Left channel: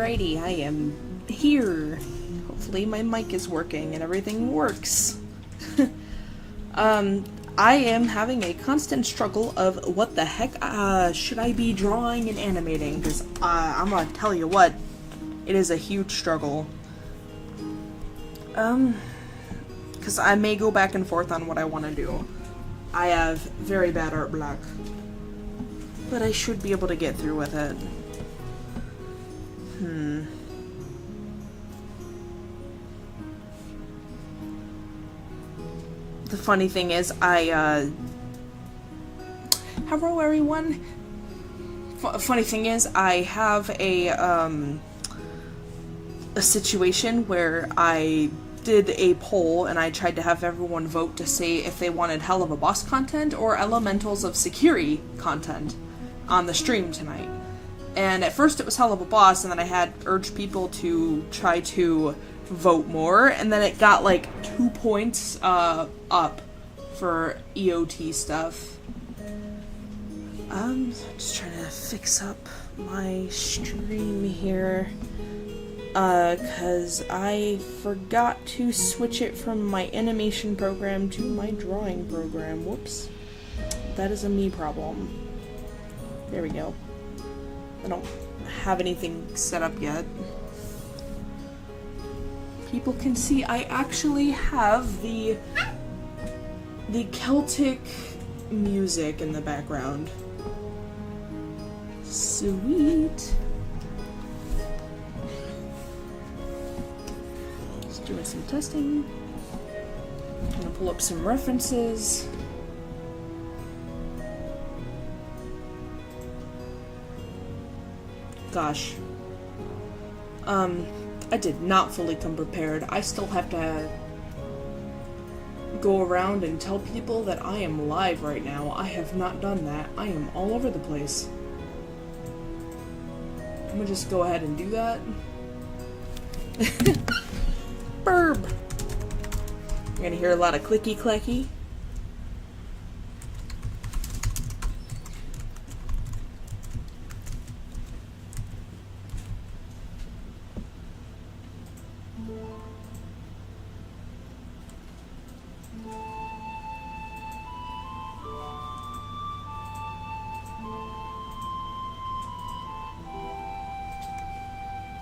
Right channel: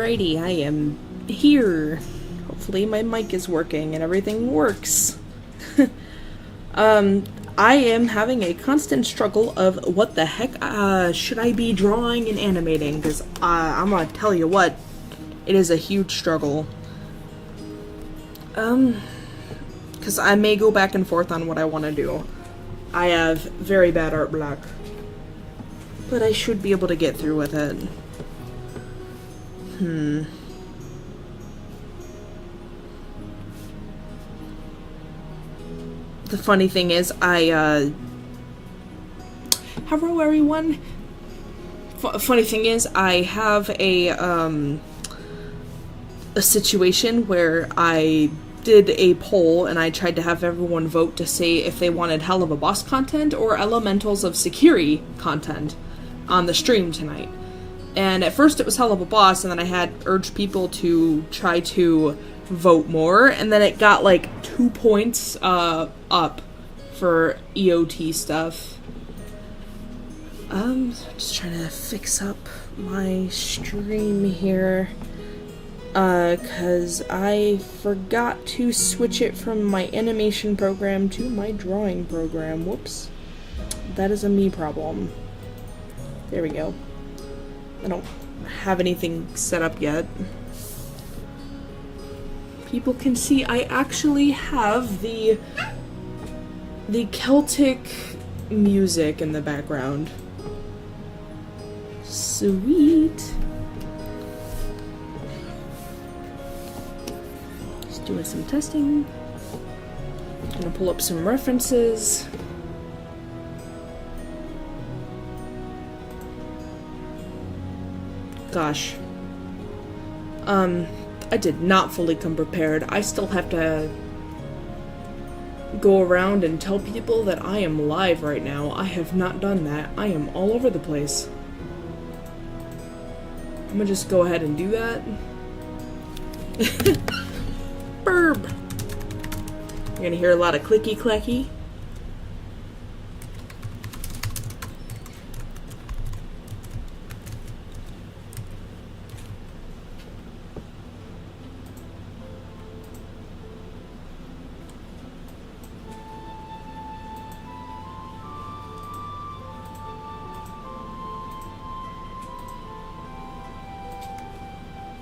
Alrighty, I am here. Hopefully my mic is working and everything works. I am having a constant struggle of what the heck should I be drawing and animating, because I'm gonna tell you what, it is a huge struggle. Because I may go back and forth on what I want to do. I have very bad art block, but I should be able to get through with it. The funny thing is, hello everyone. Funny thing is, I have a situation where I did a poll and I tried to have everyone vote to say if they wanted helluva-boss content or elementals of security content on the stream tonight. And at first it was helluva-boss, and then I had urged people to try to vote more, and then it got like 2 points up for EOT stuff. Just trying to fix up my stream here. Cause I forgot to switch it from my animation program to my drawing program. Whoops. That is a me problem. There we go. I don't have anything set up yet. People can see I actually have the Celtic music in the background. Sweet. Just doing some testing. Gonna pull up some references. Gosh. I did not fully come prepared. I still have to go around and tell people that I am live right now. I have not done that. I am all over the place. I'm gonna just go ahead and do that. Burb! You're gonna hear a lot of clicky-clacky.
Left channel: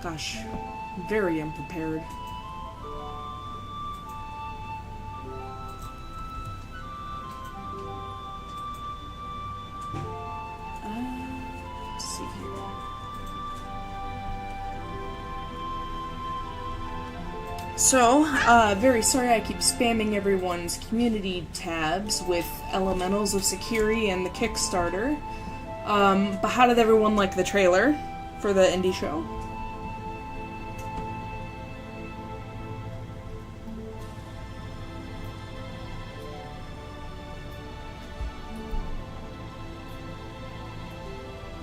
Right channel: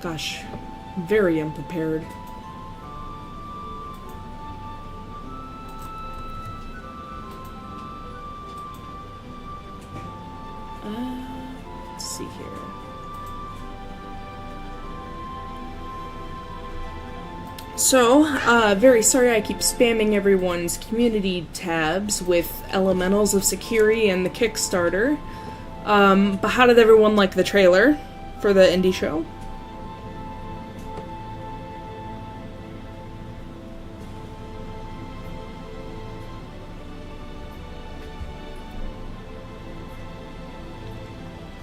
Gosh, very unprepared. Let's see here. So, very sorry I keep spamming everyone's community tabs with Elementals of Security and the Kickstarter. But how did everyone like the trailer for the indie show?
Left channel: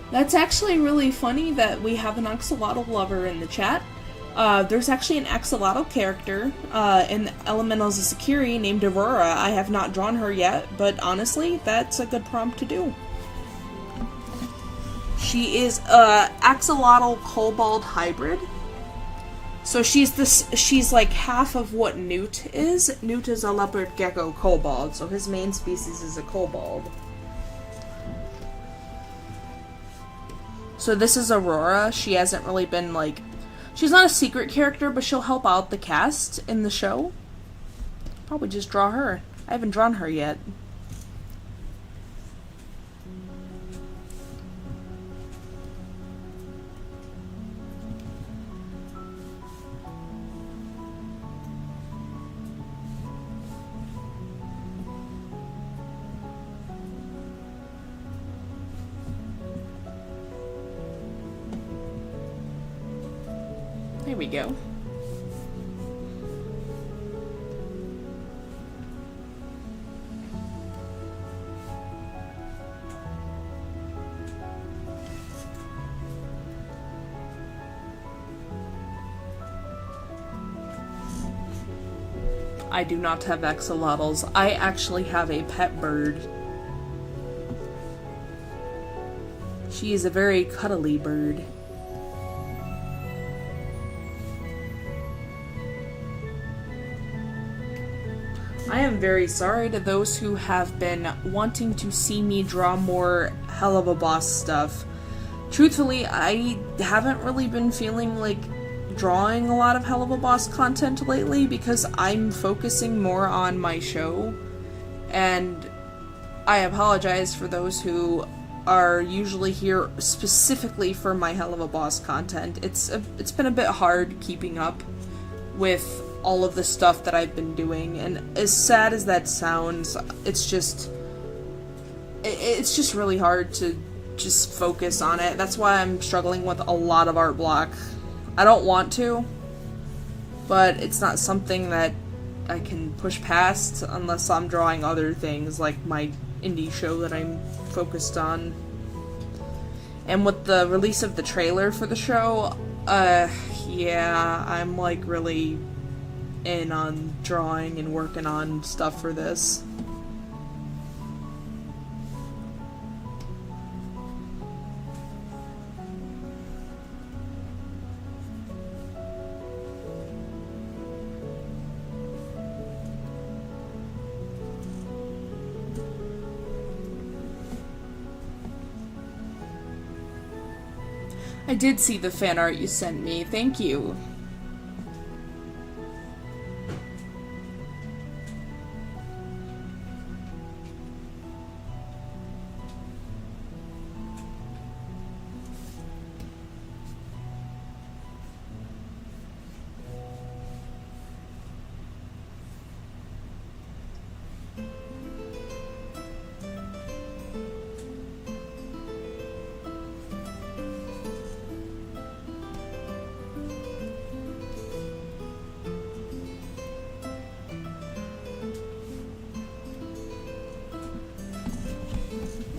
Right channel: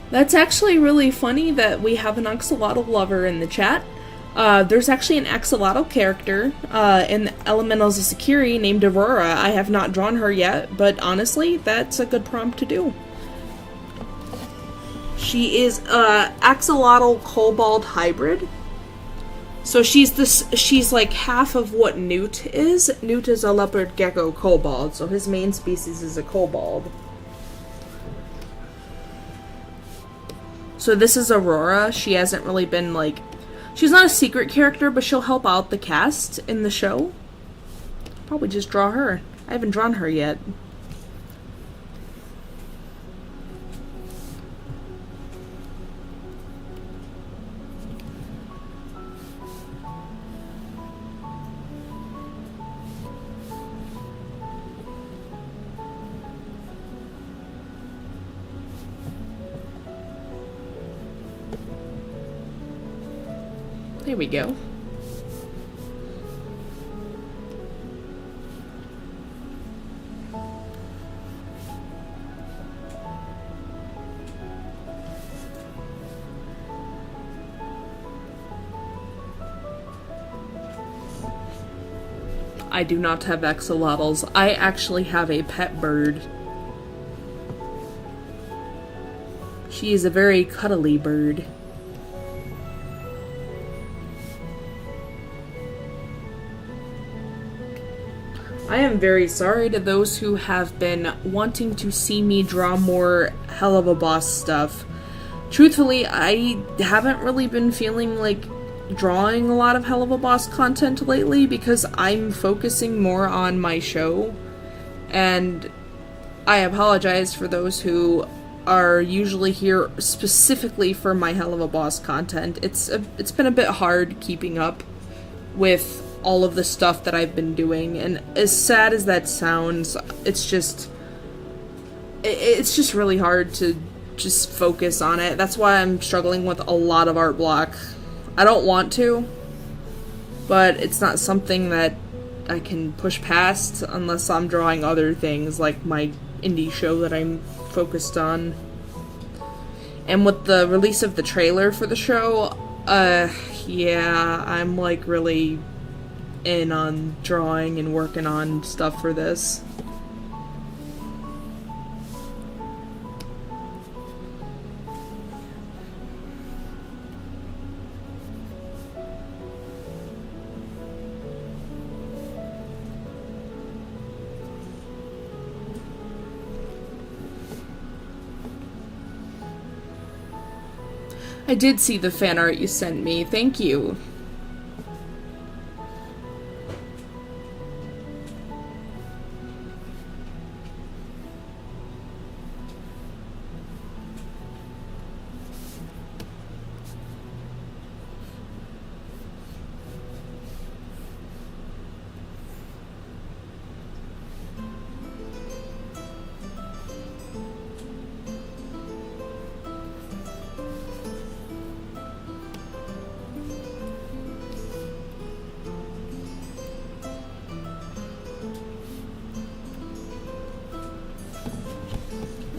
That's actually really funny that we have an axolotl lover in the chat. There's actually an axolotl character in Elementals of Security named Aurora. I have not drawn her yet, but honestly, that's a good prompt to do. She is a axolotl kobold hybrid. So she's like half of what Newt is. Newt is a leopard gecko kobold, so his main species is a kobold. So this is Aurora. She hasn't really been, like... She's not a secret character, but she'll help out the cast in the show. Probably just draw her. I haven't drawn her yet. There we go. I do not have axolotls. I actually have a pet bird. She is a very cuddly bird. I am very sorry to those who have been wanting to see me draw more Helluva-boss stuff. Truthfully, I haven't really been feeling like drawing a lot of Helluva-boss content lately because I'm focusing more on my show, and I apologize for those who are usually here specifically for my Helluva-boss content. It's been a bit hard keeping up with all of the stuff that I've been doing, and as sad as that sounds, it's just really hard to just focus on it. That's why I'm struggling with a lot of art block. I don't want to, but it's not something that I can push past unless I'm drawing other things like my indie show that I'm focused on. And with the release of the trailer for the show, yeah, I'm like really in on drawing and working on stuff for this. I did see the fan art you sent me. Thank you.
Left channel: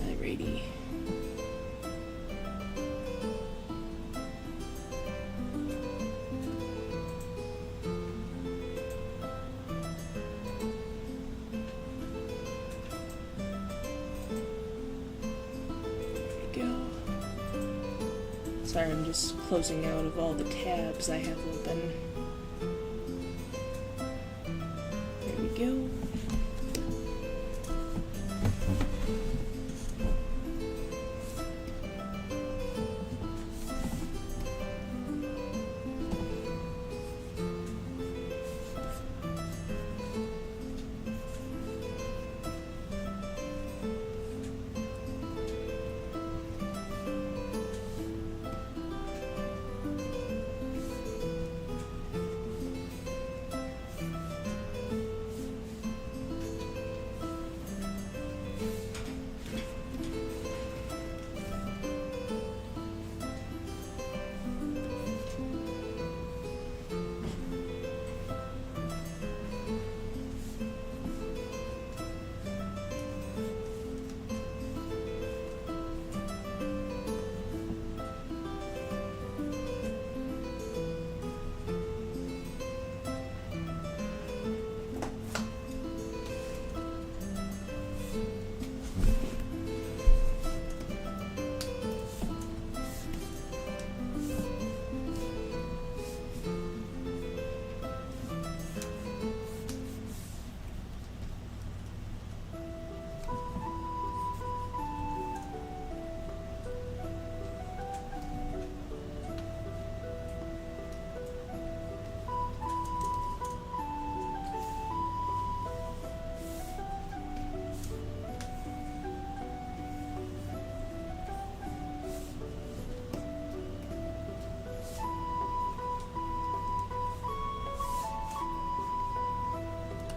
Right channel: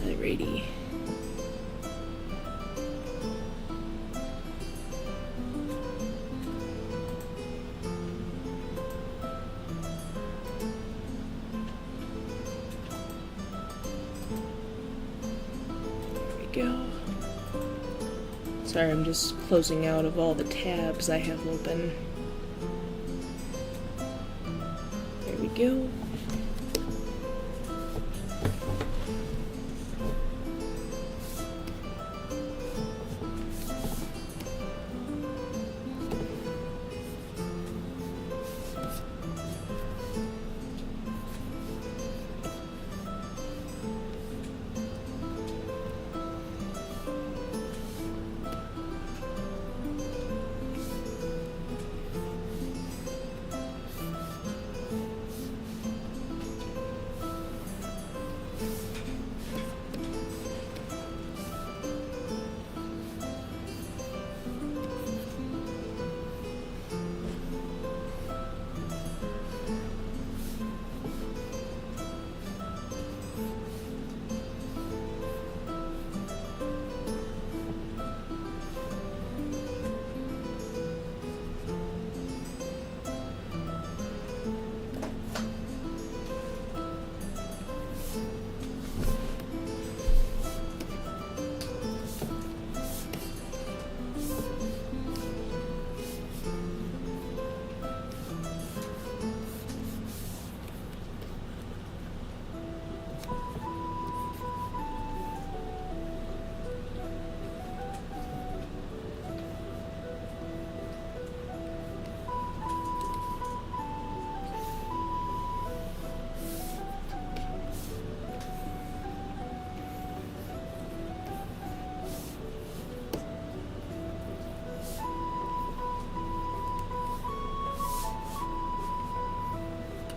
Alrighty. Go. Sorry, I'm just closing out of all the tabs I have open. There we go.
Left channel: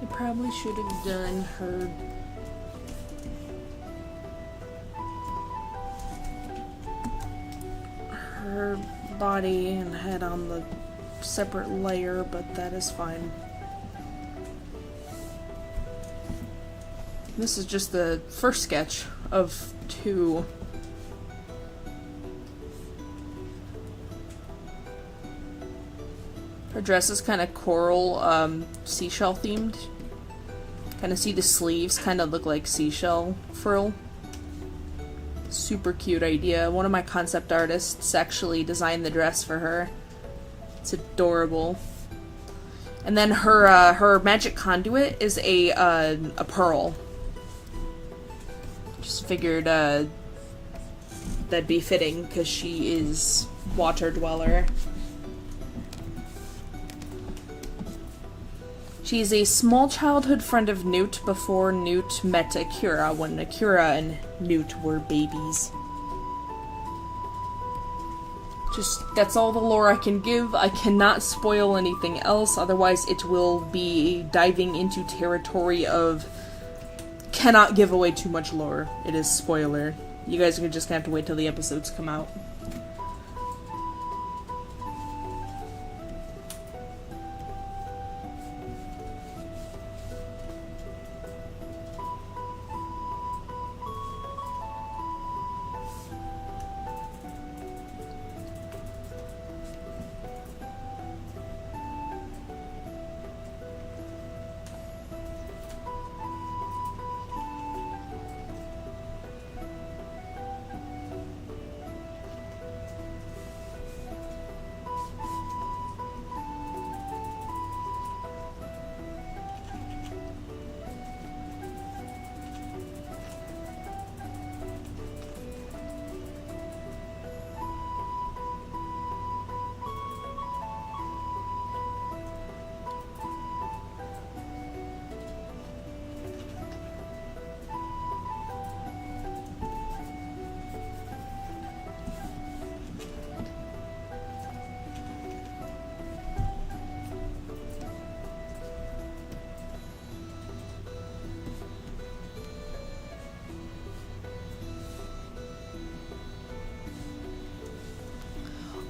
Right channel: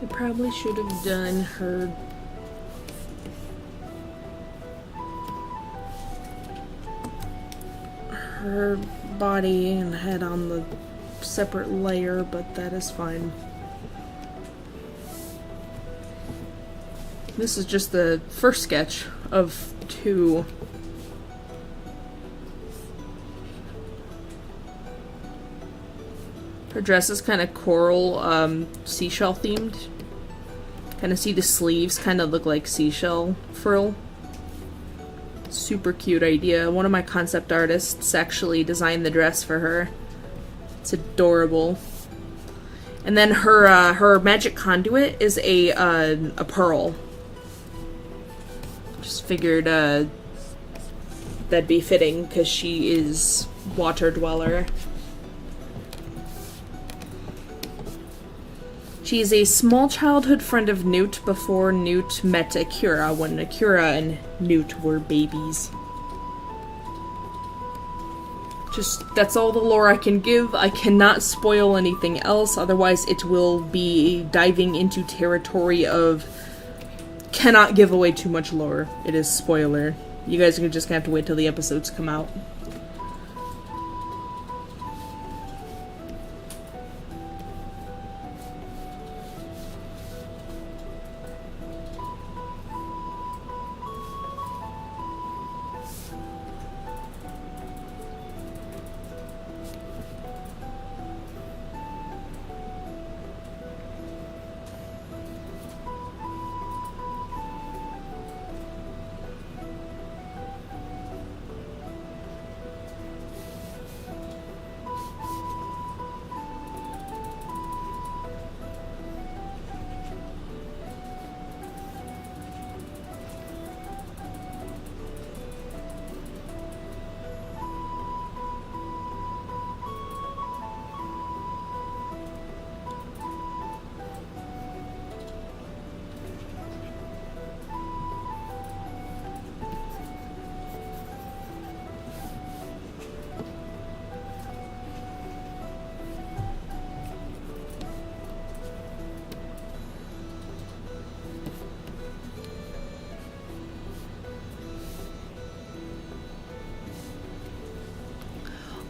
I probably should have done her body and head on the separate layer, but that is fine. This is just the first sketch of 2. Her dress is kind of coral, seashell themed. Kind of see the sleeves kind of look like seashell frill. Super cute idea. One of my concept artists actually designed the dress for her. It's adorable. And then her magic conduit is a pearl. Just figured that'd be fitting because she is water dweller. She's a small childhood friend of Newt before Newt met Akira, when Akira and Newt were babies. Just, that's all the lore I can give. I cannot spoil anything else, otherwise it will be diving into territory of cannot give away too much lore. It is spoiler. You guys are just gonna have to wait till the episodes come out.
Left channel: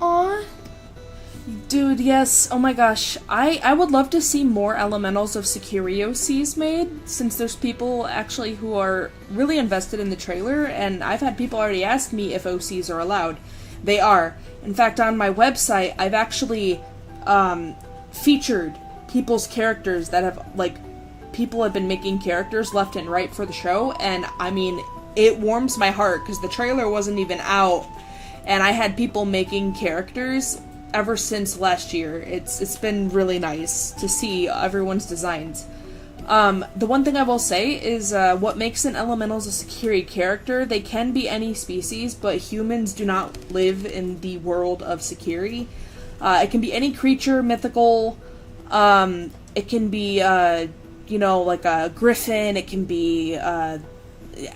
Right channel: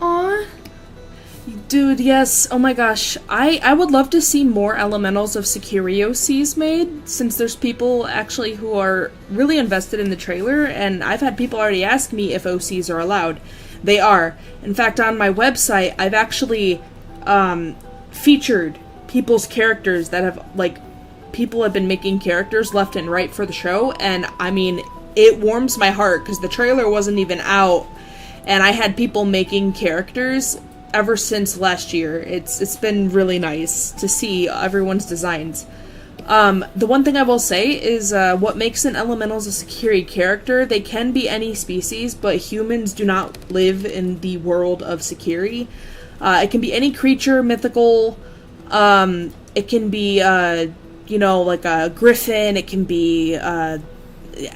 Aw. Dude, yes. Oh my gosh. I would love to see more elementals of Sekiri OCs made, since there's people actually who are really invested in the trailer, and I've had people already ask me if OCs are allowed. They are. In fact, on my website, I've actually featured people's characters that have, like, people have been making characters left and right for the show, and I mean, it warms my heart, because the trailer wasn't even out, and I had people making characters ever since last year. It's been really nice to see everyone's designs. The one thing I will say is what makes an elementals a Sekiri character, they can be any species, but humans do not live in the world of Sekiri. It can be any creature, mythical, it can be, you know, like a griffin, it can be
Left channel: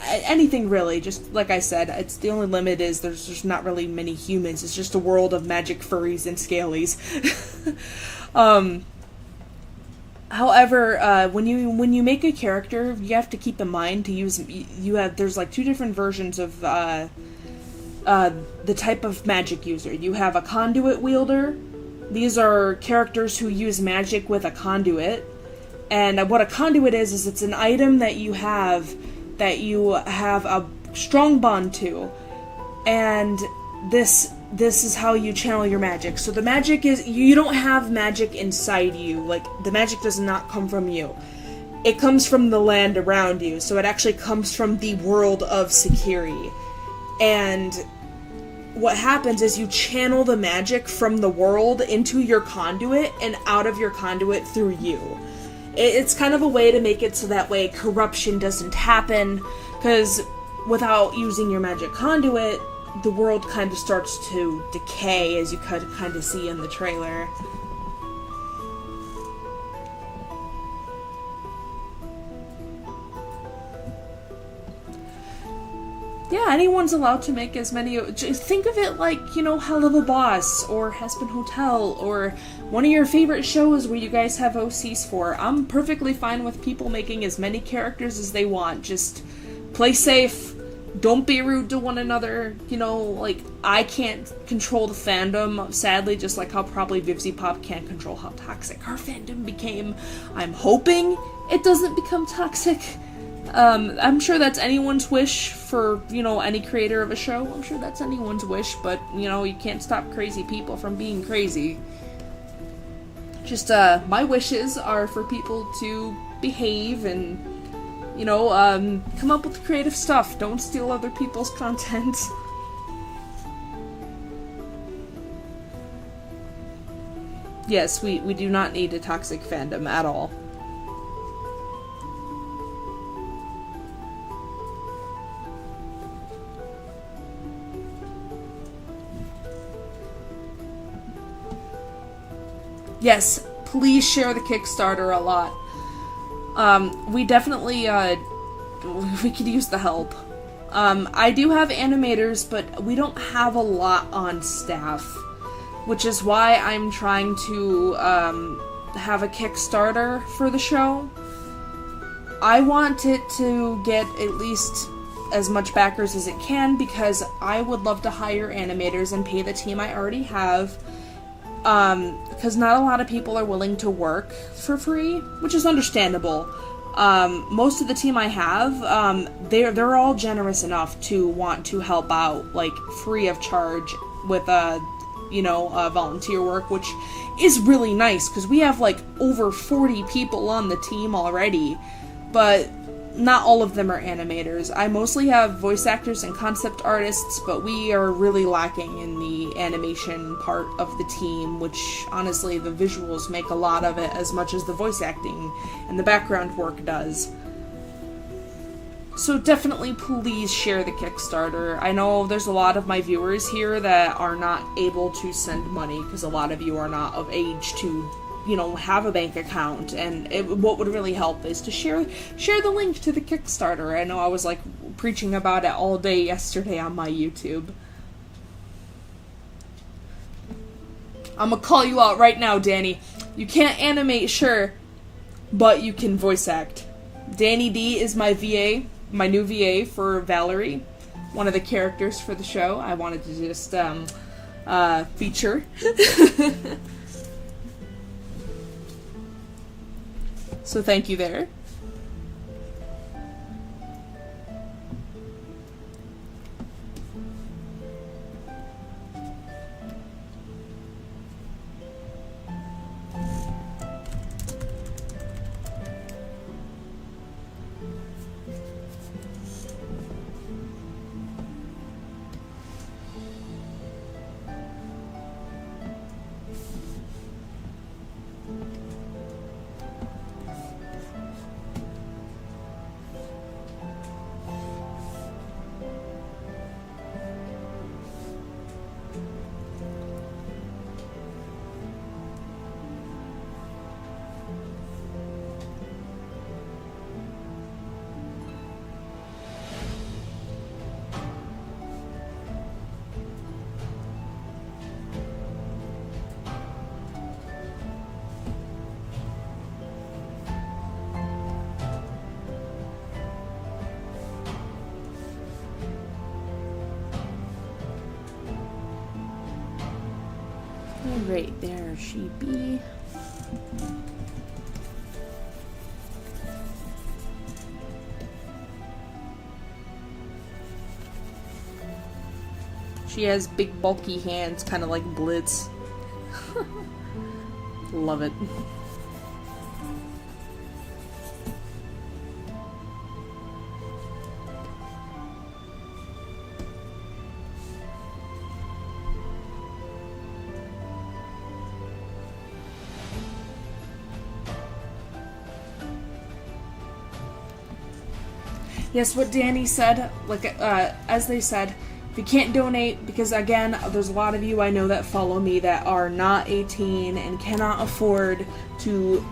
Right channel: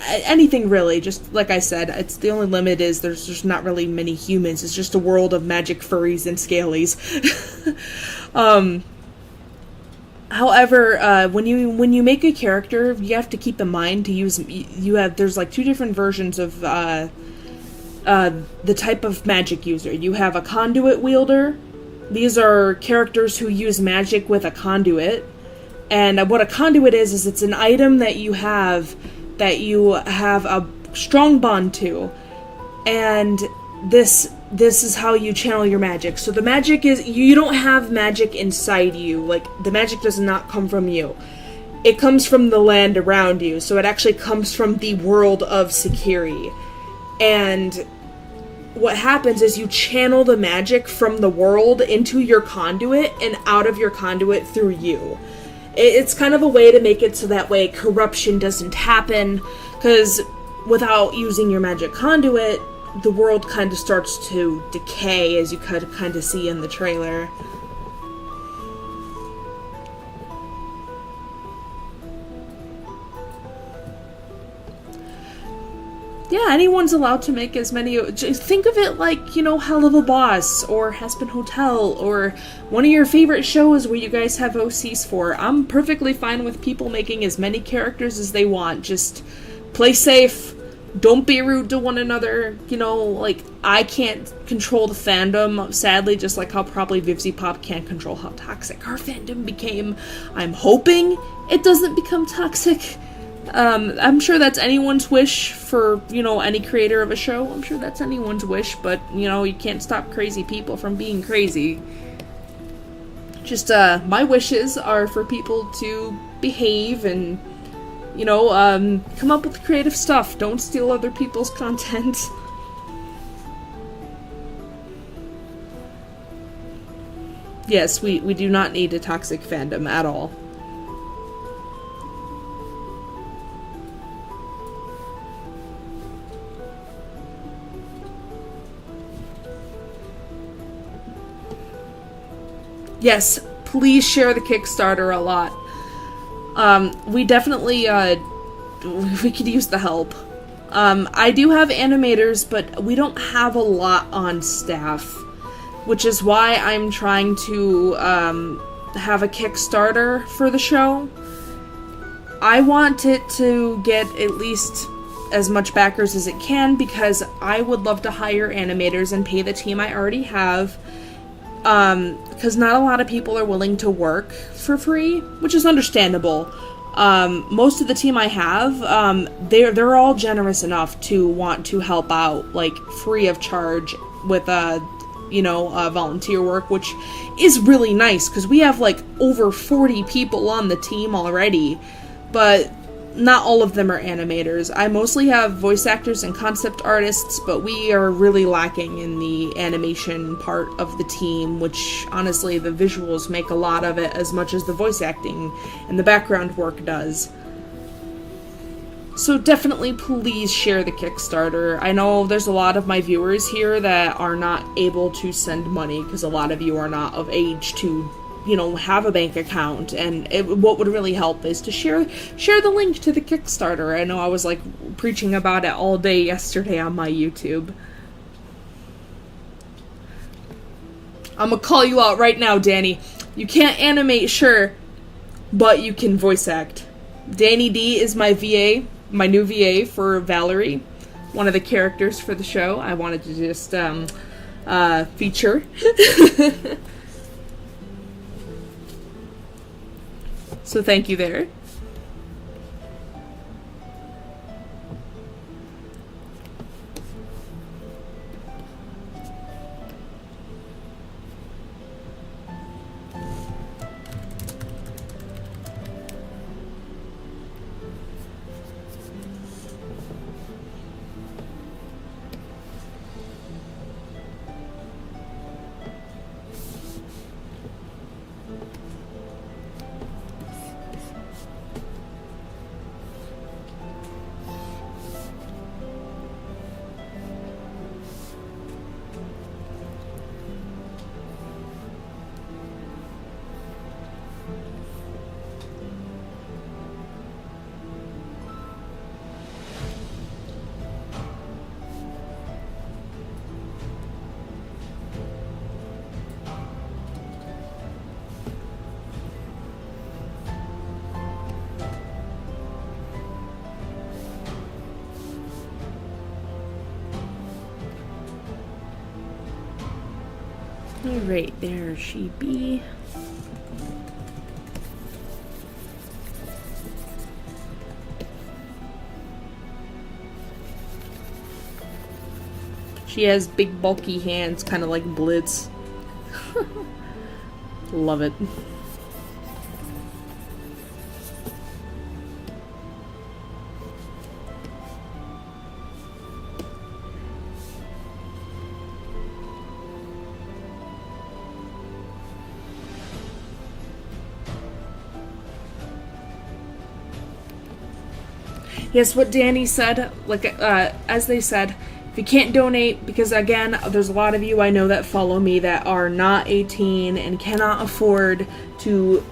anything really. Just like I said, it's the only limit is there's just not really many humans. It's just a world of magic furries and scalies. However, when you make a character, you have to keep in mind to use there's like two different versions of the type of magic user. You have a conduit wielder. These are characters who use magic with a conduit. And what a conduit is it's an item that you have a strong bond to, and this is how you channel your magic. So the magic is, you don't have magic inside you, like, the magic does not come from you. It comes from the land around you, so it actually comes from the world of Sekiri. And what happens is you channel the magic from the world into your conduit and out of your conduit through you. It's kind of a way to make it so that way corruption doesn't happen, because without using your magic conduit, the world kind of starts to decay, as you could kind of see in the trailer. Yeah, anyone's allowed to make as many. Think of it like, you know, helluva-boss or Hespen Hotel or one of your favorite shows where you guys have OCs for. I'm perfectly fine with people making as many characters as they want. Just play safe. Don't be rude to one another. You know, like, I can't control the fandom, sadly, just like how probably Vivzy Pop can't control how toxic our fandom became. I'm hoping it doesn't become toxic. I'm sure that's anyone's wish for, you know, any creator of a show. I'm sure that's anyone's wish, but, you know, you can't stop crazy people from being crazy. Just, my wishes are for people to behave and, you know, come up with creative stuff. Don't steal other people's content. Yes, we do not need a toxic fandom at all. Yes, please share the Kickstarter a lot. We definitely, we could use the help. I do have animators, but we don't have a lot on staff, which is why I'm trying to have a Kickstarter for the show. I want it to get at least as much backers as it can, because I would love to hire animators and pay the team I already have, because not a lot of people are willing to work for free, which is understandable. Most of the team I have, they're all generous enough to want to help out, like, free of charge with, volunteer work, which is really nice, because we have, like, over 40 people on the team already, but not all of them are animators. I mostly have voice actors and concept artists, but we are really lacking in the animation part of the team, which, honestly, the visuals make a lot of it as much as the voice acting and the background work does. So definitely please share the Kickstarter. I know there's a lot of my viewers here that are not able to send money, because a lot of you are not of age to have a bank account, and what would really help is to share the link to the Kickstarter. I know I was, like, preaching about it all day yesterday on my YouTube. I'm gonna call you out right now, Danny. You can't animate, sure, but you can voice act. Danny D is my VA, my new VA for Valerie, one of the characters for the show. I wanted to just, feature. So thank you there. Alright, there she be. She has big bulky hands, kind of like Blitz. Love it. Yes, what Danny said, like, as they said, if you can't donate, because again, there's a lot of you I know that follow me that are not 18 and cannot afford to,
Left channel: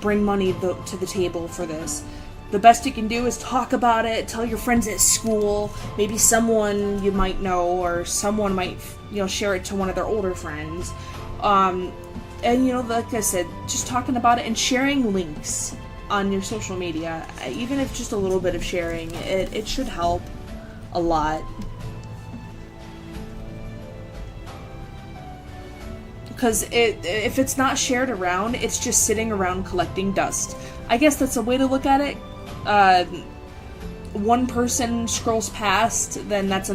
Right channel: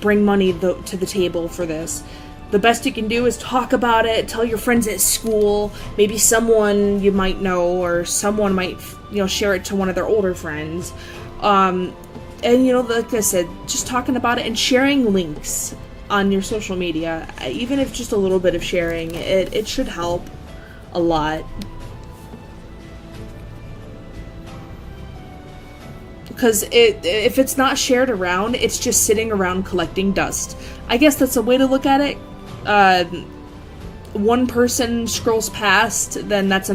bring money to the table for this. The best you can do is talk about it, tell your friends at school, maybe someone you might know, or someone might, share it to one of their older friends. And, like I said, just talking about it and sharing links on your social media, even if just a little bit of sharing, it should help a lot. Because if it's not shared around, it's just sitting around collecting dust. I guess that's a way to look at it. One person scrolls past, then that's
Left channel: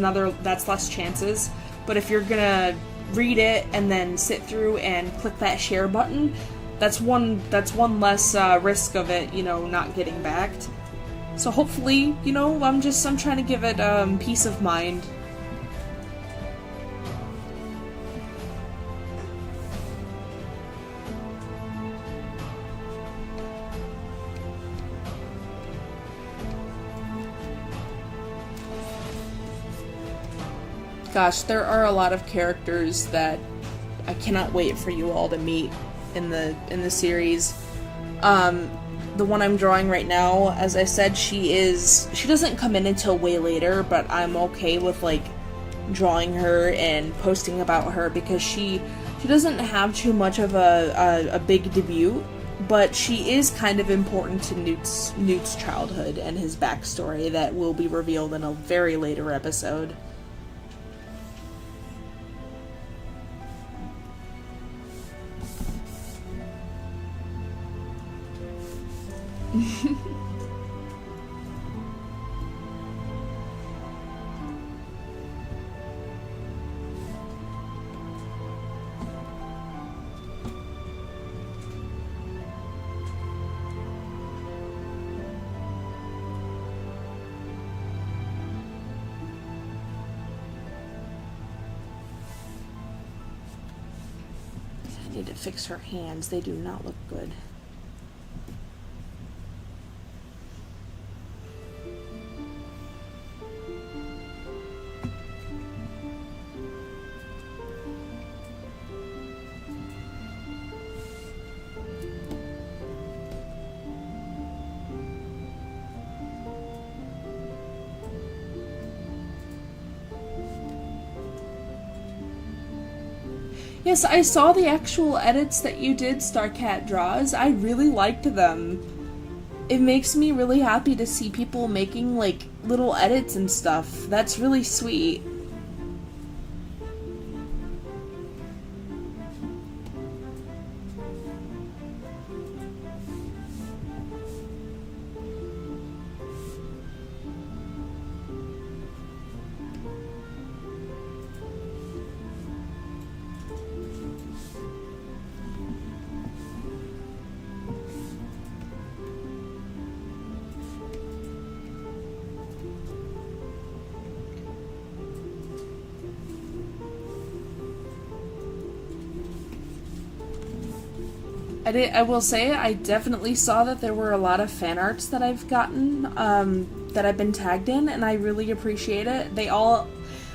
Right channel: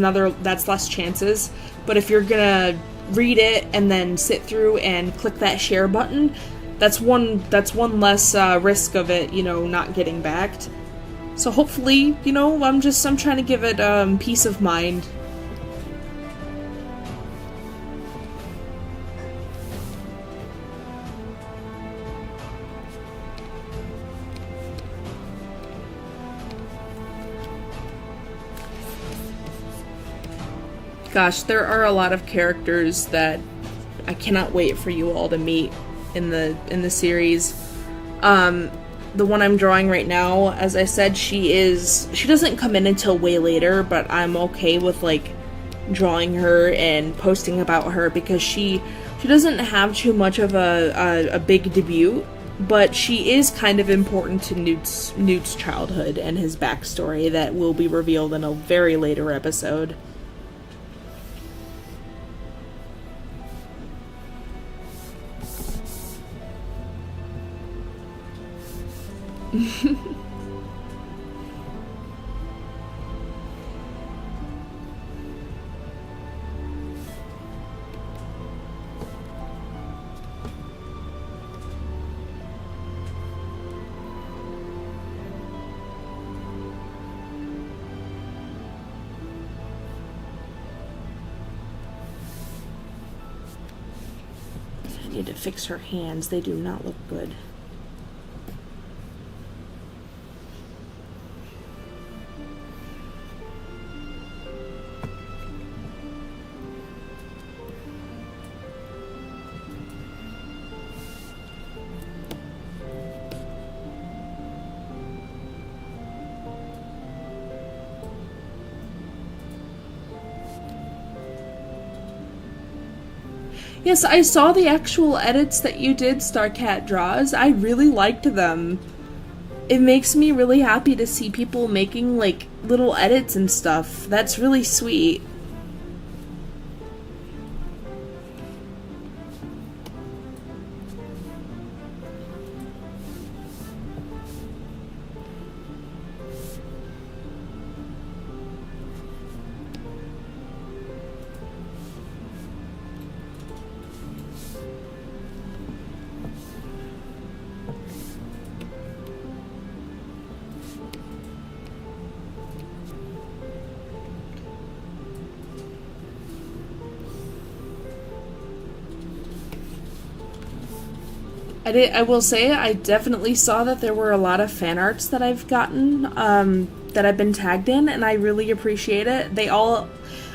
less chances. But if you're gonna read it and then sit through and click that share button, that's one less risk of it, not getting backed. So hopefully, I'm trying to give it peace of mind. Gosh, there are a lot of characters that I cannot wait for you all to meet in the series. The one I'm drawing right now, as I said, she doesn't come in until way later, but I'm okay with like drawing her and posting about her because she doesn't have too much of a big debut, but she is kind of important to Newt's childhood and his backstory that will be revealed in a very later episode. I need to fix her hands. They do not look good. Yes, I saw the actual edits that you did, Starcat Draws. I really liked them. It makes me really happy to see people making, like, little edits and stuff. That's really sweet. I will say, I definitely saw that there were a lot of fan arts that I've gotten, that I've been tagged in, and I really appreciate it. They all,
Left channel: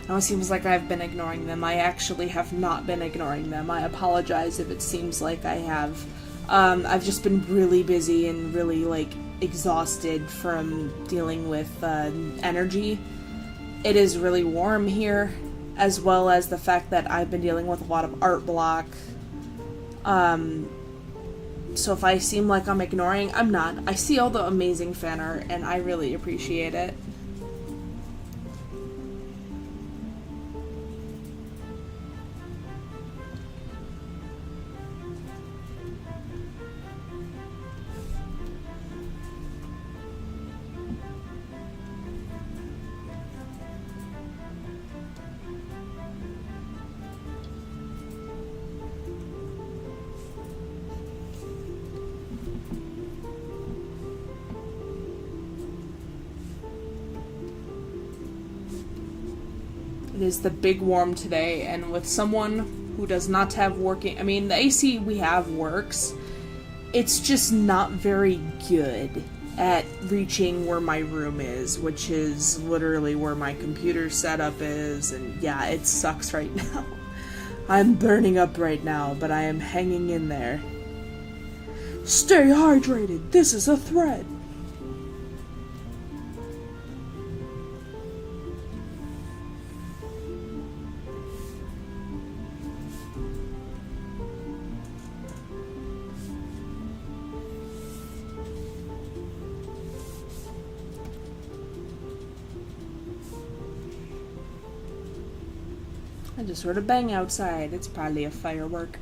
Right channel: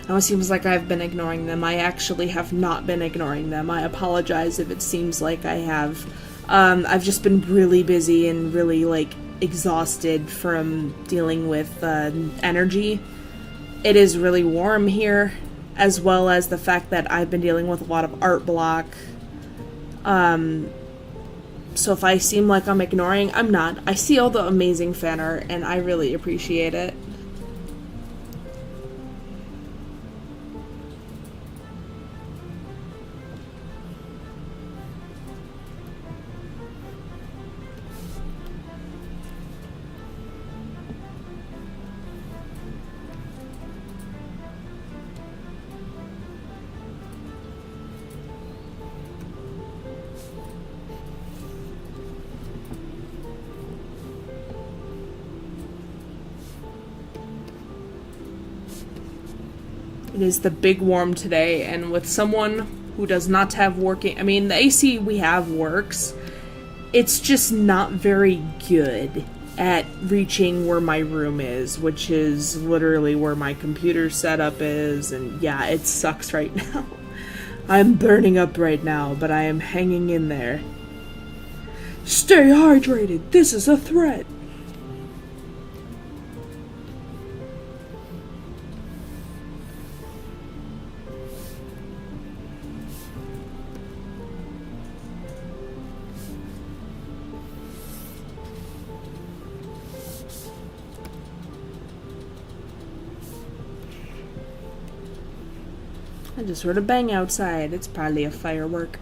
I know it seems like I've been ignoring them. I actually have not been ignoring them. I apologize if it seems like I have. I've just been really busy and really, like, exhausted from dealing with, energy. It is really warm here, as well as the fact that I've been dealing with a lot of art block. So if I seem like I'm ignoring, I'm not. I see all the amazing fan art, and I really appreciate it. It is the big warm today, and with someone who does not have working... I mean, the AC we have works. It's just not very good at reaching where my room is, which is literally where my computer setup is, and yeah, it sucks right now. I'm burning up right now, but I am hanging in there. Stay hydrated! This is a threat! I just heard a bang outside. It's probably a firework.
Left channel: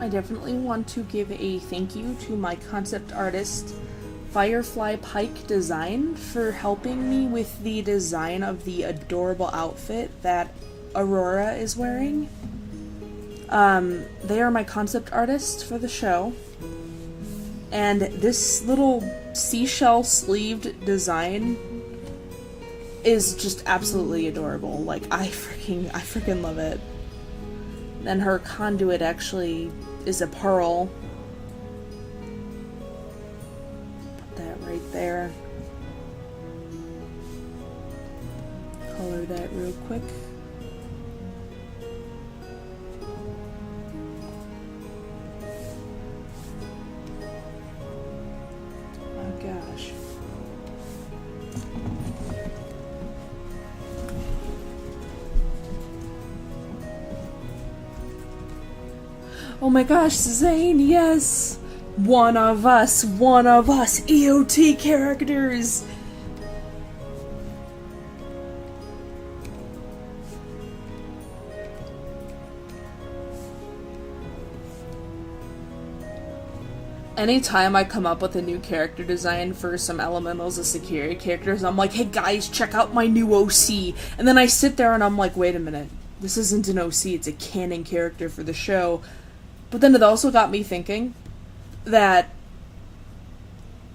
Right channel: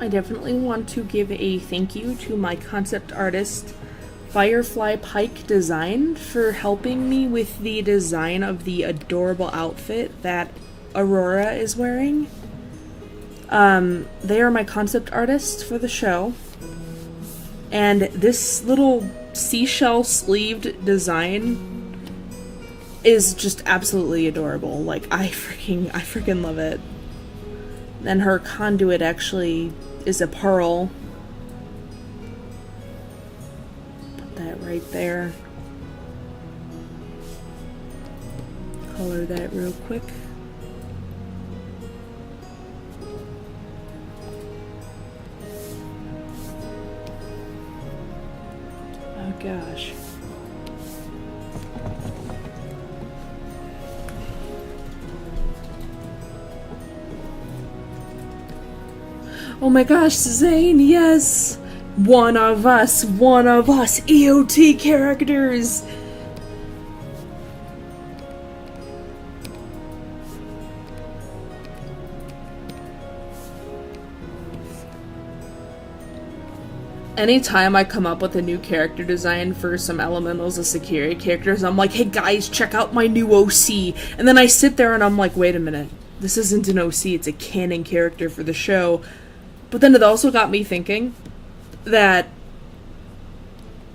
I definitely want to give a thank you to my concept artist, Firefly Pike Design, for helping me with the design of the adorable outfit that Aurora is wearing. They are my concept artists for the show. And this little seashell sleeved design is just absolutely adorable. Like, I freaking love it. Then her conduit actually is a pearl. Put that right there. Color that real quick. Oh gosh. Oh my gosh, Zane, yes! One of us, EOT characters! Anytime I come up with a new character design for some elementals of security characters, I'm like, hey guys, check out my new OC. And then I sit there and I'm like, wait a minute, this isn't an OC, it's a canon character for the show. But then it also got me thinking that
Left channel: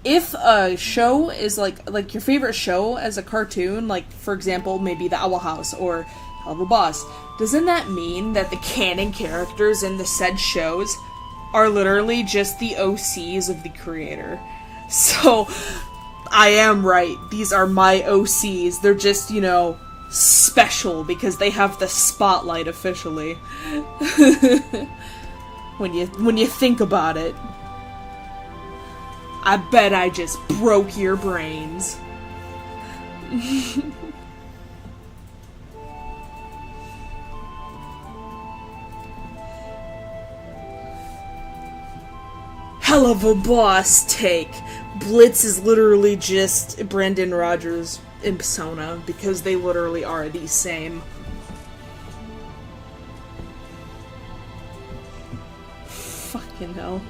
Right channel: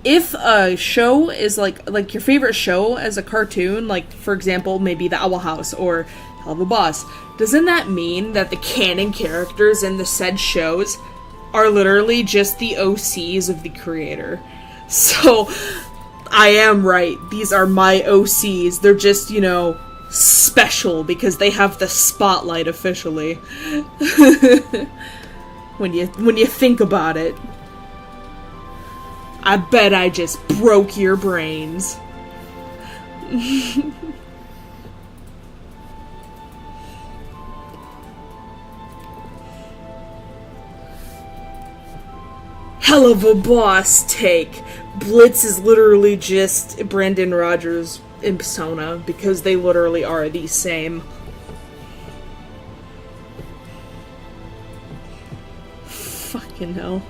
if a show is like your favorite show as a cartoon, like for example, maybe The Owl House or Helluva-Boss, doesn't that mean that the canon characters in the said shows are literally just the OCs of the creator? So, I am right. These are my OCs. They're just, you know, special because they have the spotlight officially. When you think about it. I bet I just broke your brains. Hell of a boss take. Blitz is literally just Brandon Rogers in Persona because they literally are the same. Fucking hell.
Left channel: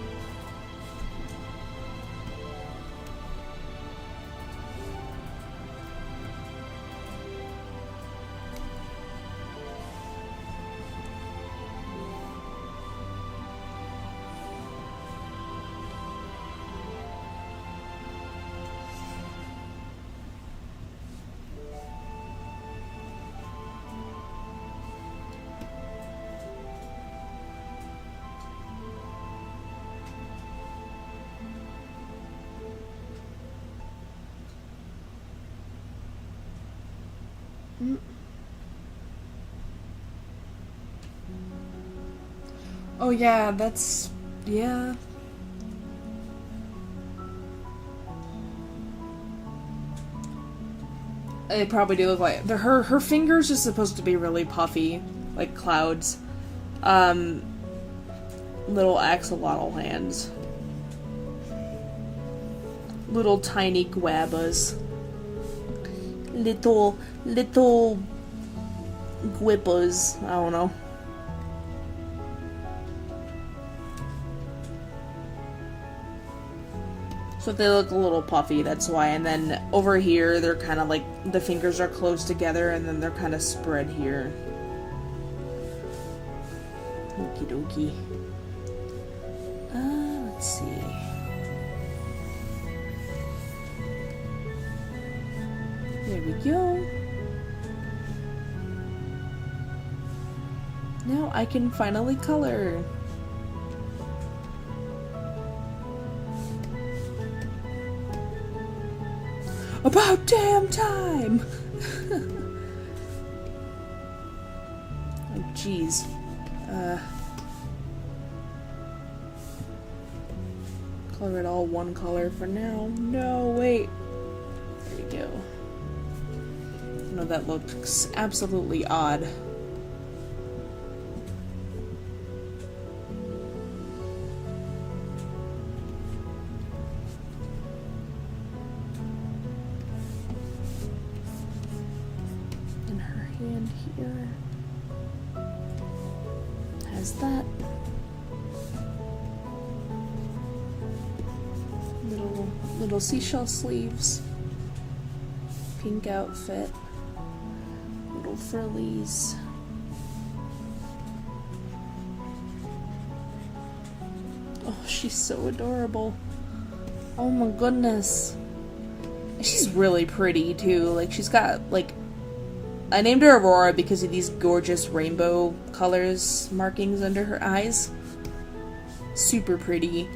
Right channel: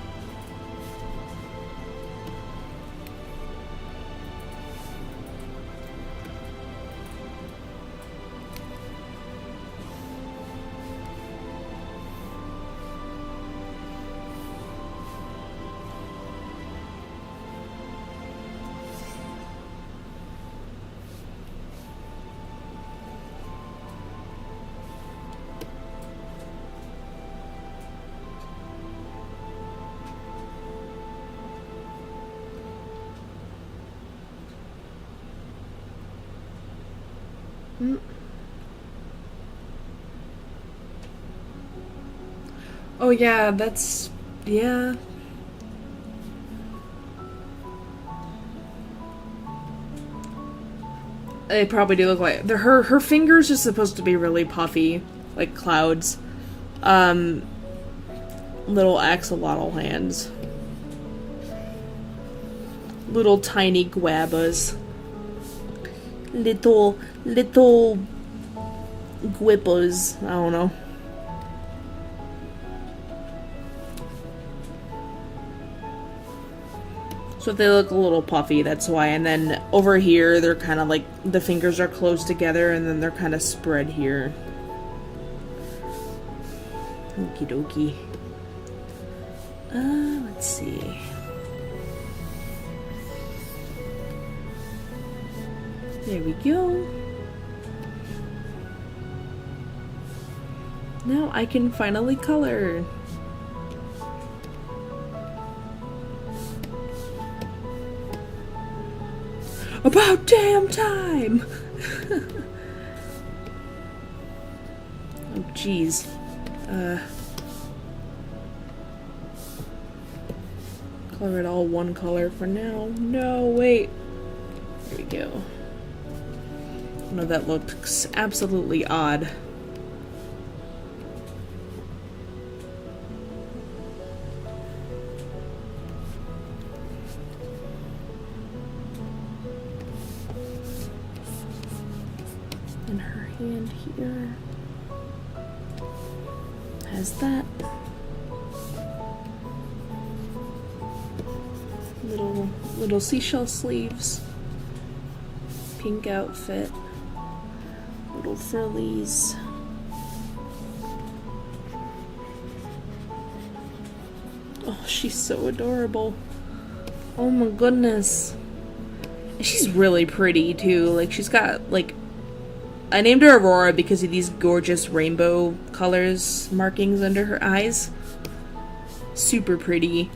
Oh yeah, that's... yeah. They probably do look like... her fingers are supposed to be really puffy, like clouds. Little axolotl hands. Little tiny guabas. Little guipas. I don't know. So they look a little puffy, that's why. And then over here, they're kind of like, the fingers are close together and then they're kind of spread here. Okie dokie. Let's see. There we go. Now I can finally color. About damn time! Oh, jeez. Color it all one color for now. No, wait. There we go. No, that looks absolutely odd. And her hand here has that. Little seashell sleeves. Pink outfit. Little frillies. Oh, she's so adorable. Oh my goodness. She's really pretty too. Like, she's got, like, I named her Aurora because of these gorgeous rainbow colors markings under her eyes. Super pretty.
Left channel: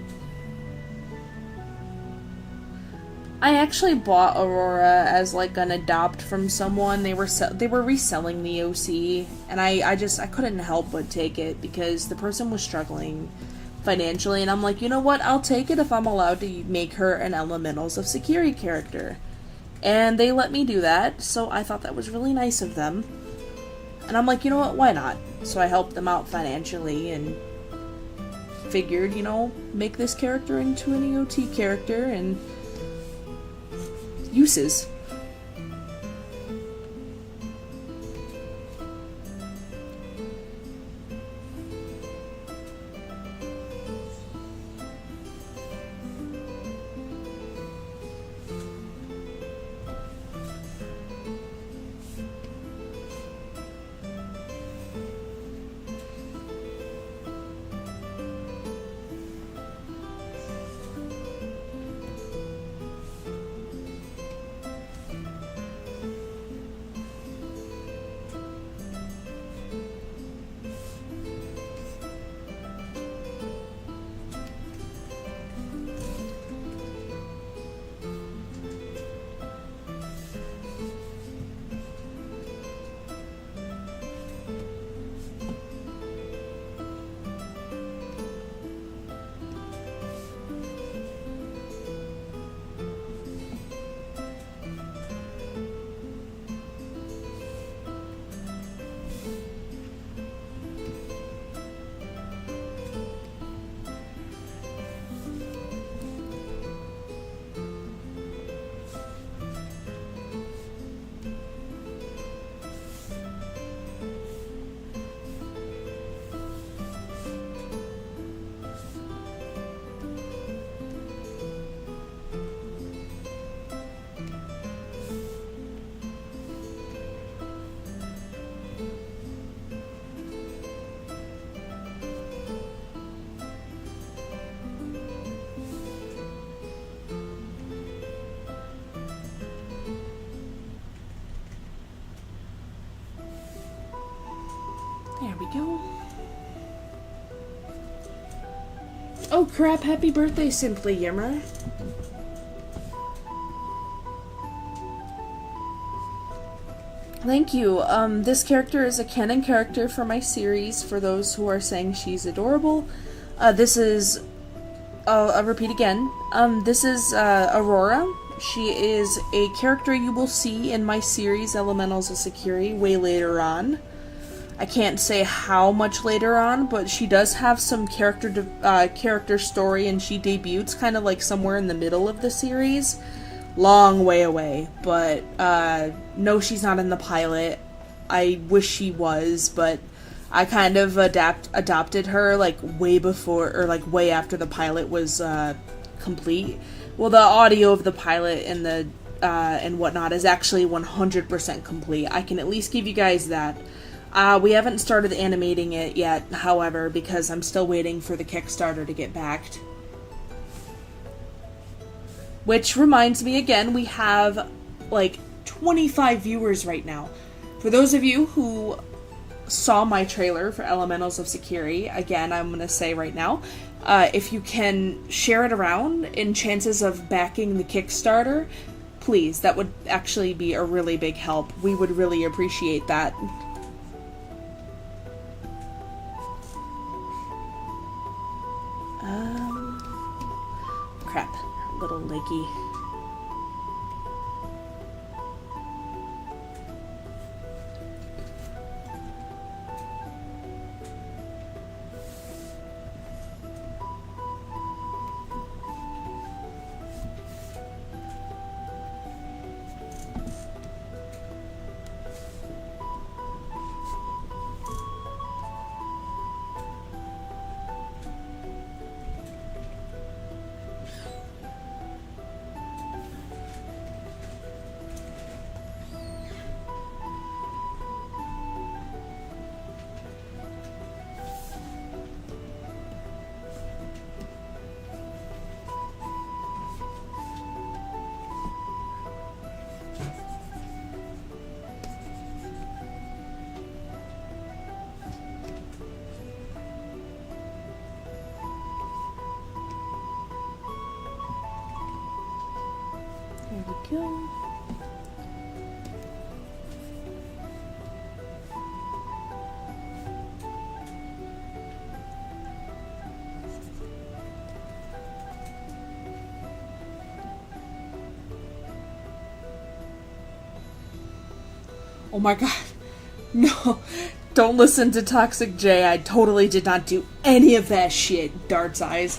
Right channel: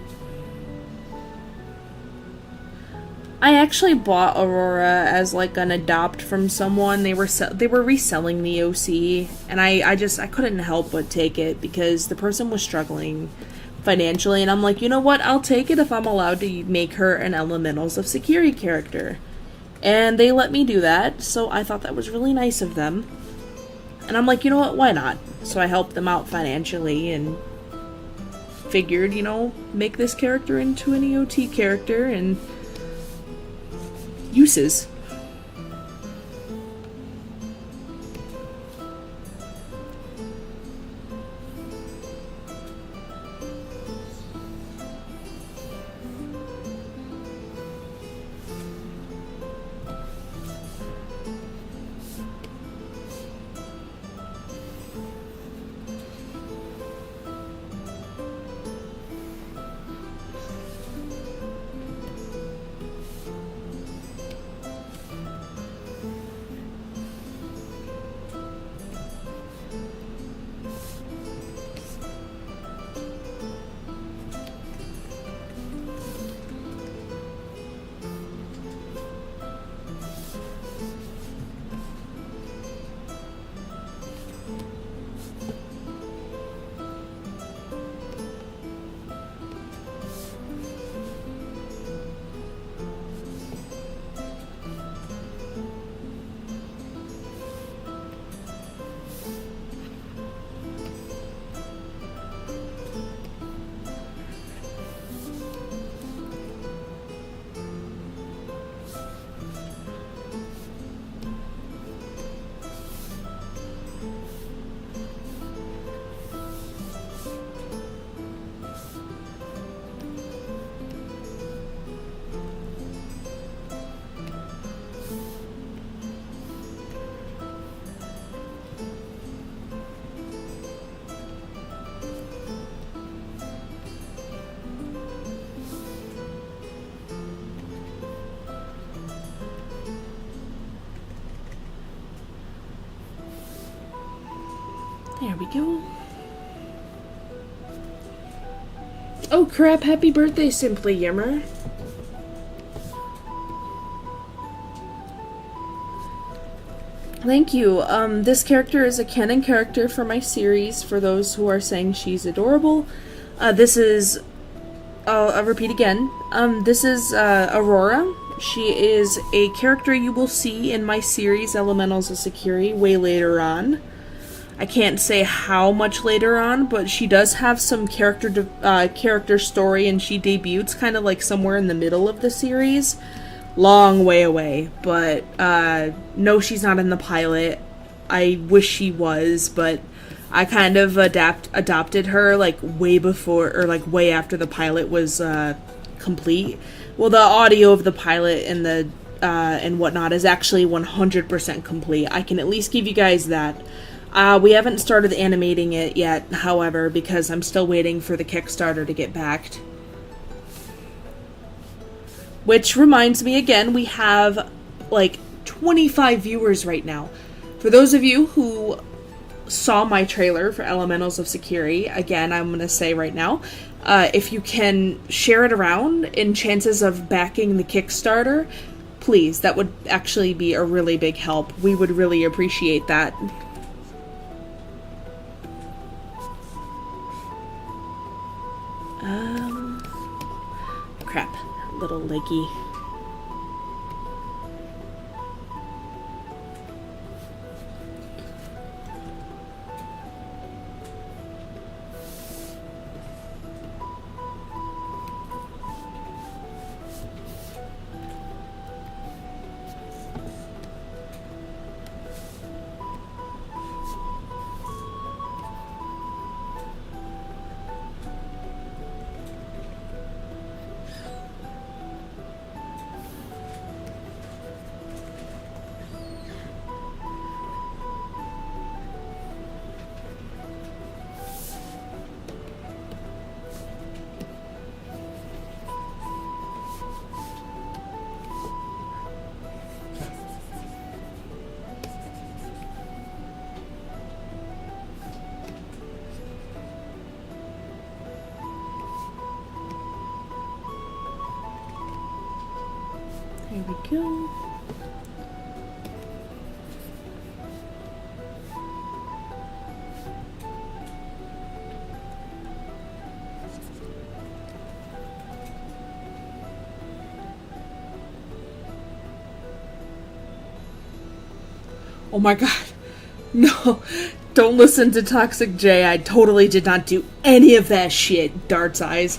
I actually bought Aurora as like an adopt from someone. They were reselling the OC, and I couldn't help but take it because the person was struggling financially, and I'm like, you know what? I'll take it if I'm allowed to make her an Elementals of Security character. And they let me do that, so I thought that was really nice of them. And I'm like, you know what? Why not? So I helped them out financially and figured, you know, make this character into an EOT character and uses. There we go. Oh crap, happy birthday, Simply Yimmer. Thank you. This character is a canon character for my series, for those who are saying she's adorable. This is, I'll repeat again, this is Aurora. She is a character you will see in my series, Elementals of Security, way later on. I can't say how much later on, but she does have some character story, and she debuts kind of like somewhere in the middle of the series. Long way away, but no, she's not in the pilot. I wish she was, but I kind of adopted her like way before, or like way after the pilot was complete. Well, the audio of the pilot and the and whatnot is actually 100% complete. I can at least give you guys that. We haven't started animating it yet, however, because I'm still waiting for the Kickstarter to get backed. Which reminds me again, we have like 25 viewers right now. For those of you who saw my trailer for Elementals of Security, again, I'm going to say right now, if you can share it around in chances of backing the Kickstarter, please, that would actually be a really big help. We would really appreciate that. Crap. Little leggy. go. Oh my god. No. Don't listen to Toxic J. I totally did not do any of that shit, Dart's eyes.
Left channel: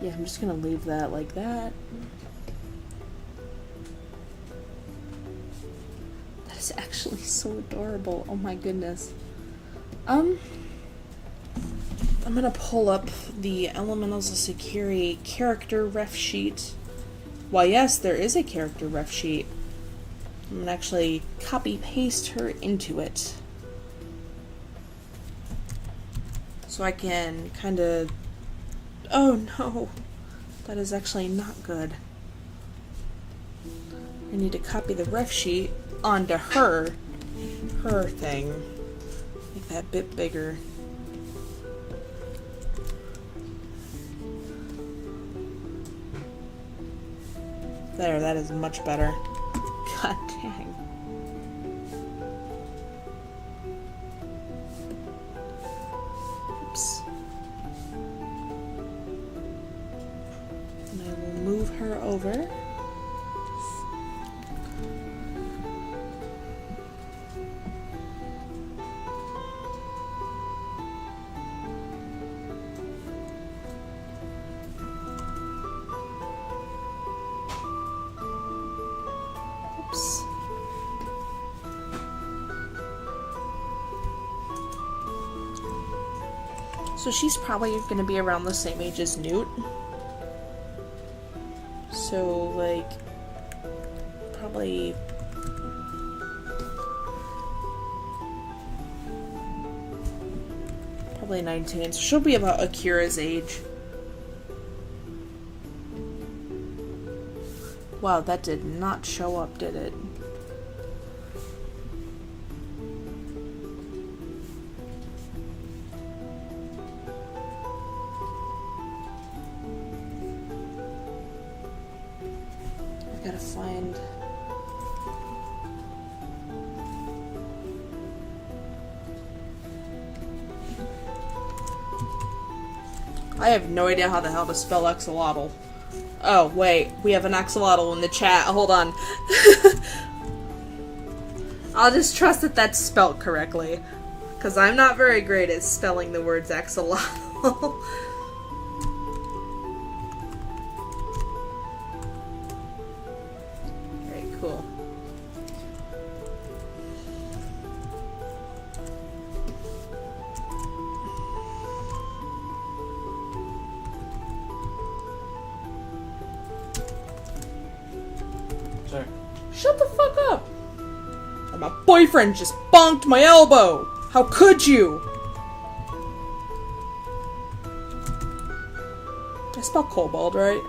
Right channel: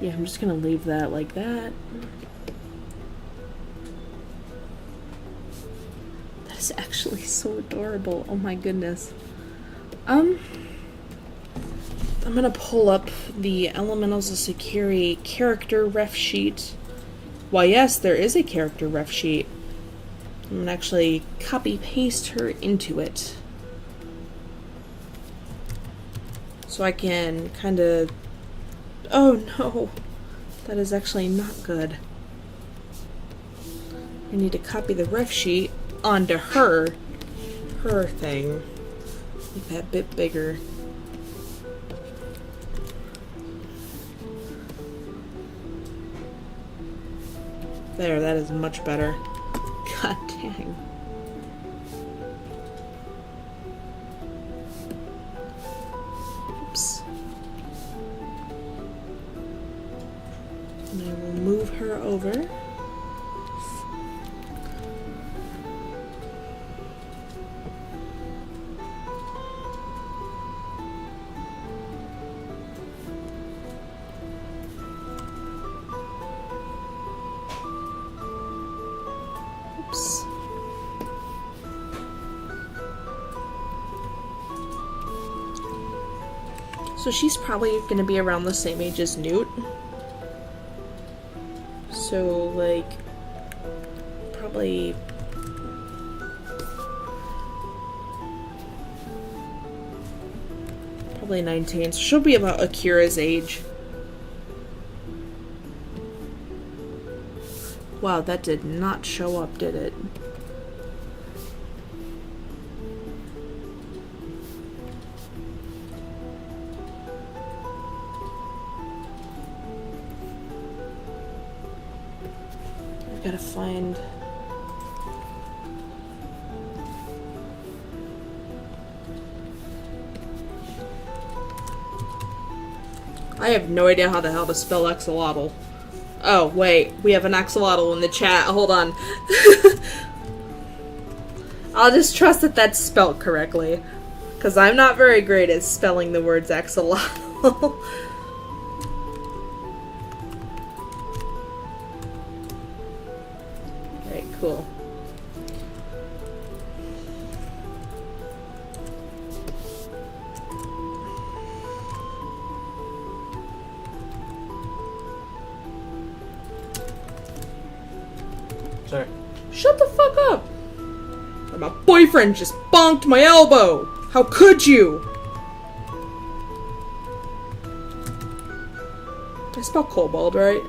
Yeah, I'm just gonna leave that like that. That is actually so adorable. Oh my goodness. I'm gonna pull up the Elementals of Sakiri character ref sheet. Why, yes, there is a character ref sheet. I'm gonna actually copy paste her into it. So I can kind of... Oh no, that is actually not good. I need to copy the ref sheet onto her thing. Make that a bit bigger. There, that is much better. God dang. Oops. And I will move her over. Oops. So she's probably going to be around the same age as Newt. So, like, probably... Probably 19. So she'll be about Akira's age. Wow, that did not show up, did it? I gotta find... I have no idea how the hell to spell axolotl. Oh, wait. We have an axolotl in the chat. Hold on. I'll just trust that that's spelt correctly. Because I'm not very great at spelling the words axolotl. Alright, cool. Sorry. Shut the fuck up! My boyfriend just bonked my elbow! How could you? Did I spell kobold right?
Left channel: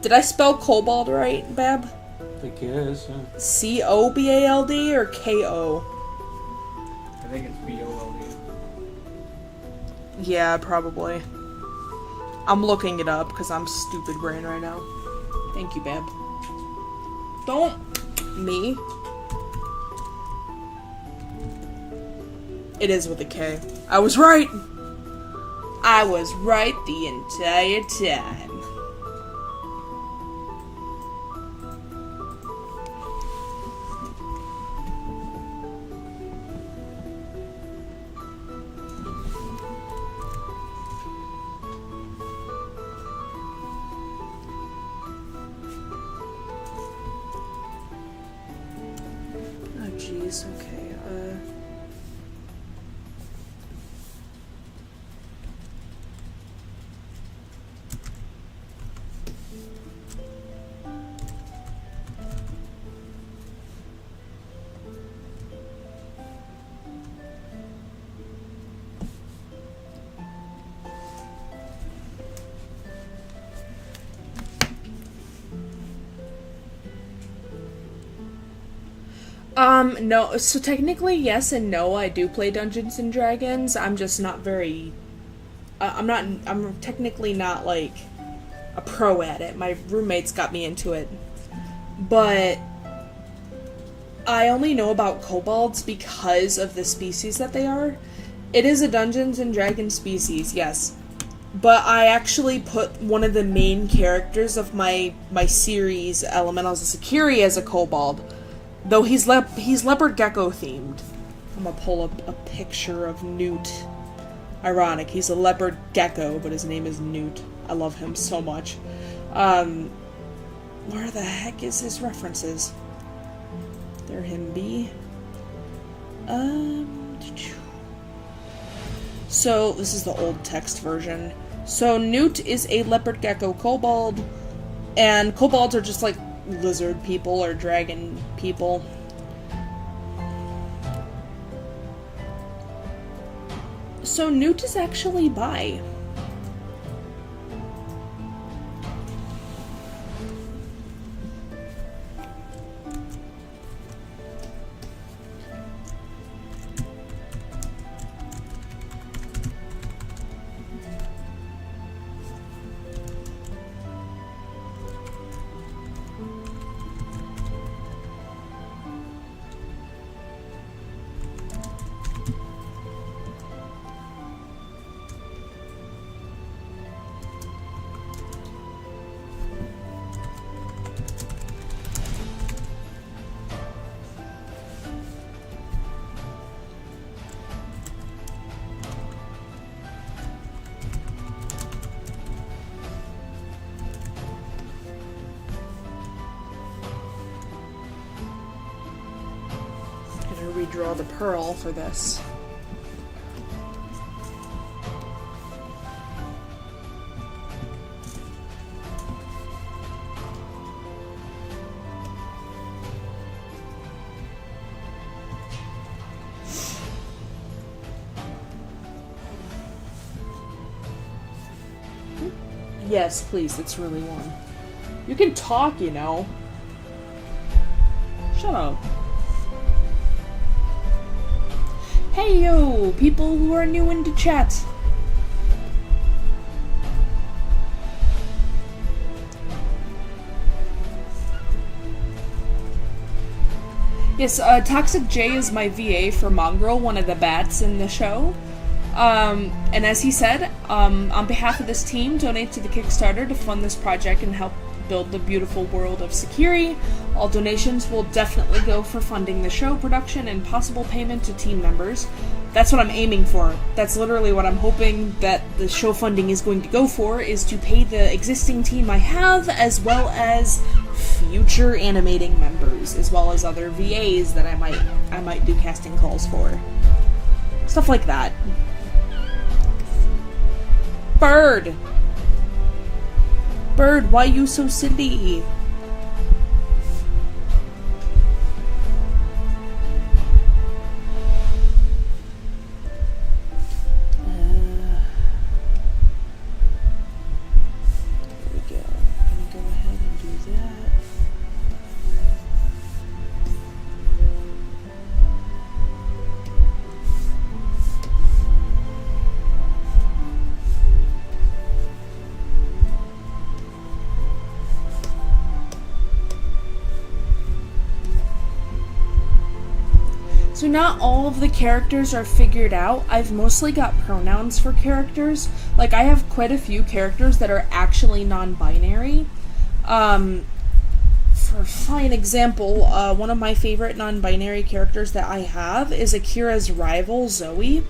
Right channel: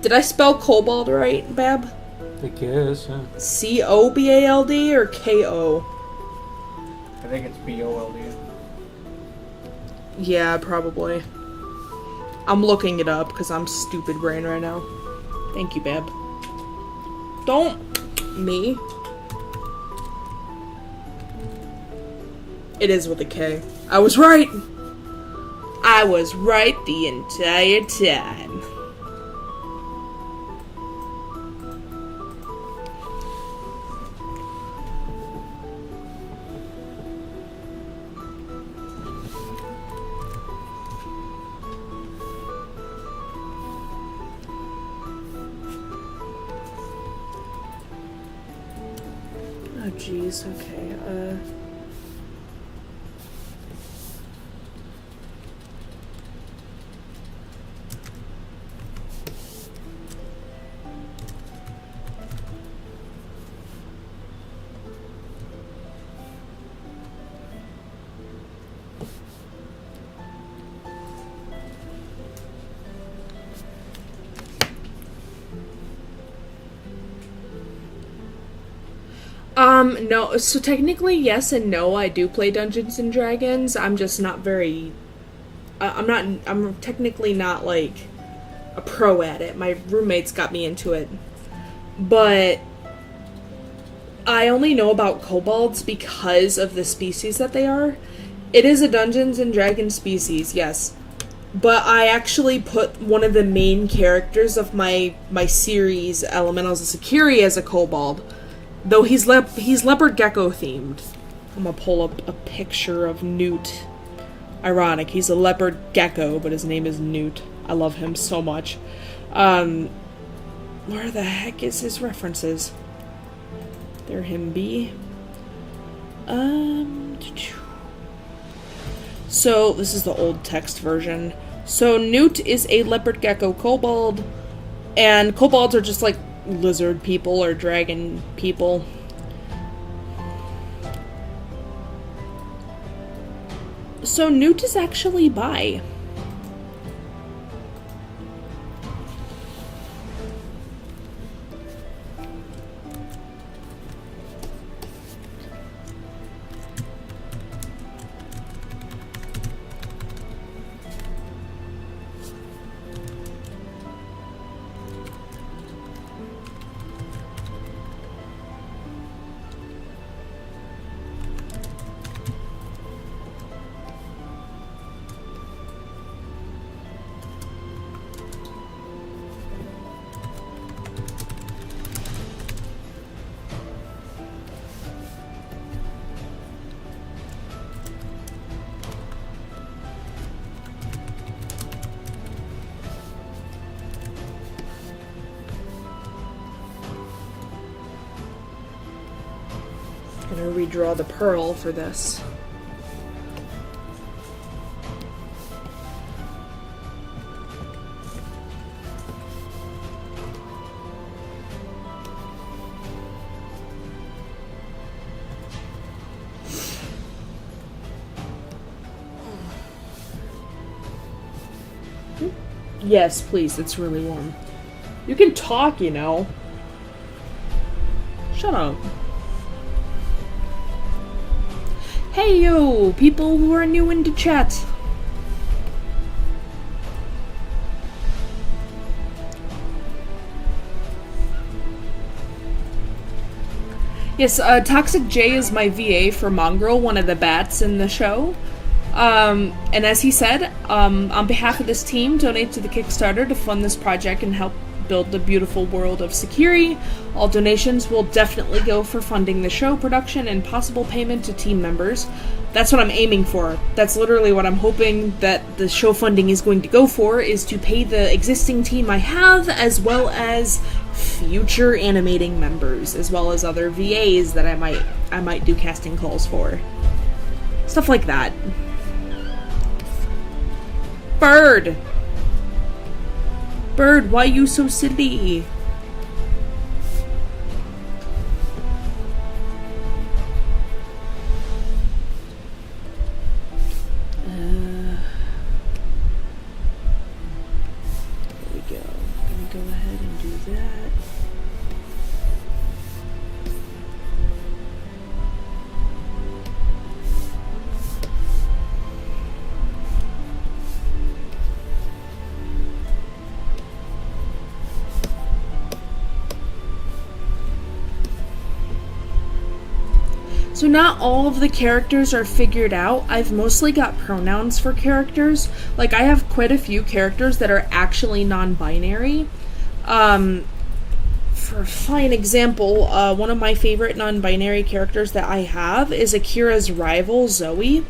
Did I spell kobold right, Bab? I think it is, yeah. C-O-B-A-L-D or K-O? I think it's B-O-L-D. Yeah, probably. I'm looking it up because I'm stupid brain right now. Thank you, Bab. Don't me. It is with a K. I was right. I was right the entire time. Oh, jeez, okay, no, so technically yes and no, I do play Dungeons and Dragons. I'm just not very, I'm technically not, like, a pro at it. My roommates got me into it. But I only know about kobolds because of the species that they are. It is a Dungeons and Dragons species, yes. But I actually put one of the main characters of my series, Elementals of Security, as a kobold. Though he's leopard gecko themed. I'm gonna pull up a picture of Newt. Ironic, he's a leopard gecko, but his name is Newt. I love him so much. Where the heck is his references? There him be. So, this is the old text version. So, Newt is a leopard gecko kobold, and kobolds are just like lizard people or dragon people. So, Newt is actually bi. I'm gonna redraw the pearl for this. Yes, please, it's really warm. You can talk, you know. Shut up. Hey yo, people who are new into chat. Yes, Toxic J is my VA for Mongrel, one of the bats in the show. And as he said, on behalf of this team, donate to the Kickstarter to fund this project and help build the beautiful world of Sekiri. All donations will definitely go for funding the show production and possible payment to team members. That's what I'm aiming for. That's literally what I'm hoping that the show funding is going to go for, is to pay the existing team I have, as well as future animating members, as well as other VAs that I might do casting calls for. Stuff like that. Bird! Bird, why you so silly? There we go. I'm gonna go ahead and do that. So not all of the characters are figured out. I've mostly got pronouns for characters. Like, I have quite a few characters that are actually non-binary. For a fine example, one of my favorite non-binary characters that I have is Akira's rival, Zoe.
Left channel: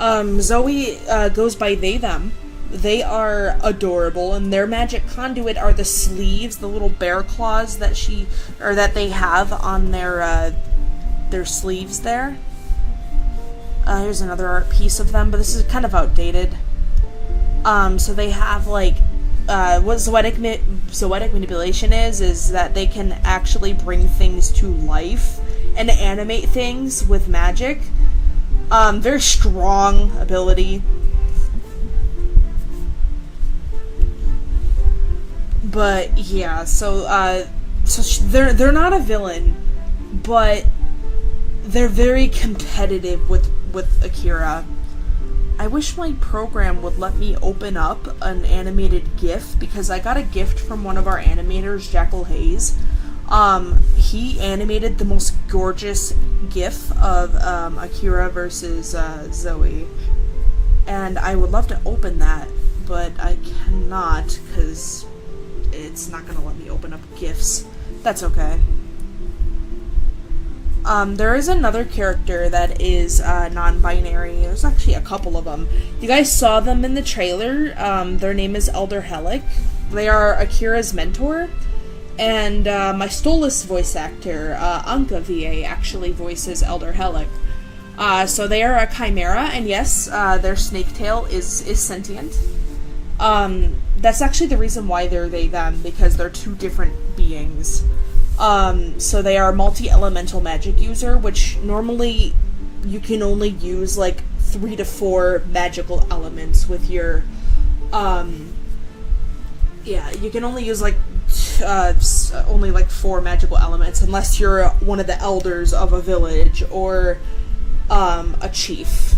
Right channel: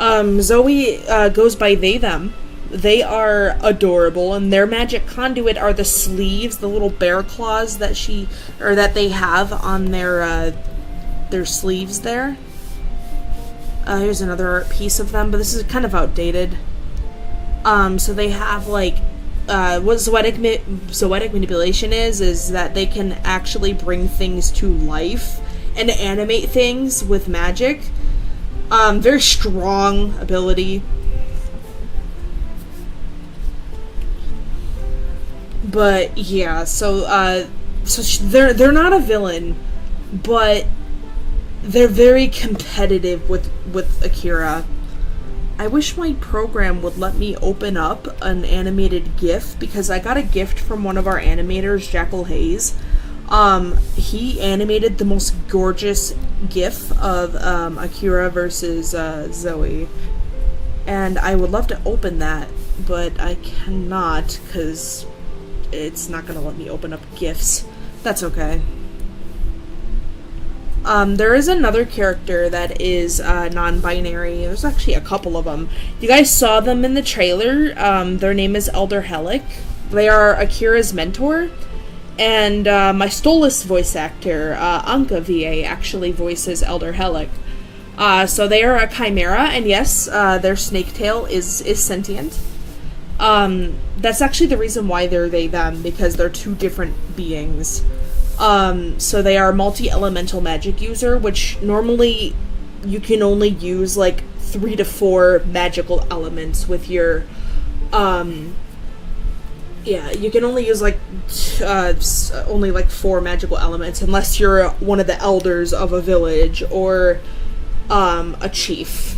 Zoe goes by they, them. They are adorable, and their magic conduit are the sleeves, the little bear claws that they have on their their sleeves there. Here's another art piece of them, but this is kind of outdated. So they have, like, what zoetic manipulation is that they can actually bring things to life and animate things with magic. Very strong ability. But yeah, so they're not a villain, but they're very competitive with Akira. I wish my program would let me open up an animated GIF, because I got a gift from one of our animators, Jackal Hayes. He animated the most gorgeous GIF of Akira versus Zoe, and I would love to open that, but I cannot because it's not going to let me open up GIFs. That's okay. There is another character that is non-binary. There's actually a couple of them. You guys saw them in the trailer. Their name is Elder Helic. They are Akira's mentor. And my Stolas voice actor, Anka VA, actually voices Elder Helic. So they are a chimera, and yes, their snake tail is sentient. That's actually the reason why they're they-them, because they're two different beings. So they are multi-elemental magic user, which normally you can only use like 3 to 4 magical elements with your, yeah, you can only use like, only like 4 magical elements unless you're one of the elders of a village or, a chief.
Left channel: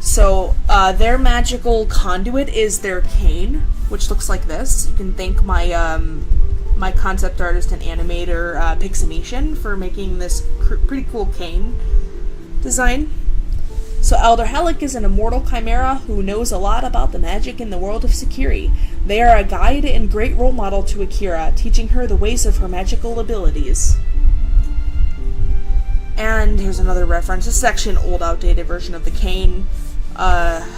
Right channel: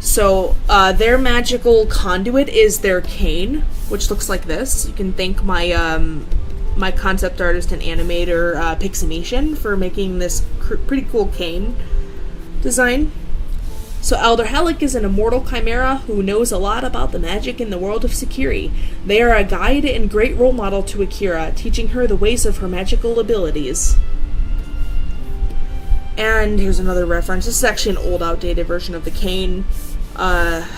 So, their magical conduit is their cane, which looks like this. You can thank my, my concept artist and animator, Piximation, for making this pretty cool cane design. So Elder Helic is an immortal chimera who knows a lot about the magic in the world of Sekiri. They are a guide and great role model to Akira, teaching her the ways of her magical abilities. And here's another reference. This is actually an old, outdated version of the cane. Let's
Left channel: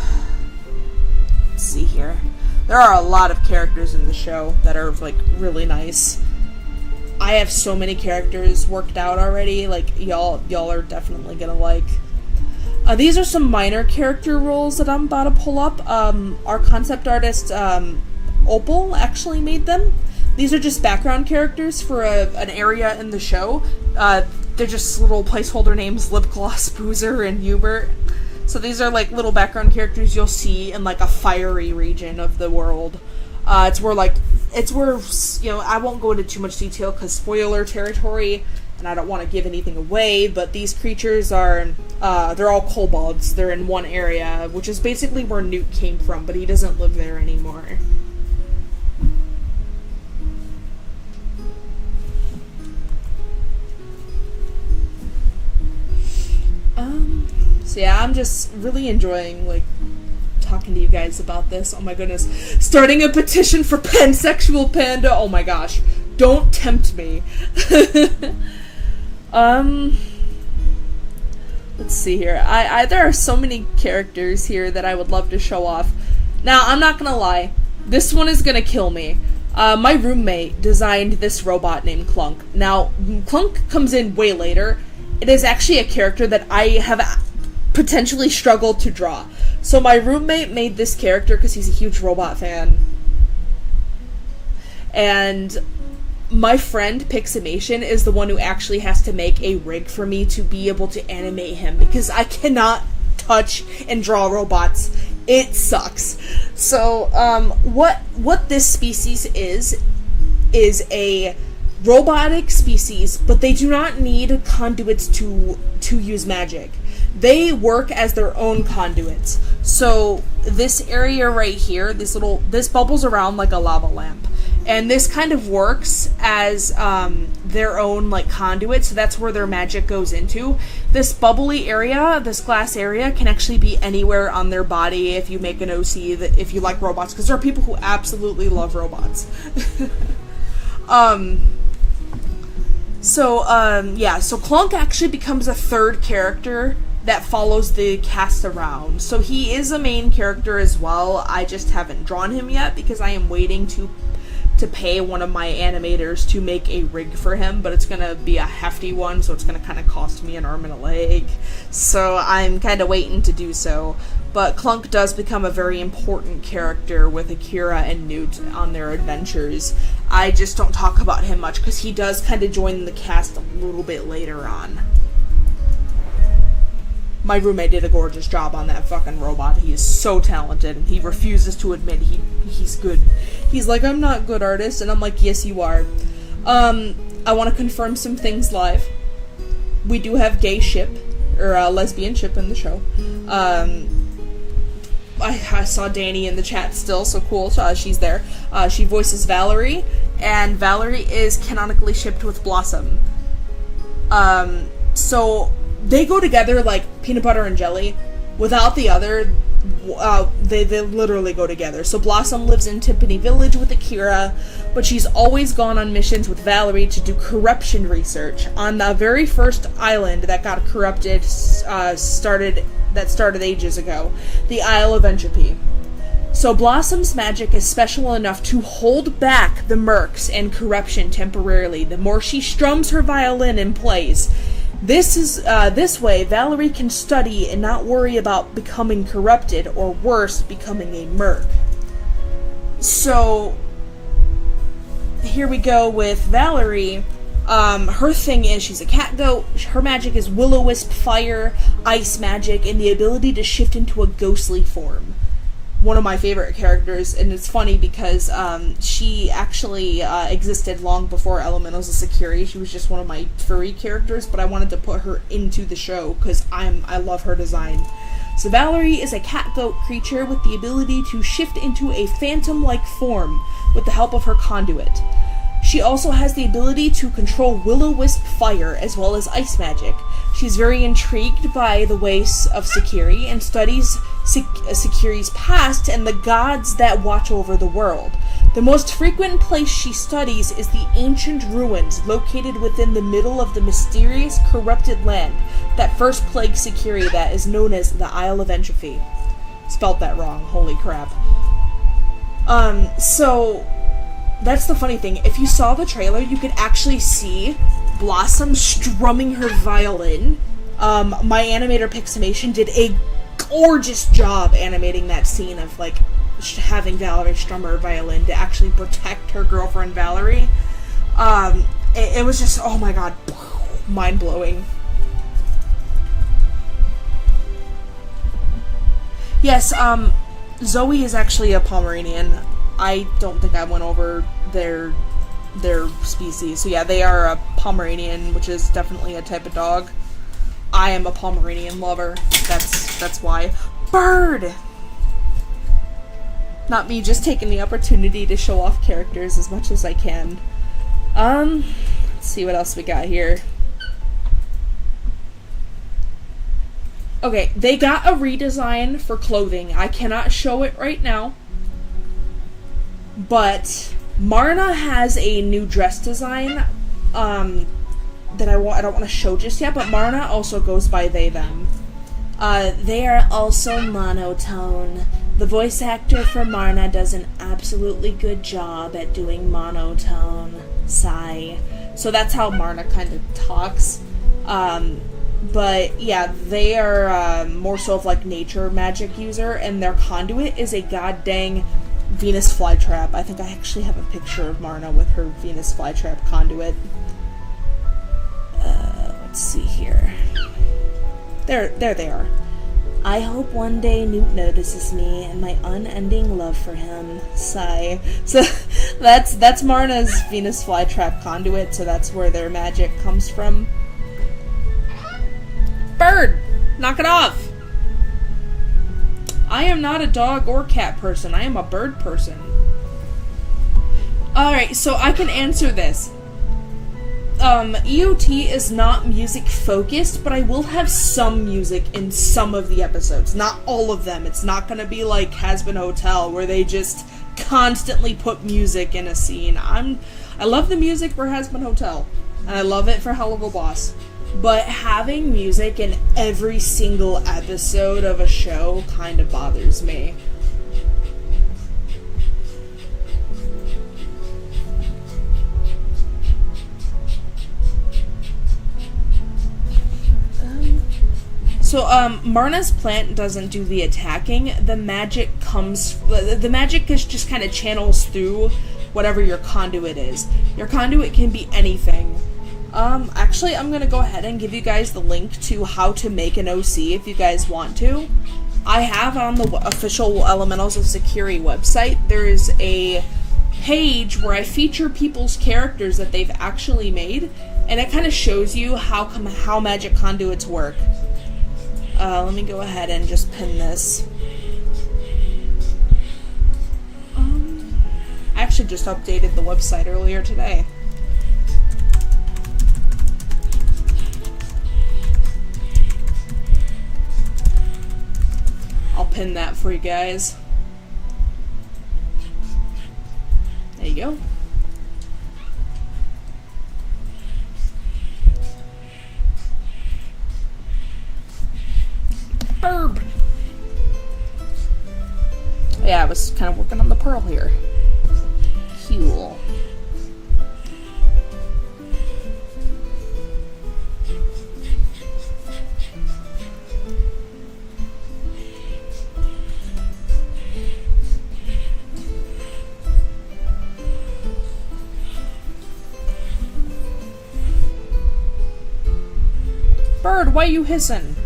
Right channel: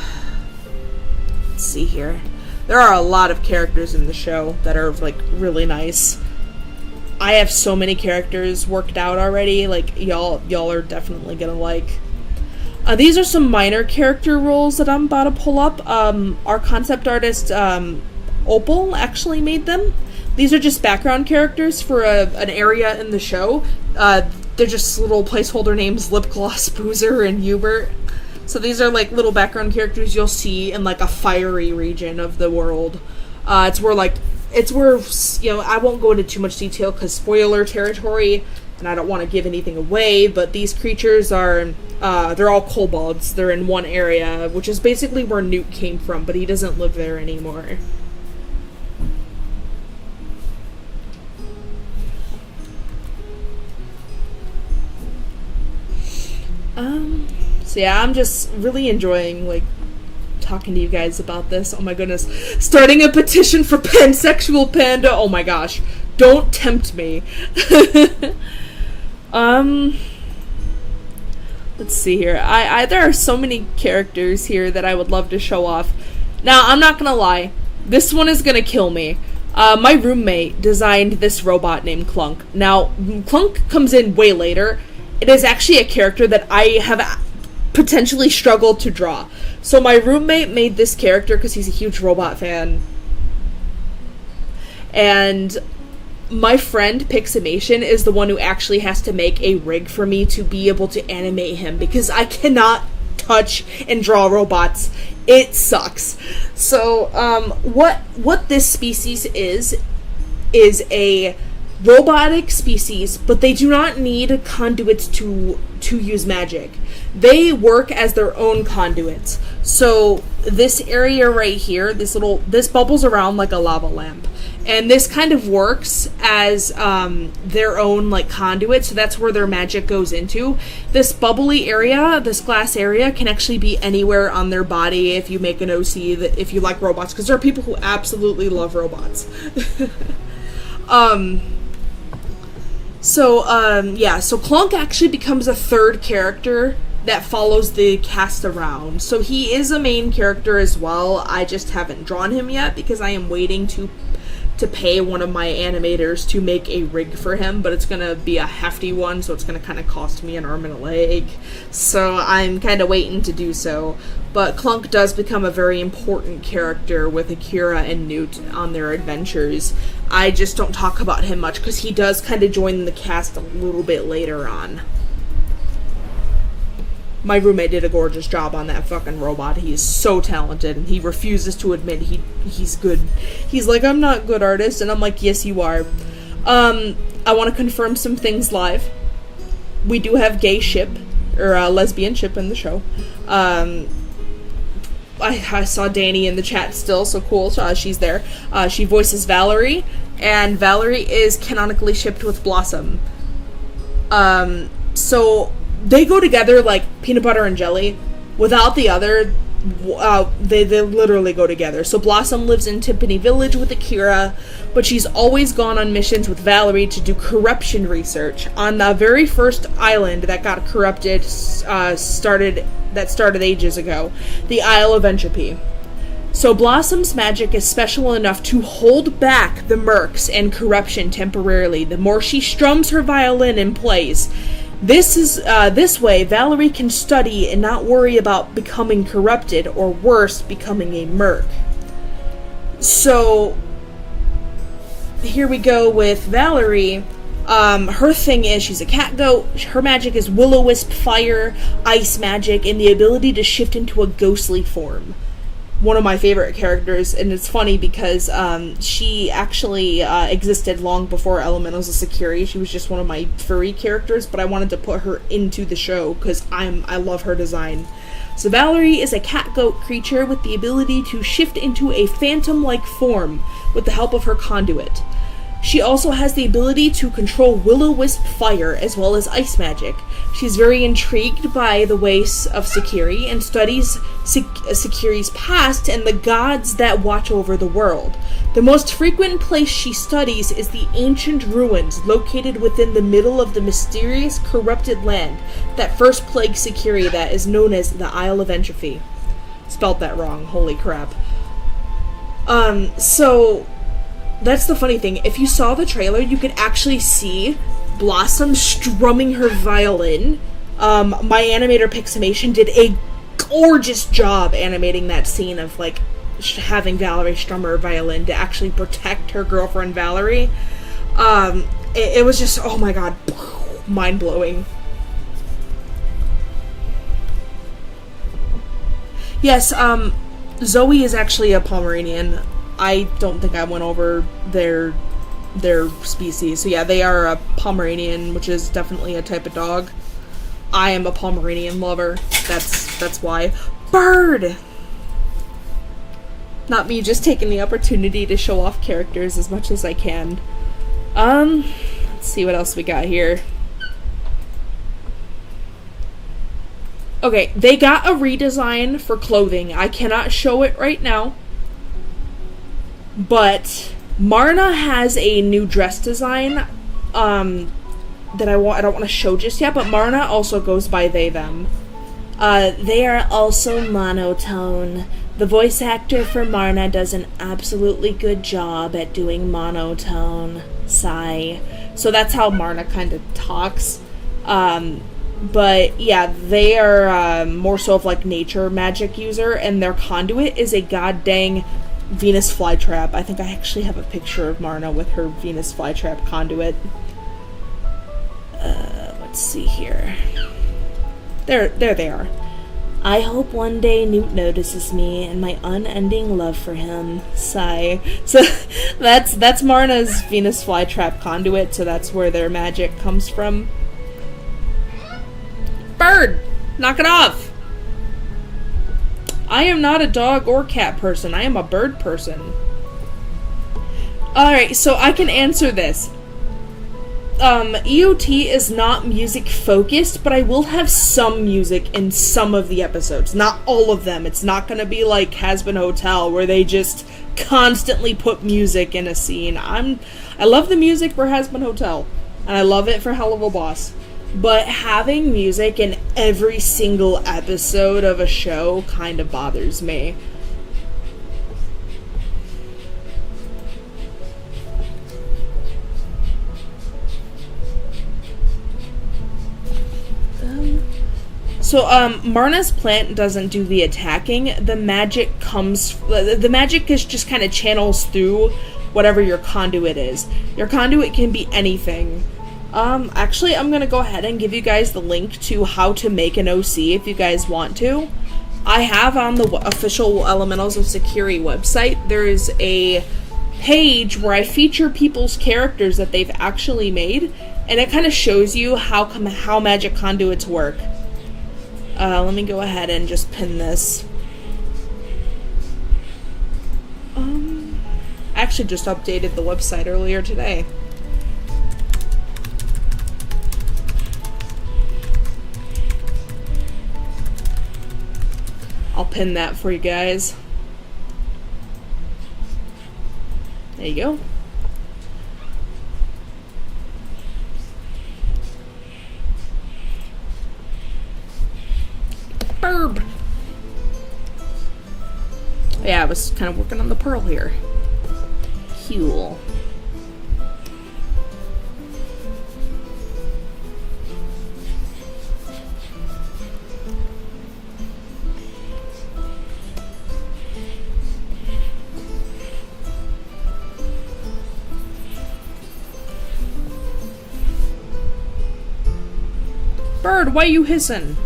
see here. There are a lot of characters in the show that are, like, really nice. I have so many characters worked out already. Like, y'all are definitely gonna like. These are some minor character roles that I'm about to pull up. Our concept artist, Opal, actually made them. These are just background characters for an area in the show. They're just little placeholder names, Lipgloss, Boozer, and Hubert. So these are like little background characters you'll see in like a fiery region of the world. It's where, you know, I won't go into too much detail because spoiler territory, and I don't want to give anything away, but these creatures are, they're all kobolds. They're in one area, which is basically where Newt came from, but he doesn't live there anymore. So yeah, I'm just really enjoying, like, talking to you guys about this. Oh my goodness. Starting a petition for pansexual panda. Oh my gosh. Don't tempt me. Let's see here. There are so many characters here that I would love to show off. Now, I'm not gonna lie. This one is gonna kill me. My roommate designed this robot named Clunk. Now, Clunk comes in way later. It is actually a character that I have potentially struggled to draw. So my roommate made this character because he's a huge robot fan. And my friend Piximation is the one who actually has to make a rig for me to be able to animate him, because I cannot touch and draw robots. It sucks. So, what this species is a robotic species, but they do not need conduits to use magic. They work as their own conduits. So this area right here, this bubbles around like a lava lamp. And this kind of works as their own, like, conduit, so that's where their magic goes into. This bubbly area, this glass area, can actually be anywhere on their body if you make an OC, if you like robots, because there are people who absolutely love robots. So Clunk actually becomes a third character that follows the cast around. So he is a main character as well. I just haven't drawn him yet because I am waiting to to pay one of my animators to make a rig for him, but it's gonna be a hefty one, so it's gonna kind of cost me an arm and a leg. So I'm kind of waiting to do so. But Clunk does become a very important character with Akira and Newt on their adventures. I just don't talk about him much because he does kind of join the cast a little bit later on. My roommate did a gorgeous job on that fucking robot. He is so talented, and he refuses to admit he's good. He's like, I'm not good artist, and I'm like, yes, you are. I want to confirm some things live. We do have gay ship, or lesbian ship in the show. I saw Danny in the chat still, so cool. She's there. She voices Valerie, and Valerie is canonically shipped with Blossom. So they go together like peanut butter and jelly. Without the other, they literally go together. So Blossom lives in Timpani Village with Akira, but she's always gone on missions with Valerie to do corruption research on the very first island that got corrupted. Started ages ago, the Isle of Entropy. So Blossom's magic is special enough to hold back the murks and corruption temporarily. The more she strums her violin and plays. This way, Valerie can study and not worry about becoming corrupted, or worse, becoming a merc. So, here we go with Valerie. Her thing is, she's a cat goat. Her magic is will-o-wisp fire, ice magic, and the ability to shift into a ghostly form. One of my favorite characters, and it's funny because she actually existed long before Elementals of Security. She was just one of my furry characters, but I wanted to put her into the show because I love her design. So Valerie is a cat-goat creature with the ability to shift into a phantom-like form with the help of her conduit. She also has the ability to control will-o-wisp fire as well as ice magic. She's very intrigued by the ways of Sekiri and studies Sekiri's past and the gods that watch over the world. The most frequent place she studies is the ancient ruins located within the middle of the mysterious corrupted land that first plagued Sekiri, that is known as the Isle of Entropy. Spelt that wrong, holy crap. So that's the funny thing. If you saw the trailer, you could actually see Blossom strumming her violin. My animator Piximation did a gorgeous job animating that scene of like having Valerie strum her violin to actually protect her girlfriend Valerie. It was just, oh my god, mind-blowing. Yes, Zoe is actually a Pomeranian. I don't think I went over their species. So yeah, they are a Pomeranian, which is definitely a type of dog. I am a Pomeranian lover. That's why. Bird! Not me just taking the opportunity to show off characters as much as I can. Let's see what else we got here. Okay, they got a redesign for clothing. I cannot show it right now. But Marna has a new dress design that I don't want to show just yet, but Marna also goes by they, them. They are also monotone. The voice actor for Marna does an absolutely good job at doing monotone. Sigh. So that's how Marna kind of talks. But yeah, they are more so of like nature magic user, and their conduit is a god dang Venus flytrap. I think I actually have a picture of Marna with her Venus flytrap conduit. Let's see here. There they are. I hope one day Newt notices me and my unending love for him. Sigh. So that's Marna's Venus flytrap conduit, so that's where their magic comes from. Bird! Knock it off! I am not a dog or cat person. I am a bird person. Alright, so I can answer this. EOT is not music focused, but I will have some music in some of the episodes. Not all of them. It's not gonna be like Hazbin Hotel, where they just constantly put music in a scene. I love the music for Hazbin Hotel, and I love it for Helluva-Boss. But having music in every single episode of a show kind of bothers me. So, Marna's plant doesn't do the attacking. The magic is just kind of channels through whatever your conduit is. Your conduit can be anything. Actually, I'm gonna go ahead and give you guys the link to how to make an OC if you guys want to. I have on the official Elementals of Security website, there is a page where I feature people's characters that they've actually made, and it kind of shows you how magic conduits work. Let me go ahead and just pin this. I actually just updated the website earlier today. I'll pin that for you guys. There you go. Burb. Yeah, I was kind of working on the pearl here. Cool. Bird, why you hissing?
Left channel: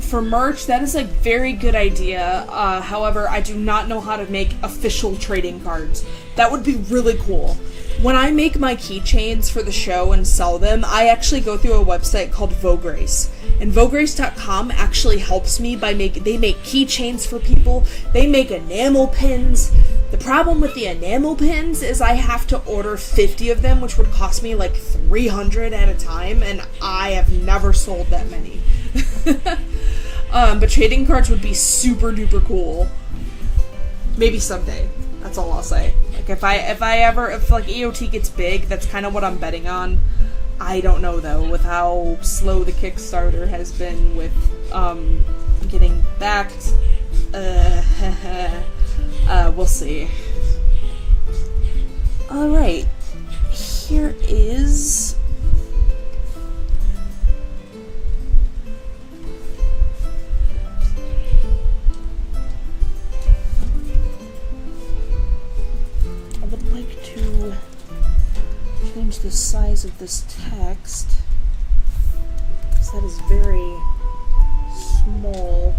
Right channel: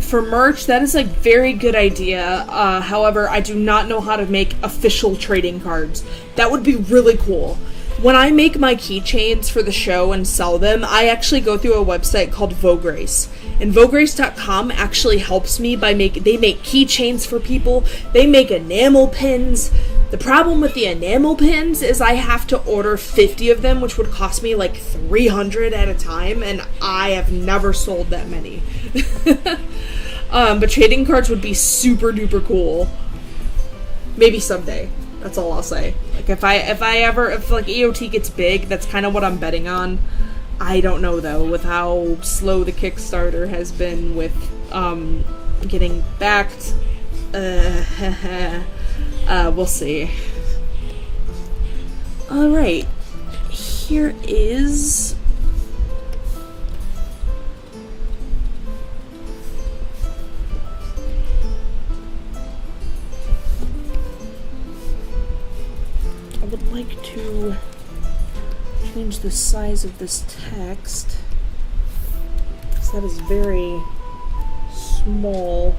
For merch, that is a very good idea. However, I do not know how to make official trading cards. That would be really cool. When I make my keychains for the show and sell them, I actually go through a website called Vograce. And Vograce.com actually helps me they make keychains for people. They make enamel pins. The problem with the enamel pins is I have to order 50 of them, which would cost me like 300 at a time, and I have never sold that many. But trading cards would be super duper cool. Maybe someday. That's all I'll say. Like if like EOT gets big, that's kind of what I'm betting on. I don't know though, with how slow the Kickstarter has been with getting backed. We'll see. Alright. Here is I would like to change the size of this text, because that is very small.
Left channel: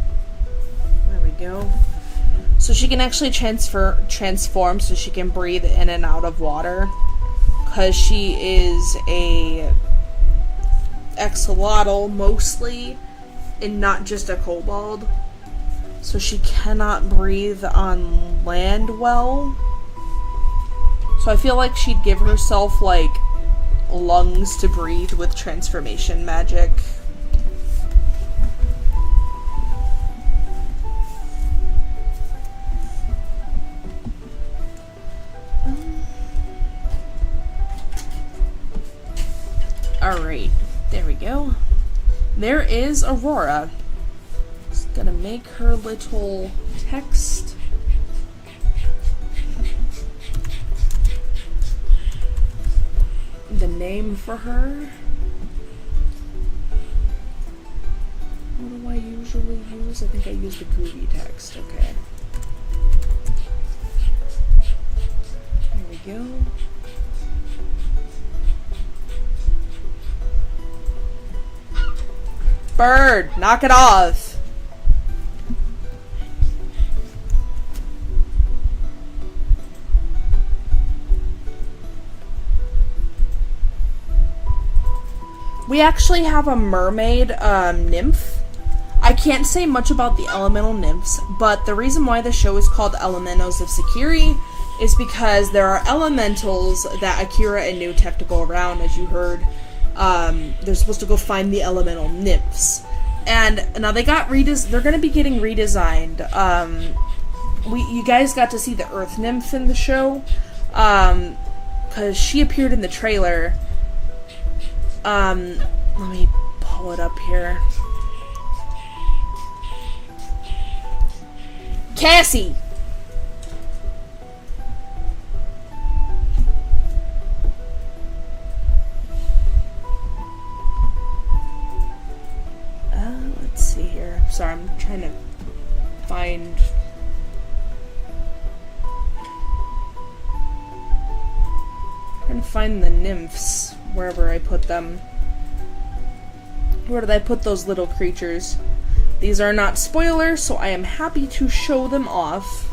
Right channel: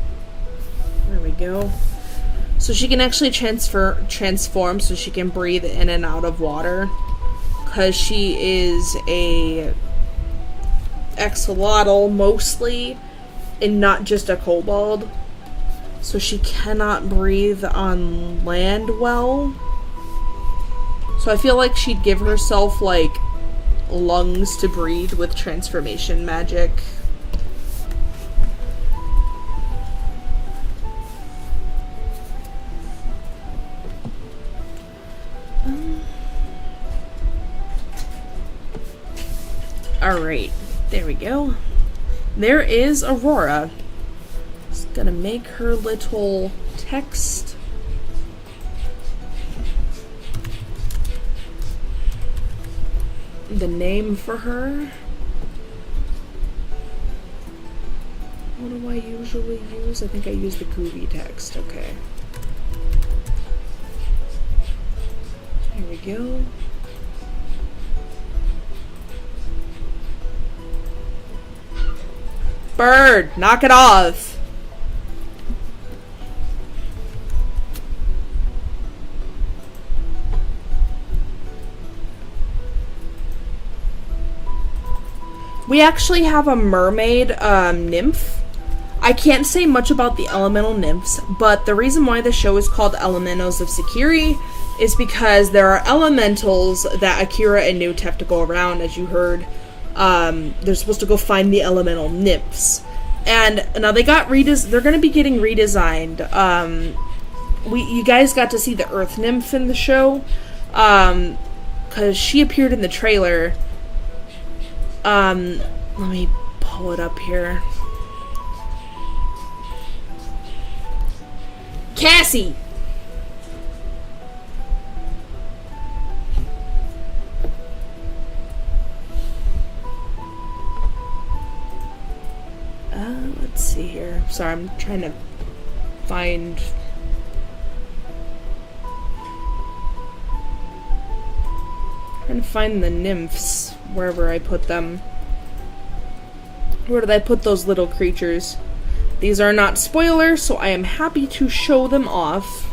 There we go. So she can actually transform, so she can breathe in and out of water, because she is a axolotl mostly, and not just a kobold. So she cannot breathe on land well. So I feel like she'd give herself, like, lungs to breathe with transformation magic. Alright, there we go. There is Aurora. Just gonna make her little text. The name for her. What do I usually use? I think I use the groovy text. Okay. There we go. Bird, knock it off. We actually have a mermaid nymph. I can't say much about the elemental nymphs, but the reason why the show is called Elementals of Sekiri is because there are elementals that Akira and Newt have to go around, as you heard. They're supposed to go find the elemental nymphs. And now they're going to be getting redesigned. You guys got to see the earth nymph in the show, because she appeared in the trailer. Let me pull it up here. Cassie! Let's see here. Sorry, I'm trying to find... Trying to find the nymphs wherever I put them. Where did I put those little creatures? These are not spoilers, so I am happy to show them off.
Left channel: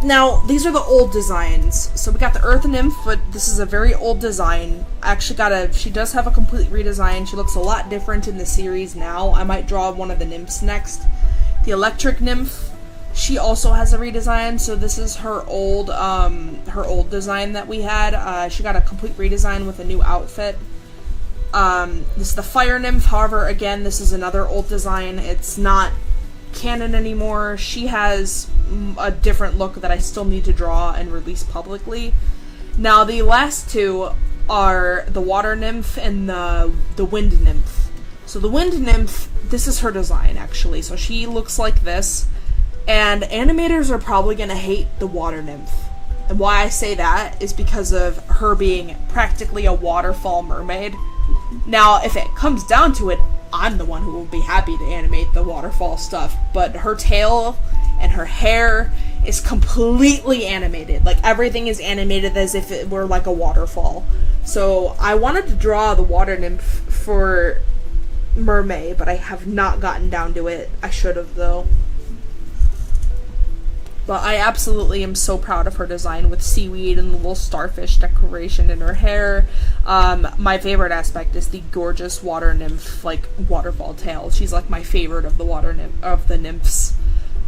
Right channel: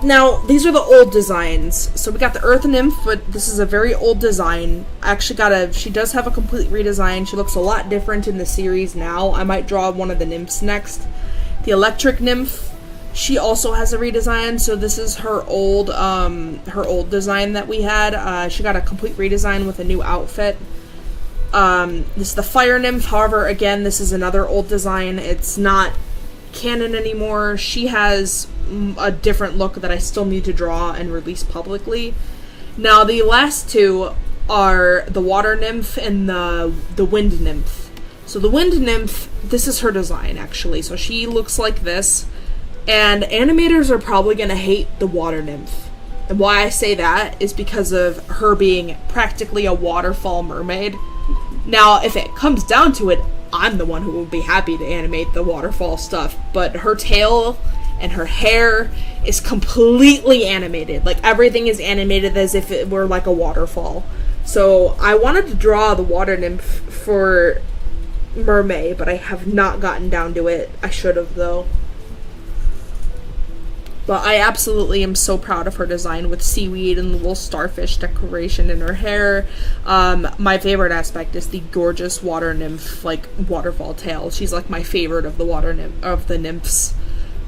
Now, these are the old designs. So we got the Earth Nymph, but this is a very old design. I actually she does have a complete redesign. She looks a lot different in the series now. I might draw one of the nymphs next. The Electric Nymph, she also has a redesign, so this is her old design that we had. She got a complete redesign with a new outfit. This is the Fire Nymph, however, again, this is another old design. It's not canon anymore. She has a different look that I still need to draw and release publicly. Now, the last two are the Water Nymph and the Wind Nymph. So the Wind Nymph, this is her design, actually. So she looks like this. And animators are probably going to hate the Water Nymph. And why I say that is because of her being practically a waterfall mermaid. Now, if it comes down to it, I'm the one who will be happy to animate the waterfall stuff. But her tail and her hair is completely animated. Like, everything is animated as if it were like a waterfall. So, I wanted to draw the Water Nymph for Mermaid, but I have not gotten down to it. I should have, though. But I absolutely am so proud of her design with seaweed and little starfish decoration in her hair. My favorite aspect is the gorgeous water nymph, like, waterfall tail. She's like my favorite of the nymphs.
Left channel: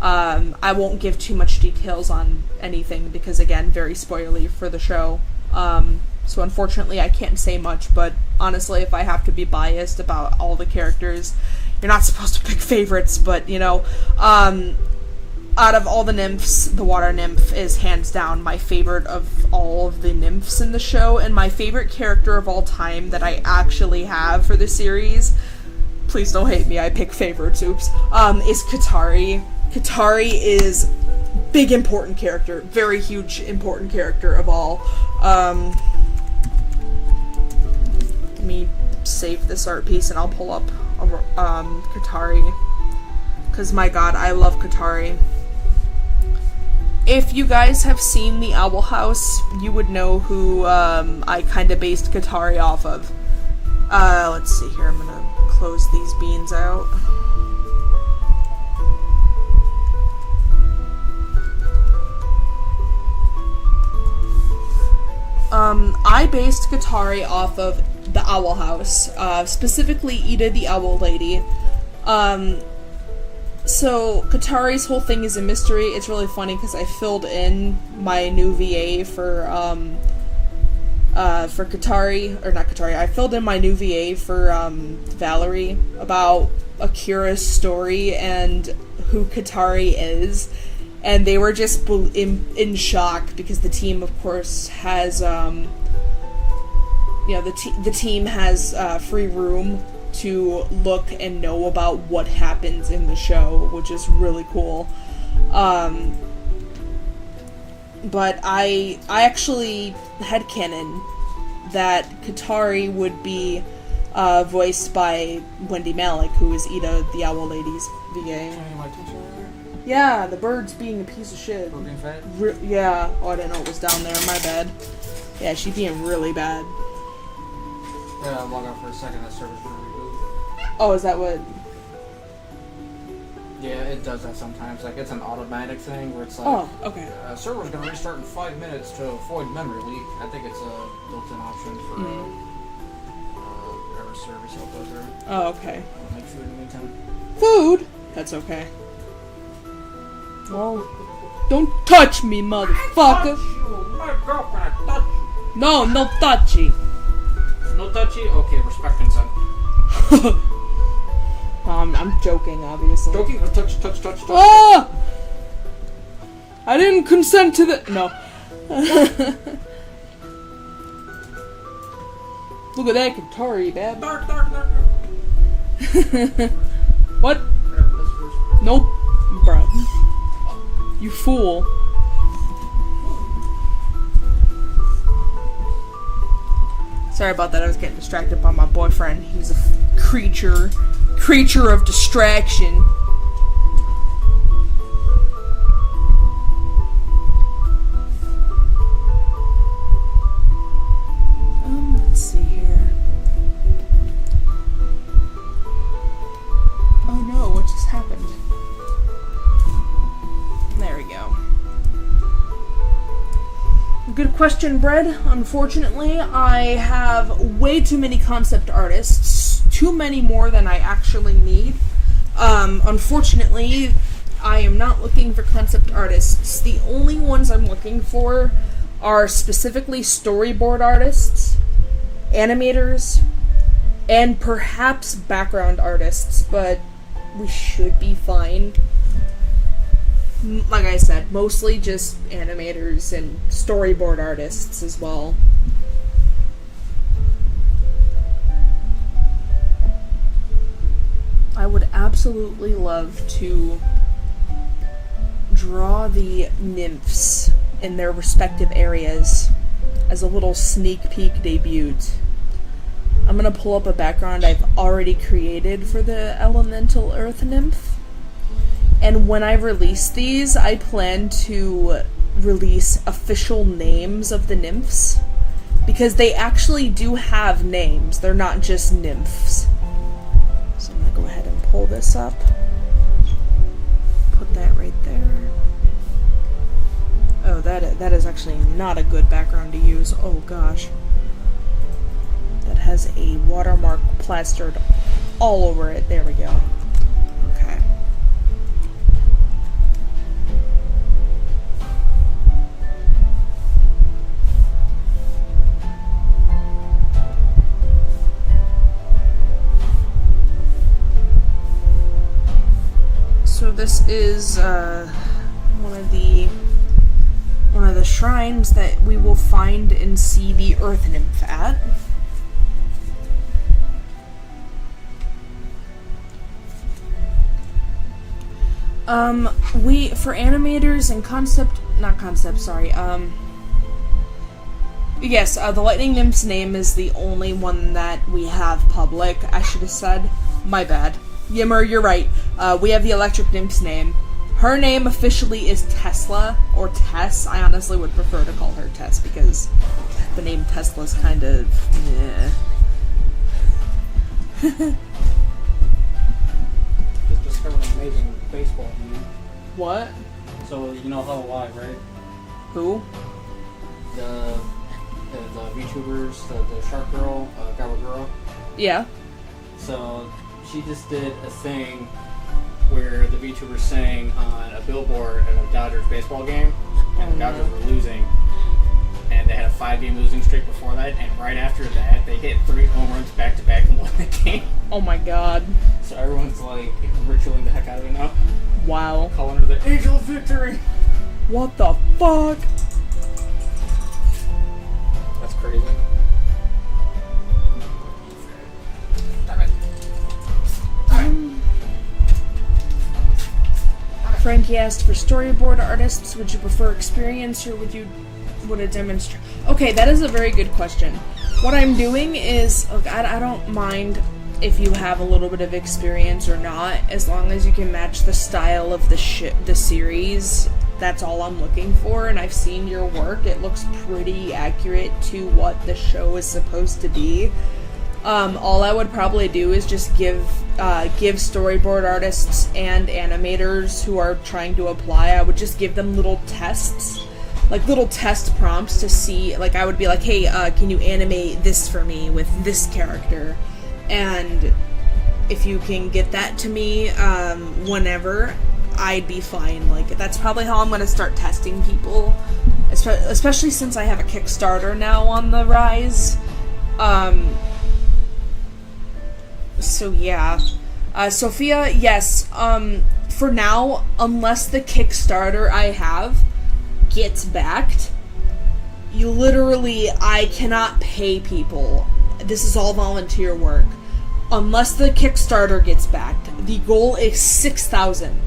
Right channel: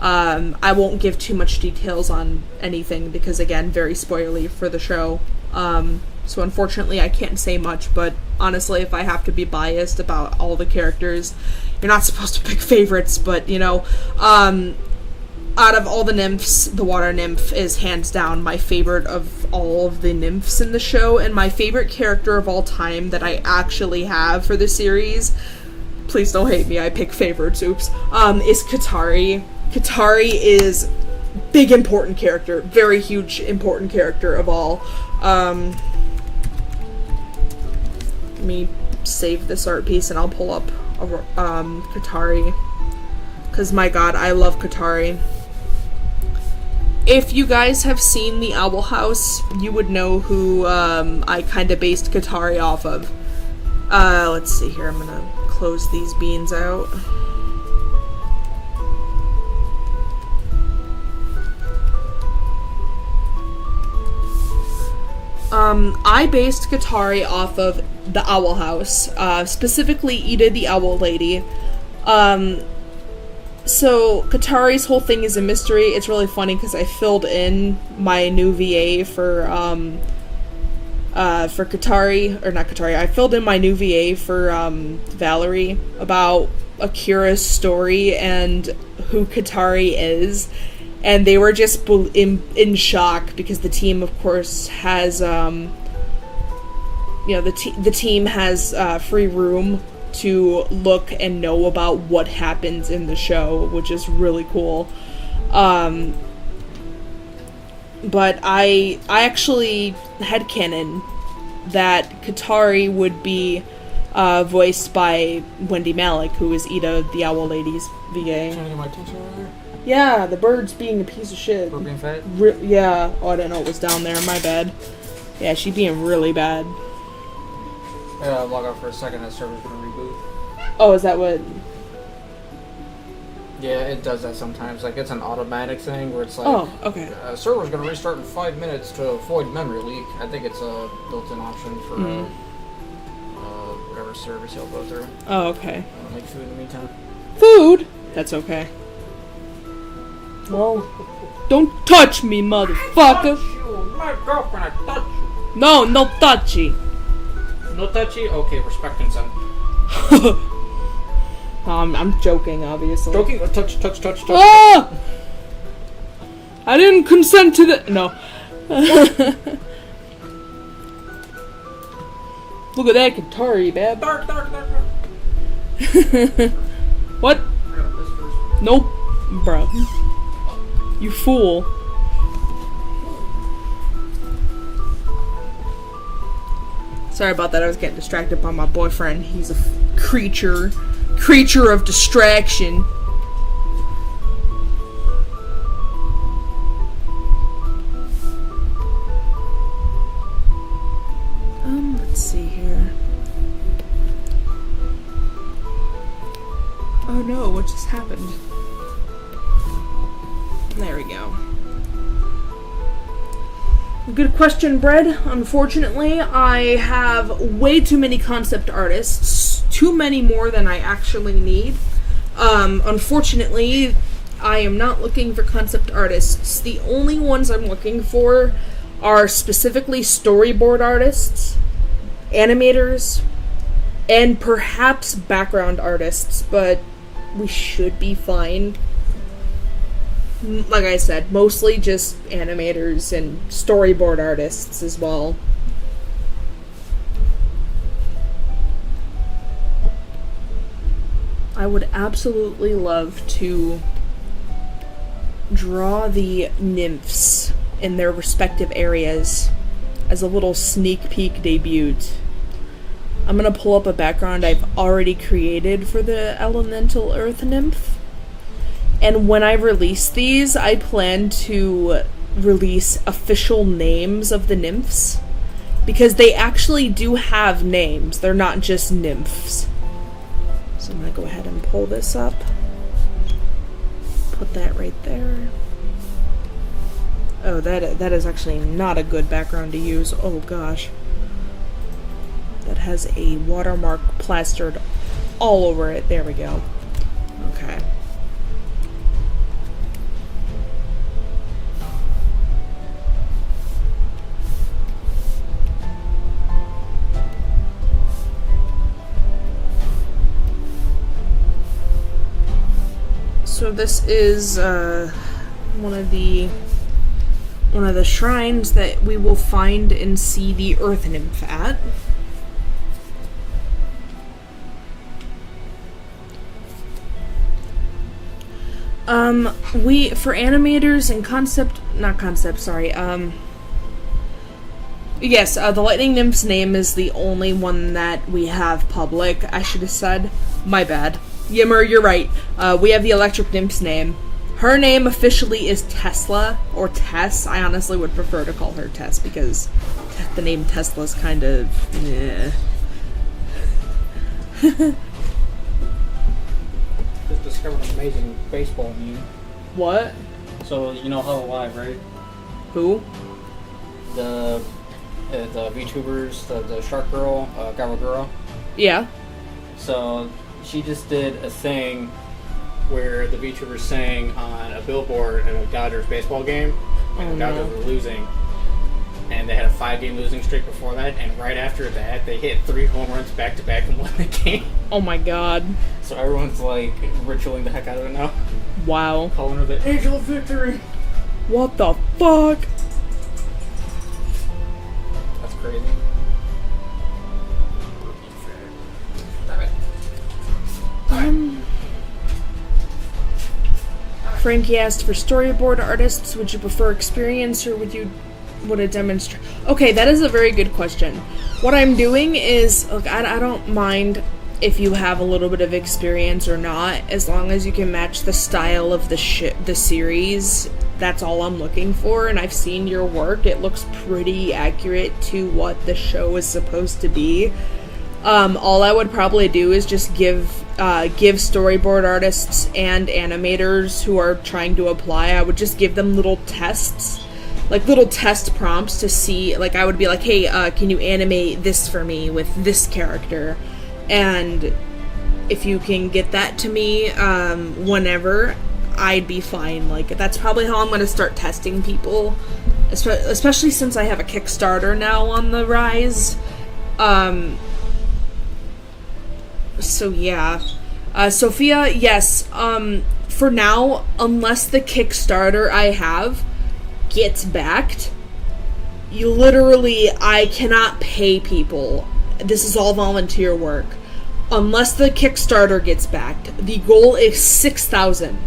I won't give too much details on anything because, again, very spoilery for the show. So unfortunately I can't say much, but honestly, if I have to be biased about all the characters, you're not supposed to pick favorites, but, you know, out of all the nymphs, the water nymph is hands down my favorite of all of the nymphs in the show, and my favorite character of all time that I actually have for the series, please don't hate me, I pick favorites, oops, is Katari. Katari is big important character, very huge important character of all. Let me save this art piece and I'll pull up Katari, because my god, I love Katari. If you guys have seen The Owl House, you would know who I kind of based Katari off of. Let's see here, I'm gonna close these beans out. I based Katari off of The Owl House, specifically Ida the Owl Lady. So, Katari's whole thing is a mystery. It's really funny because I filled in my new VA for Katari, or not Katari, I filled in my new VA for, Valerie about Akira's story and who Katari is, and they were just in shock because the team, of course, has, the team has, free room to look and know about what happens in the show, which is really cool. But I actually headcanon that Katari would be voiced by Wendy Malick, who is Ida the Owl Lady's VA. Trying to get my attention over there? Yeah, the bird's being a piece of shit. Bird being fat? Yeah. Oh, I didn't know it was down there. My bad. Yeah, she's being really bad. Yeah, log out for a second, that server's gonna reboot. Oh, is that what? Yeah, it does that sometimes. Like, it's an automatic thing where it's like, oh, okay. Server's gonna restart in 5 minutes to avoid memory leak. I think it's a built-in option for whatever service you'll go through. Oh, okay. I'll make food in the meantime. Food? That's okay. Well, don't touch me, motherfucker. My girlfriend, I touch you. No touchy. No touchy? Okay, respect consent. I'm joking, obviously. Joking? Touch. Ah! I didn't consent to the... No. Look at that Katari, babe. Dark. What? I got this first. Nope. Bro. You fool. Sorry about that, I was getting distracted by my boyfriend. He's a creature of distraction. Let's see here. Oh no, what just happened? There we go. Good question, Bread. Unfortunately, I have way too many concept artists. Too many more than I actually need. Unfortunately, I am not looking for concept artists. The only ones I'm looking for are specifically storyboard artists, animators, and perhaps background artists, but we should be fine. Like I said, mostly just animators and storyboard artists as well. I would absolutely love to draw the nymphs in their respective areas as a little sneak peek debut. I'm gonna pull up a background I've already created for the elemental earth nymph. And when I release these, I plan to release official names of the nymphs. Because they actually do have names. They're not just nymphs. So I'm going to go ahead and pull this up. Put that right there. Oh, that is actually not a good background to use. Oh gosh. That has a watermark plastered all over it. There we go. Okay. So this is one of the shrines that we will find and see the earth nymph at. For animators and yes, the lightning nymph's name is the only one that we have public. I should have said. My bad. Yimmer, you're right. We have the electric nymph's name. Her name officially is Tesla, or Tess. I honestly would prefer to call her Tess, because the name Tesla's kind of... Just discovered an amazing baseball meme. What? So, you know Hello Live, right? Who? The VTubers, the Shark Girl, Gawaguro. Yeah. So, she just did a thing where the VTubers sang on a billboard at a Dodgers baseball game, and the Dodgers were losing, and they had a 5-game losing streak before that, and right after that, they hit 3 home runs back-to-back and won the game. Oh my god. So everyone's, like, ritualing the heck out of it now. Wow. Calling her the Angel of Victory! What the fuck? That's crazy. Frankie asked for storyboard artists. Would you prefer experience or would it demonstrate? Okay, that is a very good question. What I'm doing is, look, I don't mind if you have a little bit of experience or not, as long as you can match the style of the series. That's all I'm looking for, and I've seen your work. It looks pretty accurate to what the show is supposed to be. All I would probably do is just give storyboard artists and animators who are trying to apply, I would just give them little tests, like little test prompts to see, like I would be like, hey, can you animate this for me with this character? And if you can get that to me whenever, I'd be fine. Like, that's probably how I'm going to start testing people, especially since I have a Kickstarter now on the rise. So yeah. Sophia, yes, for now, unless the Kickstarter I have gets backed, I cannot pay people This is all volunteer work. Unless the Kickstarter gets backed, the goal is 6,000.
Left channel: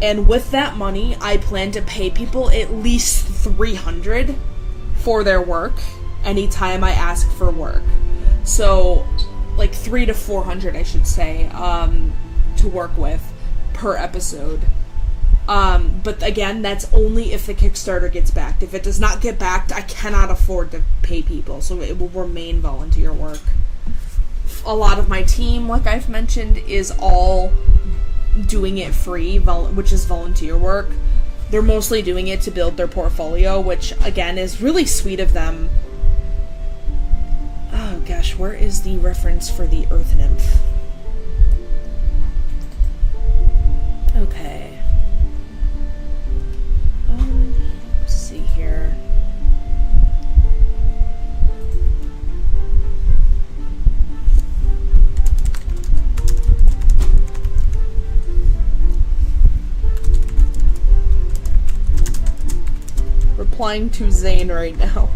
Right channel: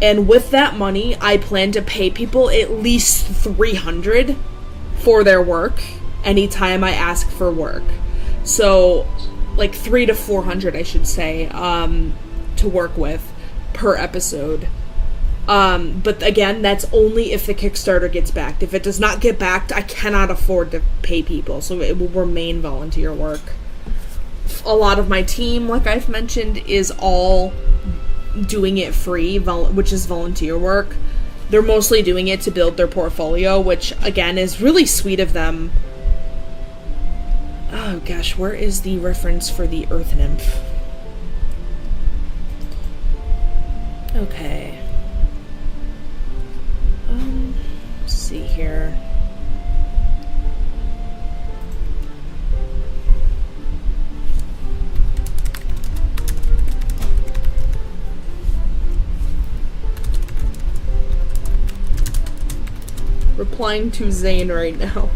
And with that money, I plan to pay people at least 300 for their work anytime I ask for work. So, like 300 to 400, I should say, to work with per episode. But again, that's only if the Kickstarter gets backed. If it does not get backed, I cannot afford to pay people, so it will remain volunteer work. A lot of my team, like I've mentioned, is all doing it free, which is volunteer work. They're mostly doing it to build their portfolio, which, again, is really sweet of them. Oh gosh, where is the reference for the Earth Nymph? Okay. Let's see here. Replying to Zane right now.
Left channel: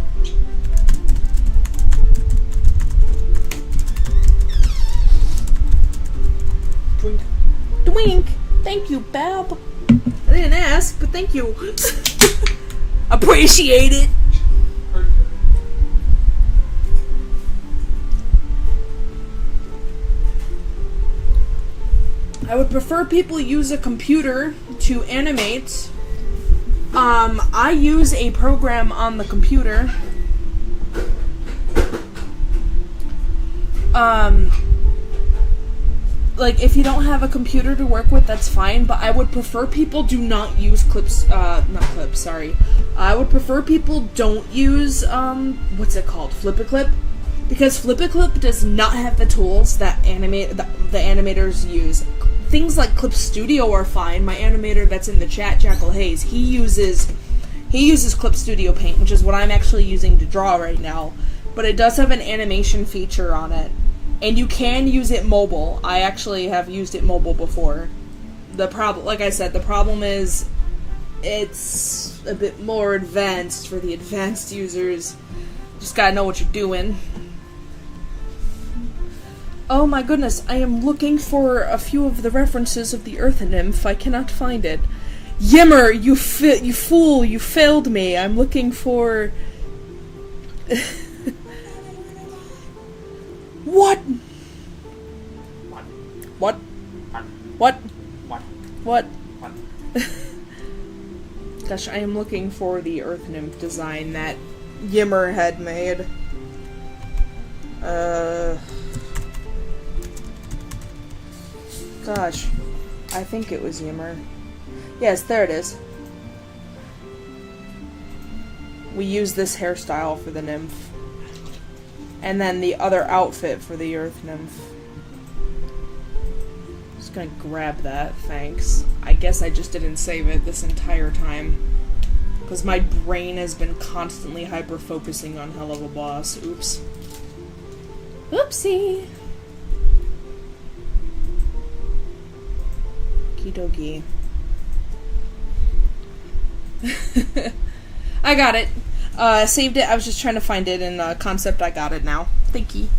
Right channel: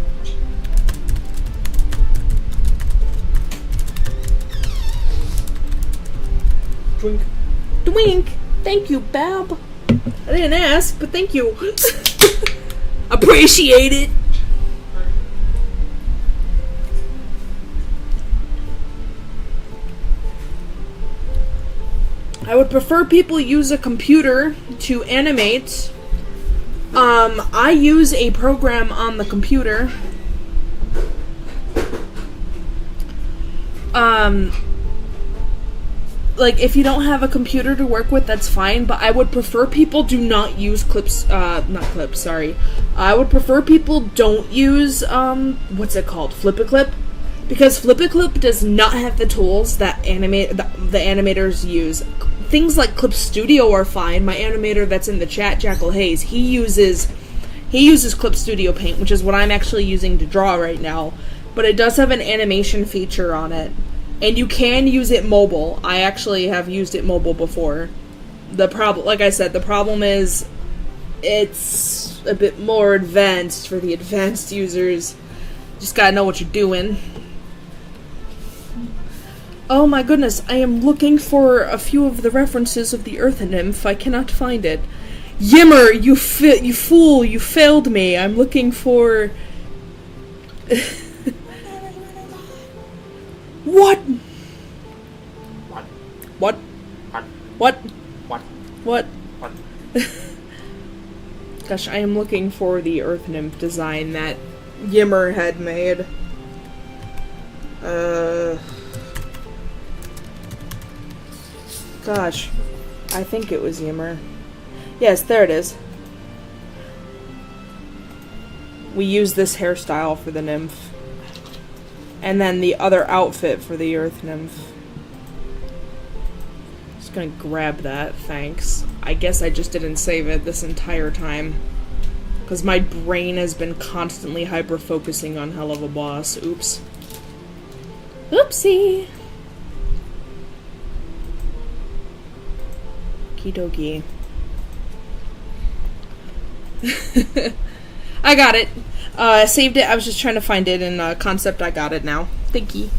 Twink. Twink! Thank you, Bab. I didn't ask, but thank you. Appreciate it. I would prefer people use a computer to animate. I use a program on the computer. Like, if you don't have a computer to work with, that's fine, but I would prefer people do not use I would prefer people don't use, what's it called? Flip-a-Clip? Because Flip-a-Clip does not have the tools that the animators use. Things like Clip Studio are fine. My animator that's in the chat, Jackal Hayes, he uses Clip Studio Paint, which is what I'm actually using to draw right now. But it does have an animation feature on it. And you can use it mobile. I actually have used it mobile before. Like I said, the problem is it's a bit more advanced for the advanced users. Just gotta know what you're doing. Oh my goodness, I am looking for a few of the references of the Earth Nymph. I cannot find it. Yimmer, you fool, you failed me. I'm looking for... What? What? What? Gosh, I am looking for the Earth Nymph design that Yimmer had made. Gosh, I think it was Yimmer. Yes, there it is. We use this hairstyle for the nymph. And then the other outfit for the Earth Nymph. Just gonna grab that, thanks. I guess I just didn't save it this entire time. Because my brain has been constantly hyper-focusing on Helluva-Boss. Oops. Oopsie! Okie dokie. I got it. Saved it. I was just trying to find it in concept. I got it now. Thank you.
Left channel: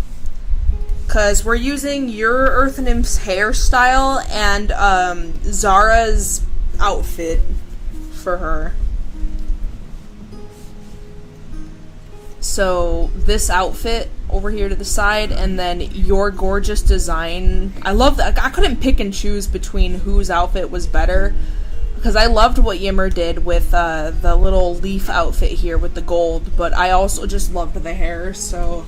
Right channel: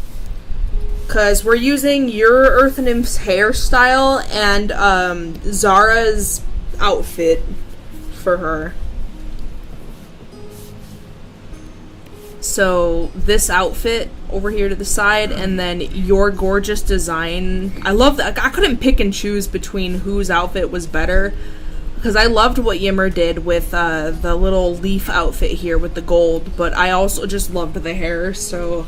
Because we're using your Earth Nymph's hairstyle and Zara's outfit for her. So this outfit over here to the side, and then your gorgeous design. I love that. I couldn't pick and choose between whose outfit was better. Because I loved what Yimmer did with the little leaf outfit here with the gold, but I also just loved the hair, so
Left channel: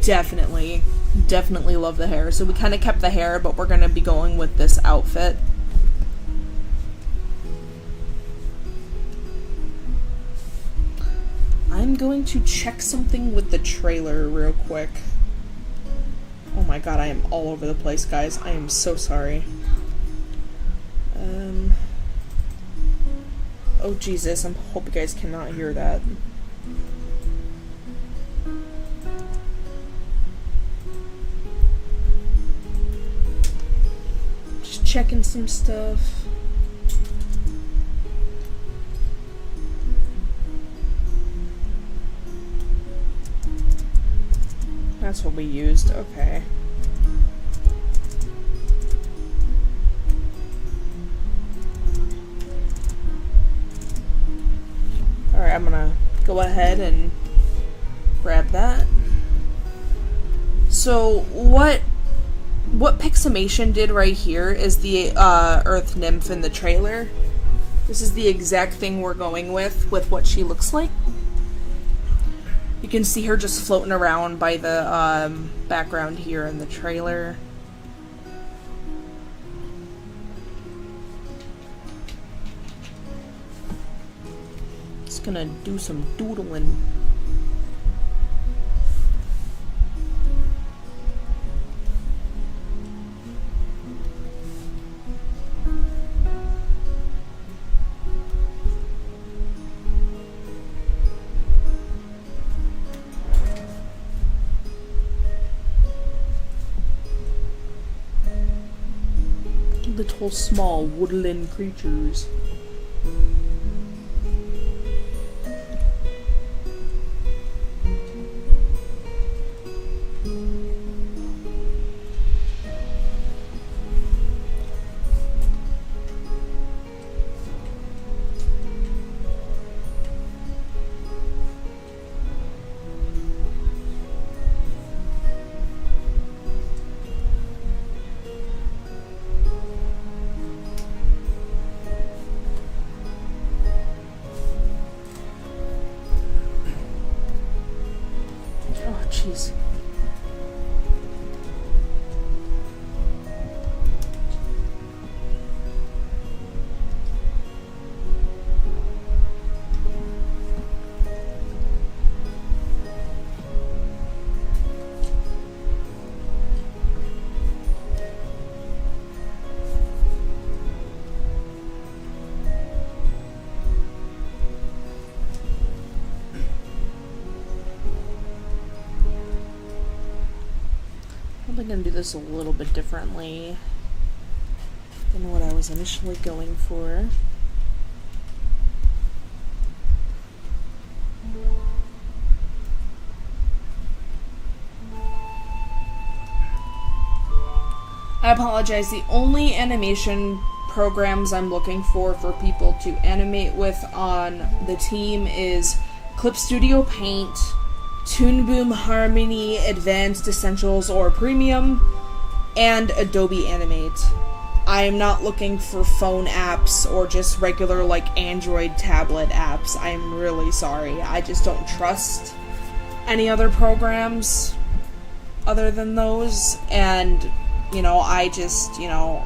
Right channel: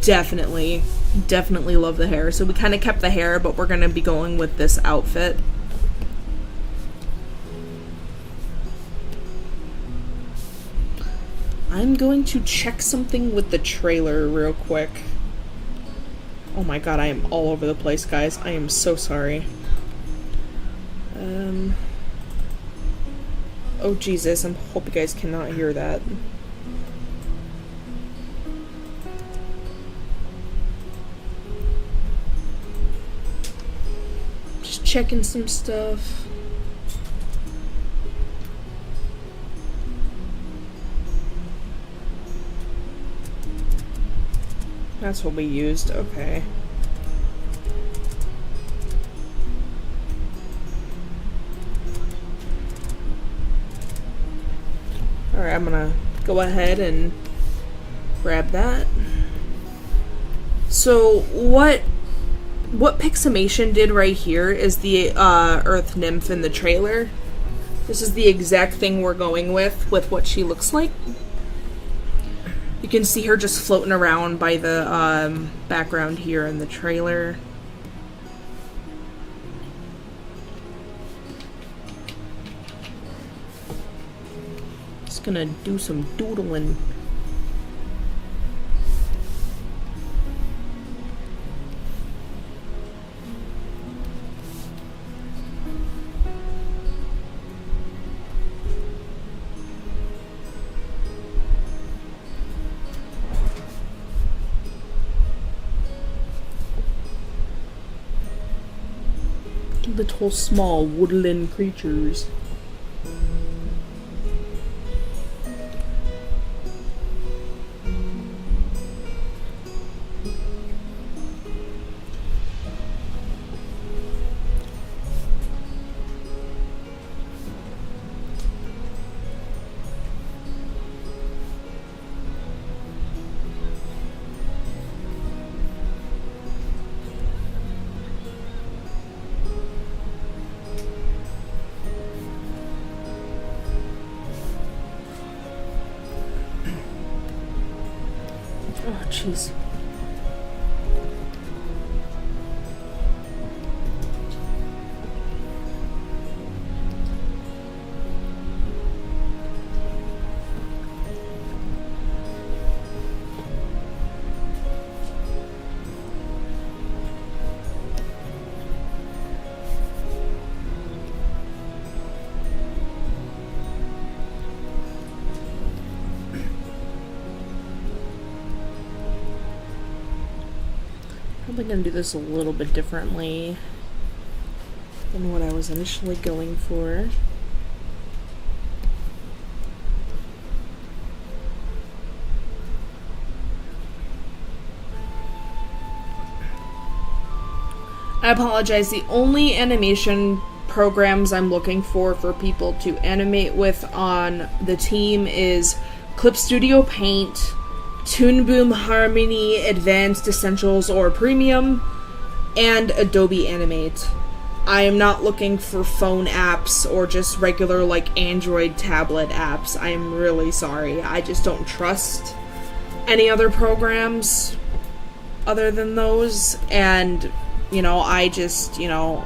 definitely love the hair. So we kind of kept the hair, but we're going to be going with this outfit. I'm going to check something with the trailer real quick. Oh my god, I am all over the place, guys. I am so sorry. Oh Jesus, I hope you guys cannot hear that. Just checking some stuff. That's what we used. Okay. Alright, I'm gonna go ahead and grab that. So what Piximation did right here is the Earth Nymph in the trailer. This is the exact thing we're going with what she looks like. You can see her just floating around by the background here in the trailer. Just gonna do some doodling. Little small woodland creatures. Oh, jeez. Probably gonna do this a little bit differently than what I was initially going for. I apologize. The only animation programs I'm looking for people to animate with on the team is Clip Studio Paint, Toon Boom Harmony Advanced Essentials or Premium, and Adobe Animate. I am not looking for phone apps or just regular like Android tablet apps. I am really sorry. I just don't trust any other programs other than those. And, you know, I just, you know,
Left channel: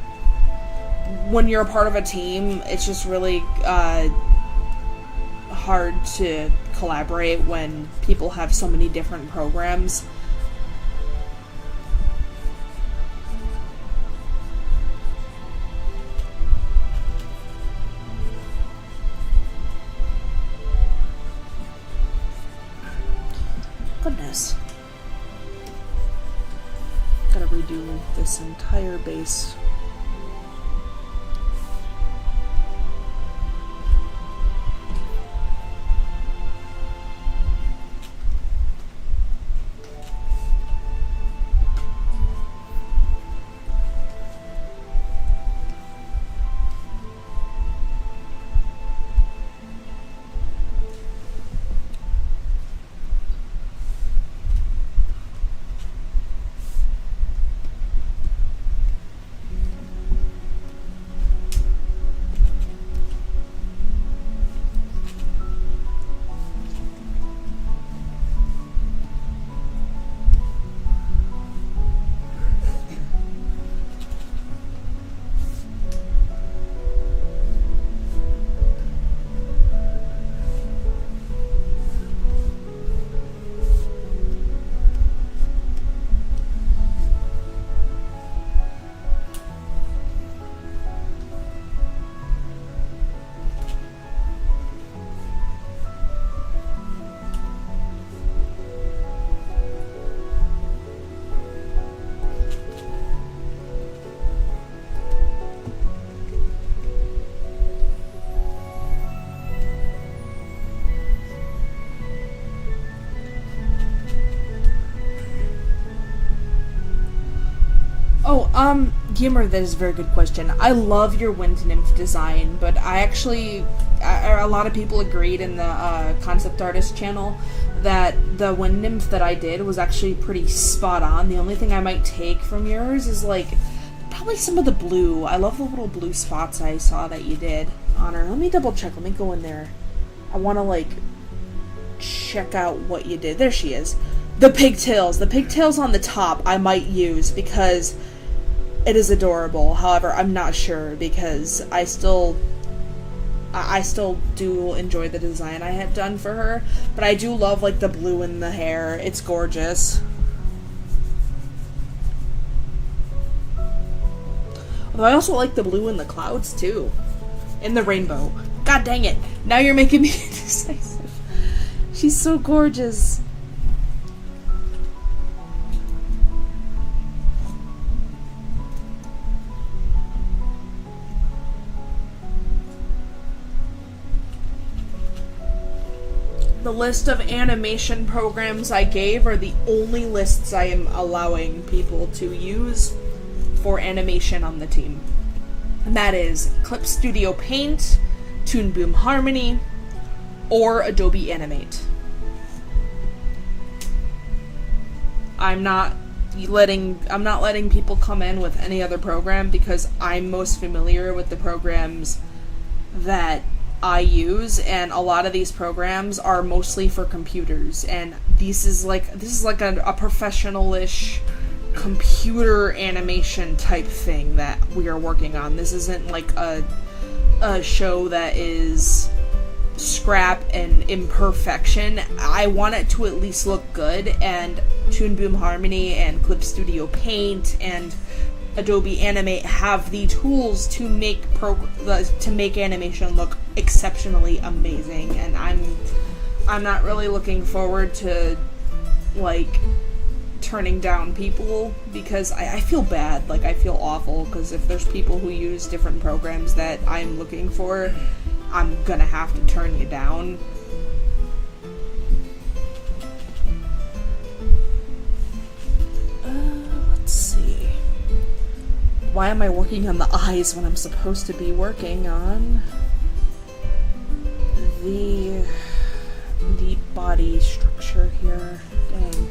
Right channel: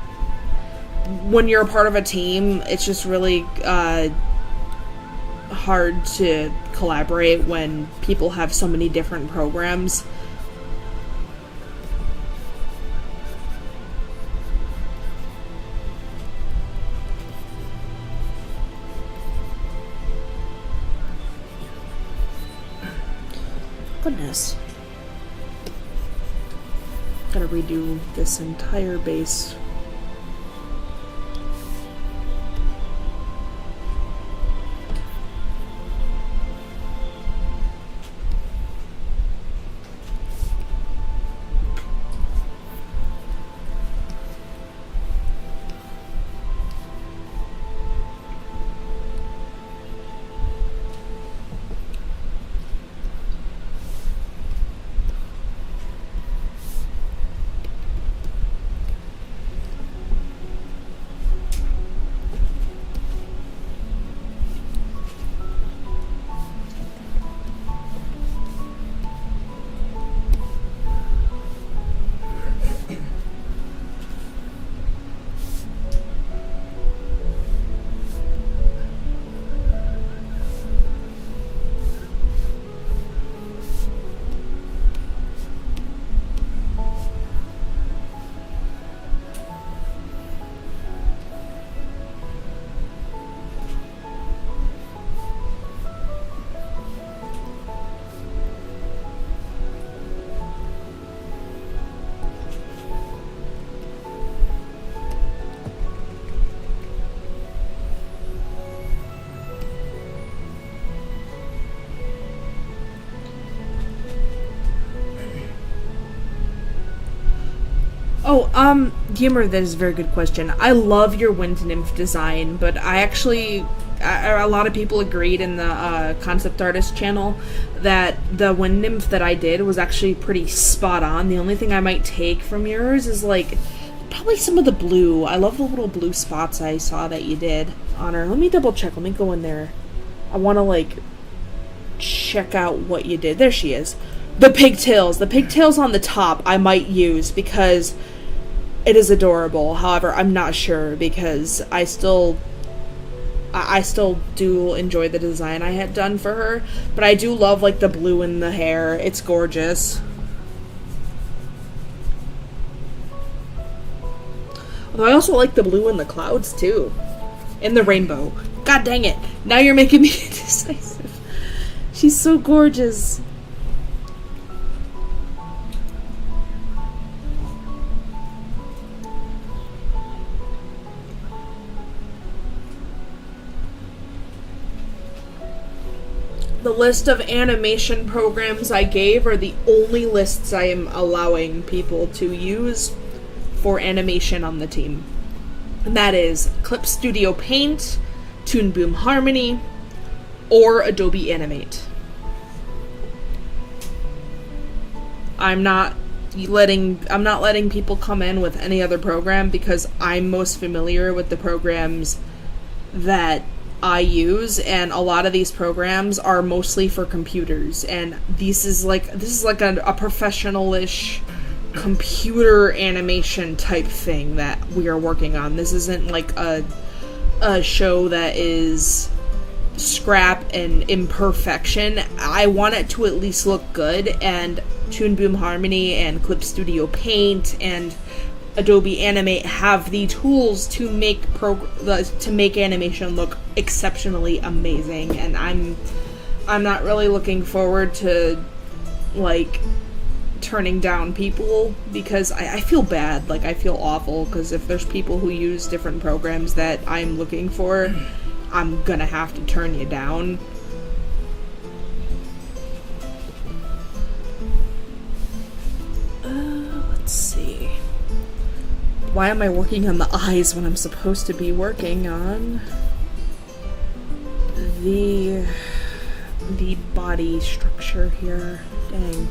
when you're a part of a team, it's just really hard to collaborate when people have so many different programs. Goodness. Gotta redo this entire base. Oh, Gimmer, that is a very good question. I love your wind nymph design, but I actually, a lot of people agreed in the concept artist channel that the wind nymph that I did was actually pretty spot on. The only thing I might take from yours is like probably some of the blue. I love the little blue spots I saw that you did on her. Let me double check. Let me go in there. I want to like check out what you did. There she is. The pigtails. The pigtails on the top I might use because it is adorable. However, I'm not sure because I still do enjoy the design I had done for her, but I do love like the blue in the hair. It's gorgeous. Although I also like the blue in the clouds too. And the rainbow. God dang it. Now you're making me indecisive. She's so gorgeous. The list of animation programs I gave are the only lists I am allowing people to use for animation on the team. And that is Clip Studio Paint, Toon Boom Harmony, or Adobe Animate. I'm not letting people come in with any other program because I'm most familiar with the programs that I use, and a lot of these programs are mostly for computers, and this is like a professional-ish computer animation type thing that we are working on. This isn't like a show that is scrap and imperfection. I want it to at least look good, and Toon Boom Harmony and Clip Studio Paint and Adobe Animate have the tools to make animation look exceptionally amazing, and I'm not really looking forward to like turning down people because I feel bad, like I feel awful because if there's people who use different programs that I'm looking for, I'm gonna have to turn you down. Let's see. Why am I working on the eyes when I'm supposed to be working on the body structure here? Dang.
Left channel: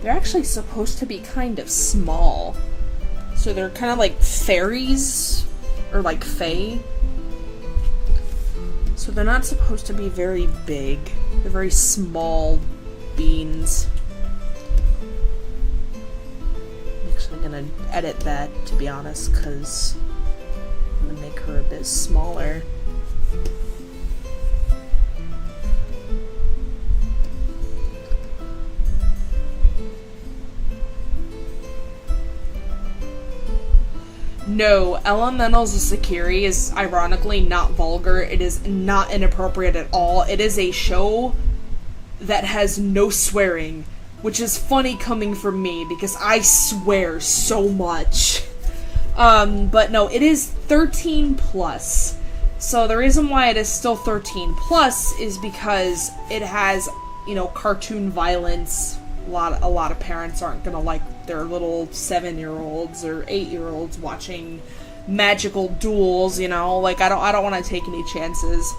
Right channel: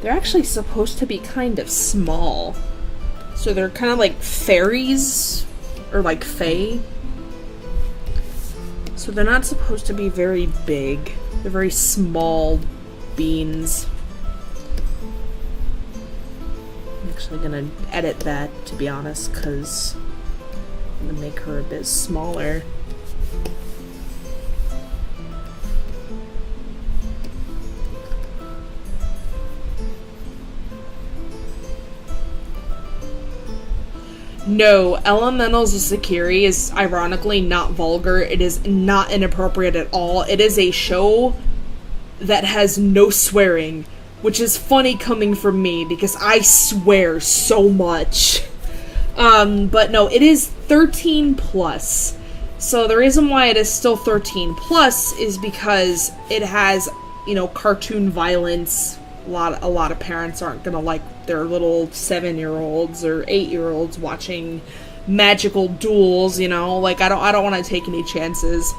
They're actually supposed to be kind of small. So they're kind of like fairies, or like fae. So they're not supposed to be very big. They're very small beans. I'm actually gonna edit that, to be honest, because I'm gonna make her a bit smaller. No, Elementals of Sakiri is ironically not vulgar. It is not inappropriate at all. It is a show that has no swearing, which is funny coming from me because I swear so much. But no, it is 13 plus. So the reason why it is still 13 plus is because it has, you know, cartoon violence. A lot of parents aren't gonna like their little 7-year-olds or 8-year-olds watching magical duels, you know, like I don't want to take any chances.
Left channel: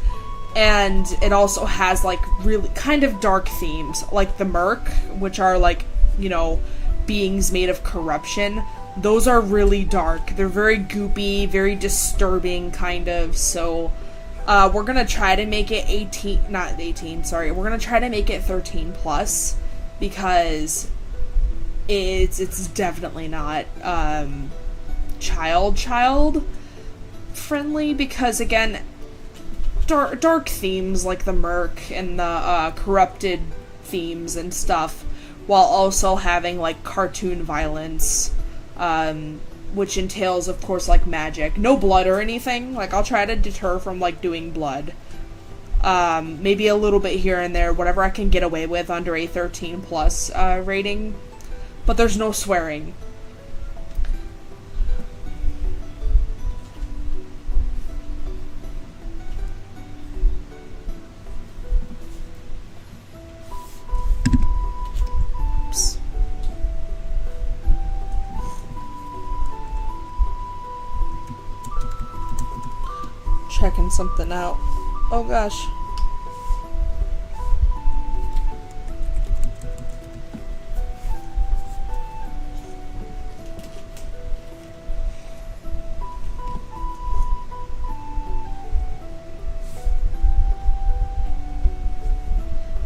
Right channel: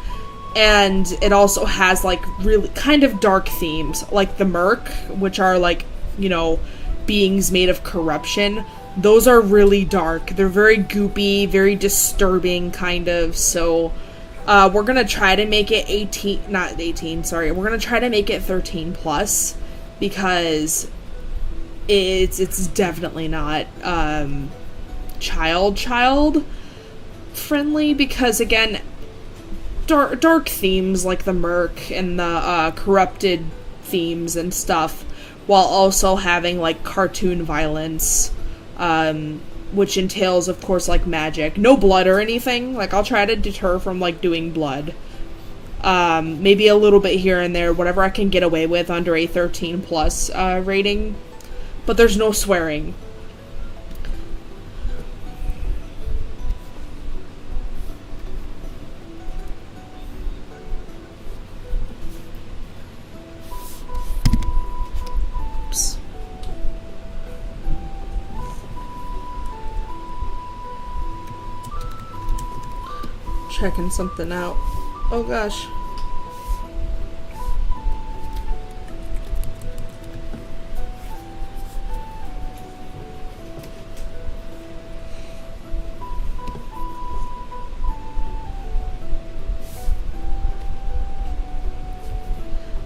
And it also has like really kind of dark themes, like the Merc, which are like, you know, beings made of corruption. Those are really dark. They're very goopy, very disturbing kind of. So we're gonna try to make it 18, not 18, sorry. We're gonna try to make it 13 plus. Because it's definitely not child friendly, because again, dark themes like the Merc and the corrupted themes and stuff, while also having like cartoon violence, which entails of course like magic. No blood or anything. Like I'll try to deter from like doing blood. Maybe a little bit here and there, whatever I can get away with under a 13 plus rating. but there's no swearing. Oops. Checking something out. Oh gosh.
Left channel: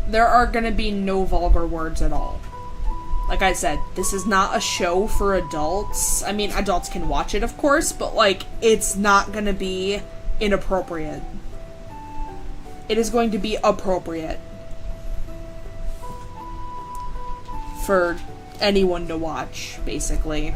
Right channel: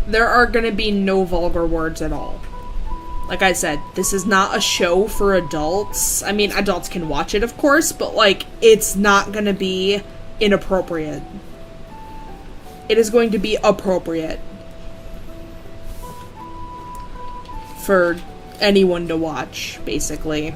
There are gonna be no vulgar words at all. Like I said, this is not a show for adults. I mean, adults can watch it, of course, but, like, it's not gonna be inappropriate. It is going to be appropriate for anyone to watch, basically.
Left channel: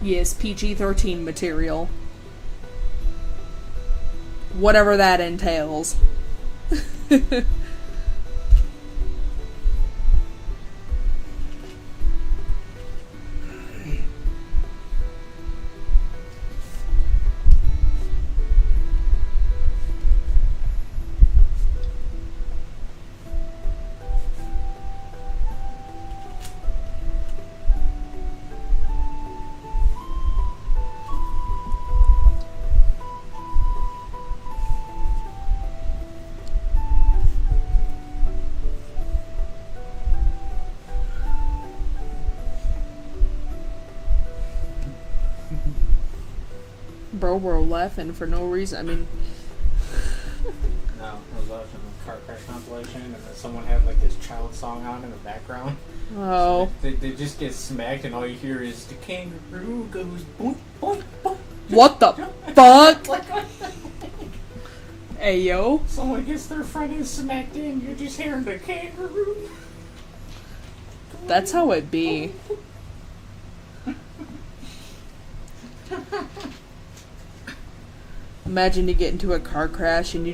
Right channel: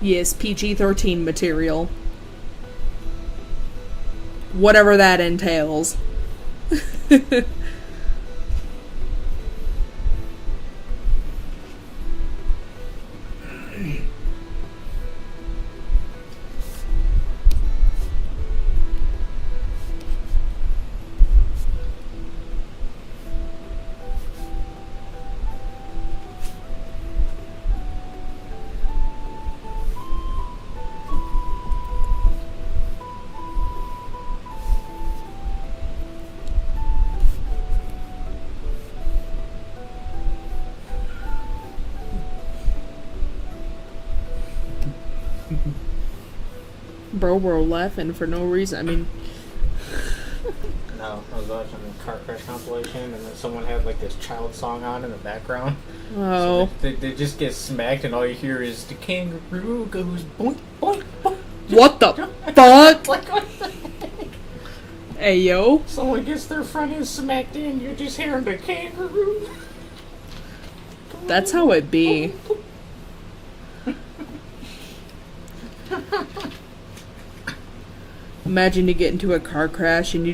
Yes, PG-13 material. Whatever that entails. Bro laughing for no reason. I mean... No, I was watching the car crash compilation, and then someone had, like, this child song on in the background. Oh. So they just get smacked, and all you hear is the kangaroo goes boink, boink, boink. What the fuck? Like, what the heck? Hey, yo. Someone gets their front end smacked in, you're just hearing the kangaroo. That's how it be. Imagine you get into a car crash and you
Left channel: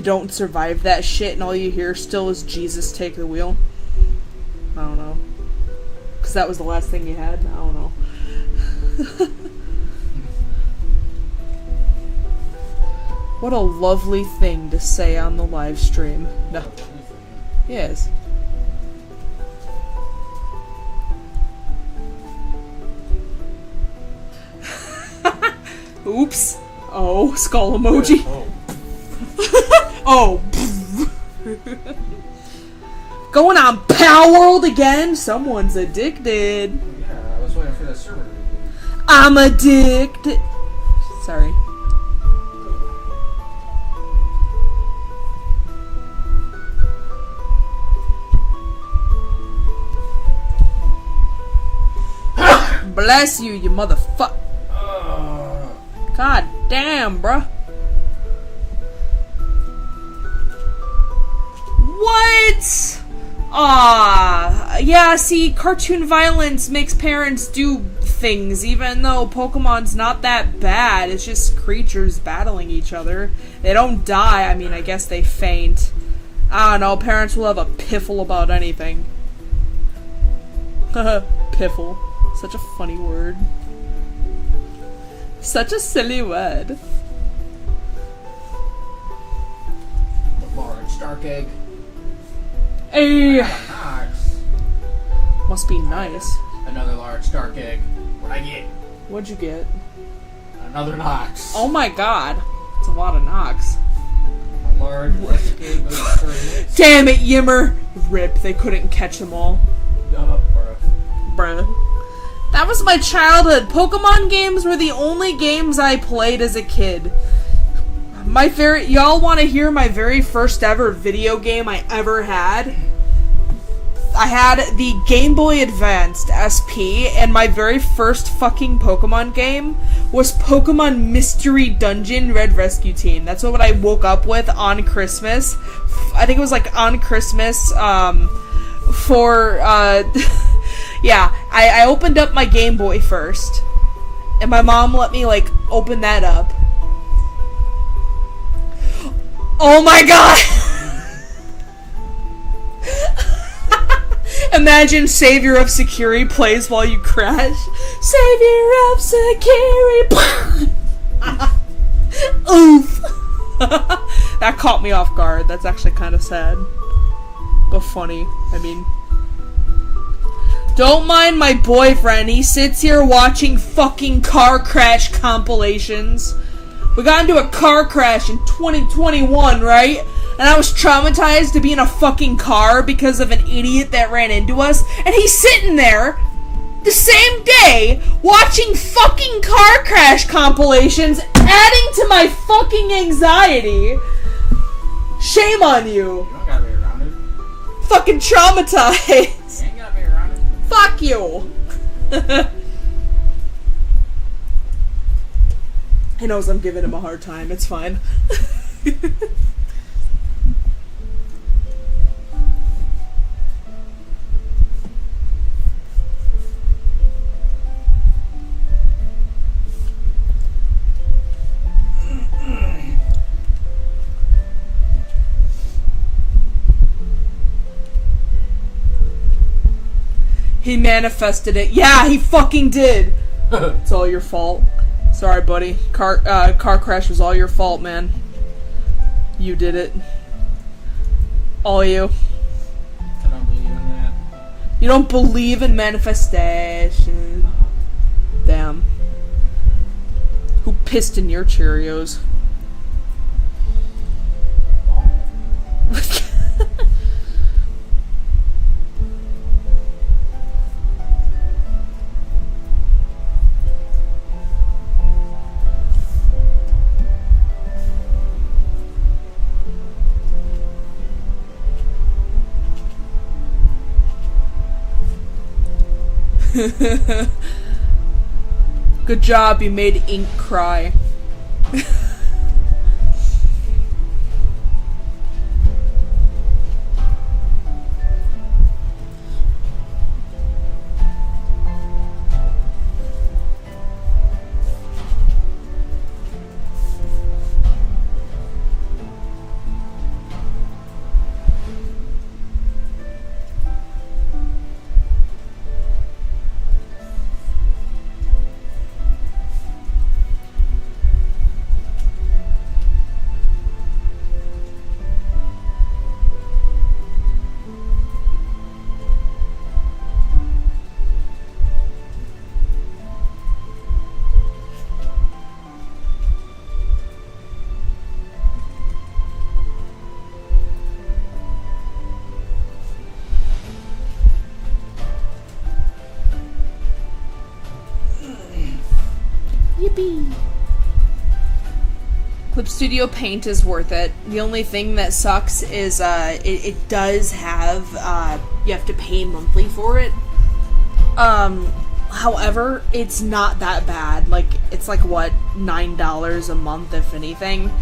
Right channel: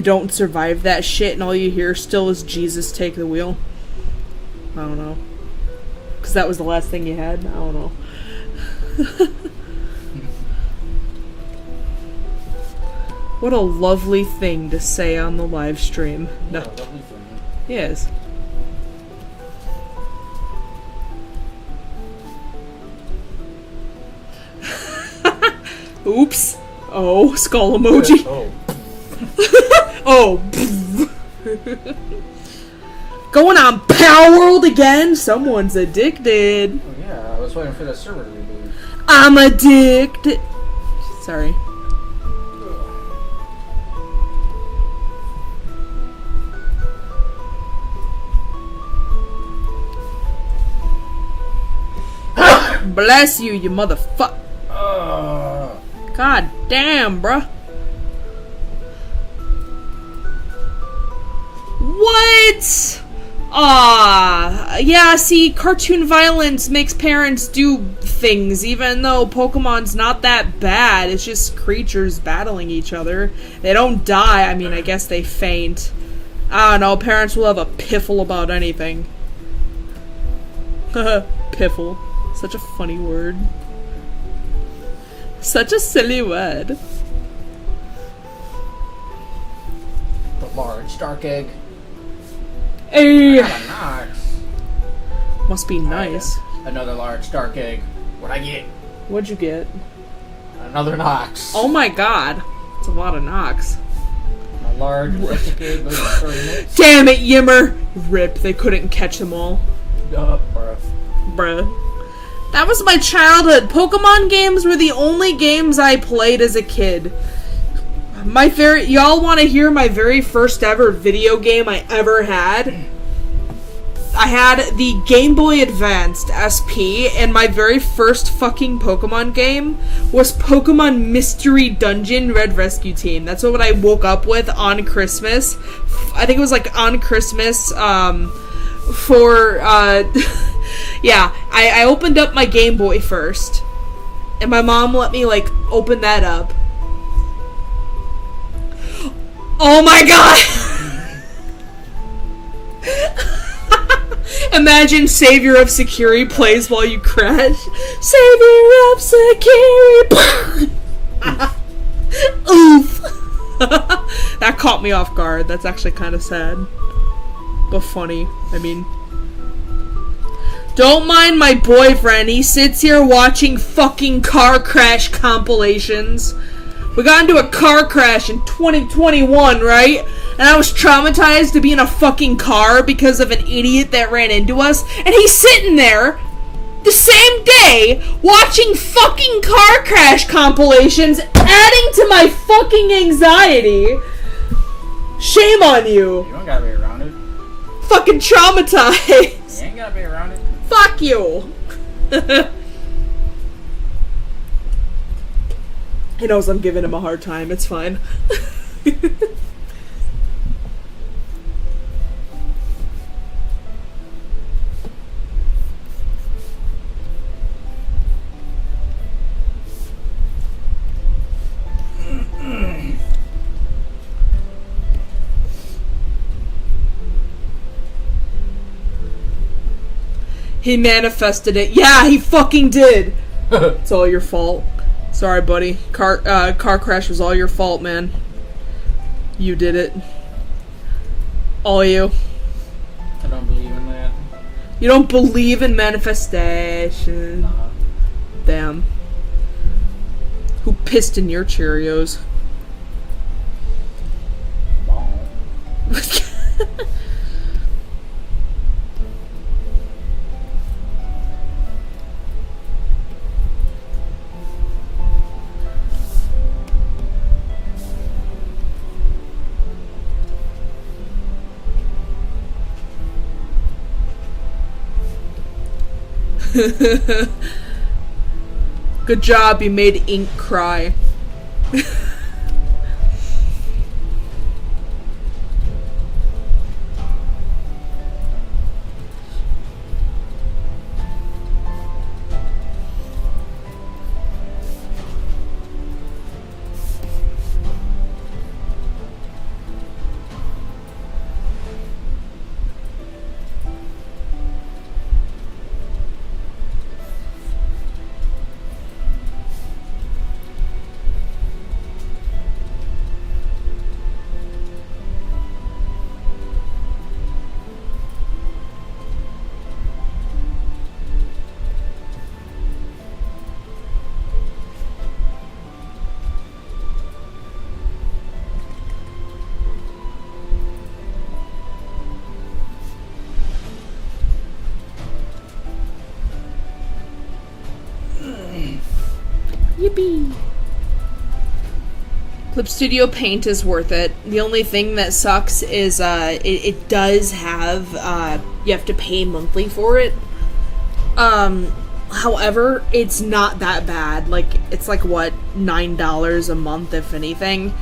don't survive that shit and all you hear still is Jesus take the wheel. I don't know. Because that was the last thing you had? I don't know. What a lovely thing to say on the live stream. No. Yes. Oops. Oh, skull emoji. Oh. Going on Power World again? Someone's addicted. Oh, yeah, I was waiting for the server to reboot. I'm addicted. Sorry. Bless you, you motherfucker. God damn, bruh. What? Yeah, see, cartoon violence makes parents do things, even though Pokemon's not that bad. It's just creatures battling each other. They don't die. I mean, I guess they faint. I don't know, parents will have a piffle about anything. Piffle. Such a funny word. Such a silly word. The large dark egg. Hey. I got a Nox. Must be nice. Another large dark egg. What'd I get? What'd you get? Another Nox. Oh my god. It's a lot of Nox. A large electric egg with 30 minutes. Damn it, Yimmer! Rip, they couldn't catch them all. Bruh. Bruh. That was my childhood. Pokemon games were the only games I played as a kid. Y'all want to hear my very first ever video game I ever had? I had the Game Boy Advanced SP, and my very first fucking Pokemon game was Pokemon Mystery Dungeon Red Rescue Team. That's what I woke up with on Christmas. I think it was like on Christmas, yeah, I opened up my Game Boy first, and my mom let me, like, open that up. Oh my god! Imagine Savior of Sakiri plays while you crash. Savior of Sakiri! Oof! That caught me off guard. That's actually kind of sad. But funny. I mean... Don't mind my boyfriend. He sits here watching fucking car crash compilations. We got into a car crash in 2021, right? And I was traumatized to be in a fucking car because of an idiot that ran into us. And he's sitting there the same day watching fucking car crash compilations, adding to my fucking anxiety. Shame on you. You don't gotta be around it. Fucking traumatized. You ain't gotta be around it. Fuck you. He knows I'm giving him a hard time. It's fine. He manifested it. Yeah, he fucking did. It's all your fault. Sorry, buddy. Car crash was all your fault, man. You did it. All you. I don't believe in that. You don't believe in manifestation. Damn. Who pissed in your Cheerios? Good job, you made Ink cry. Yippee! Clip Studio Paint is worth it. The only thing that sucks is it does have you have to pay monthly for it. However, it's not that bad. Like, it's like what, $9 a month if anything.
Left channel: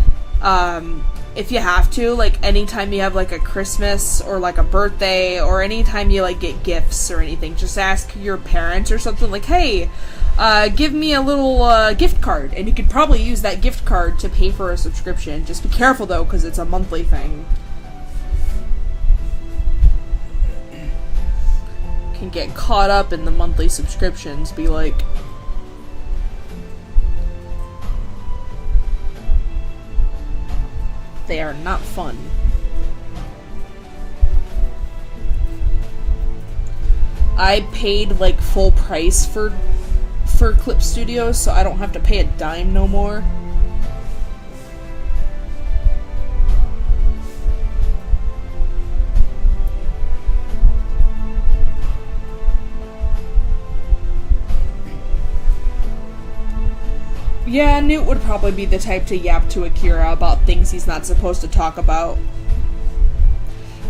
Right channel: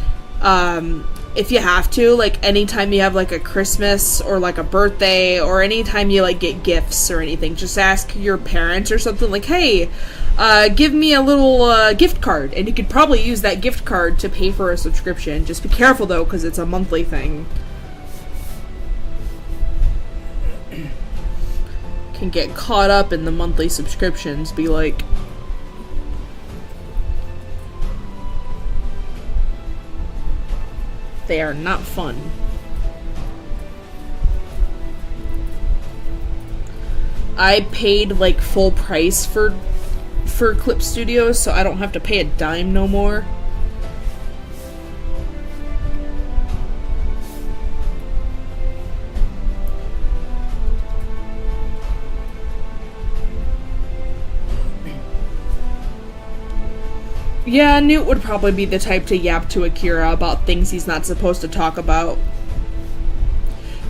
If you have to, like, anytime you have like a Christmas or like a birthday or anytime you like get gifts or anything, just ask your parents or something like, hey, give me a little gift card, and you could probably use that gift card to pay for a subscription. Just be careful though, because it's a monthly thing. Can get caught up in the monthly subscriptions, be like, they are not fun. I paid like full price for Clip Studios, so I don't have to pay a dime no more. Yeah, Newt would probably be the type to yap to Akira about things he's not supposed to talk about.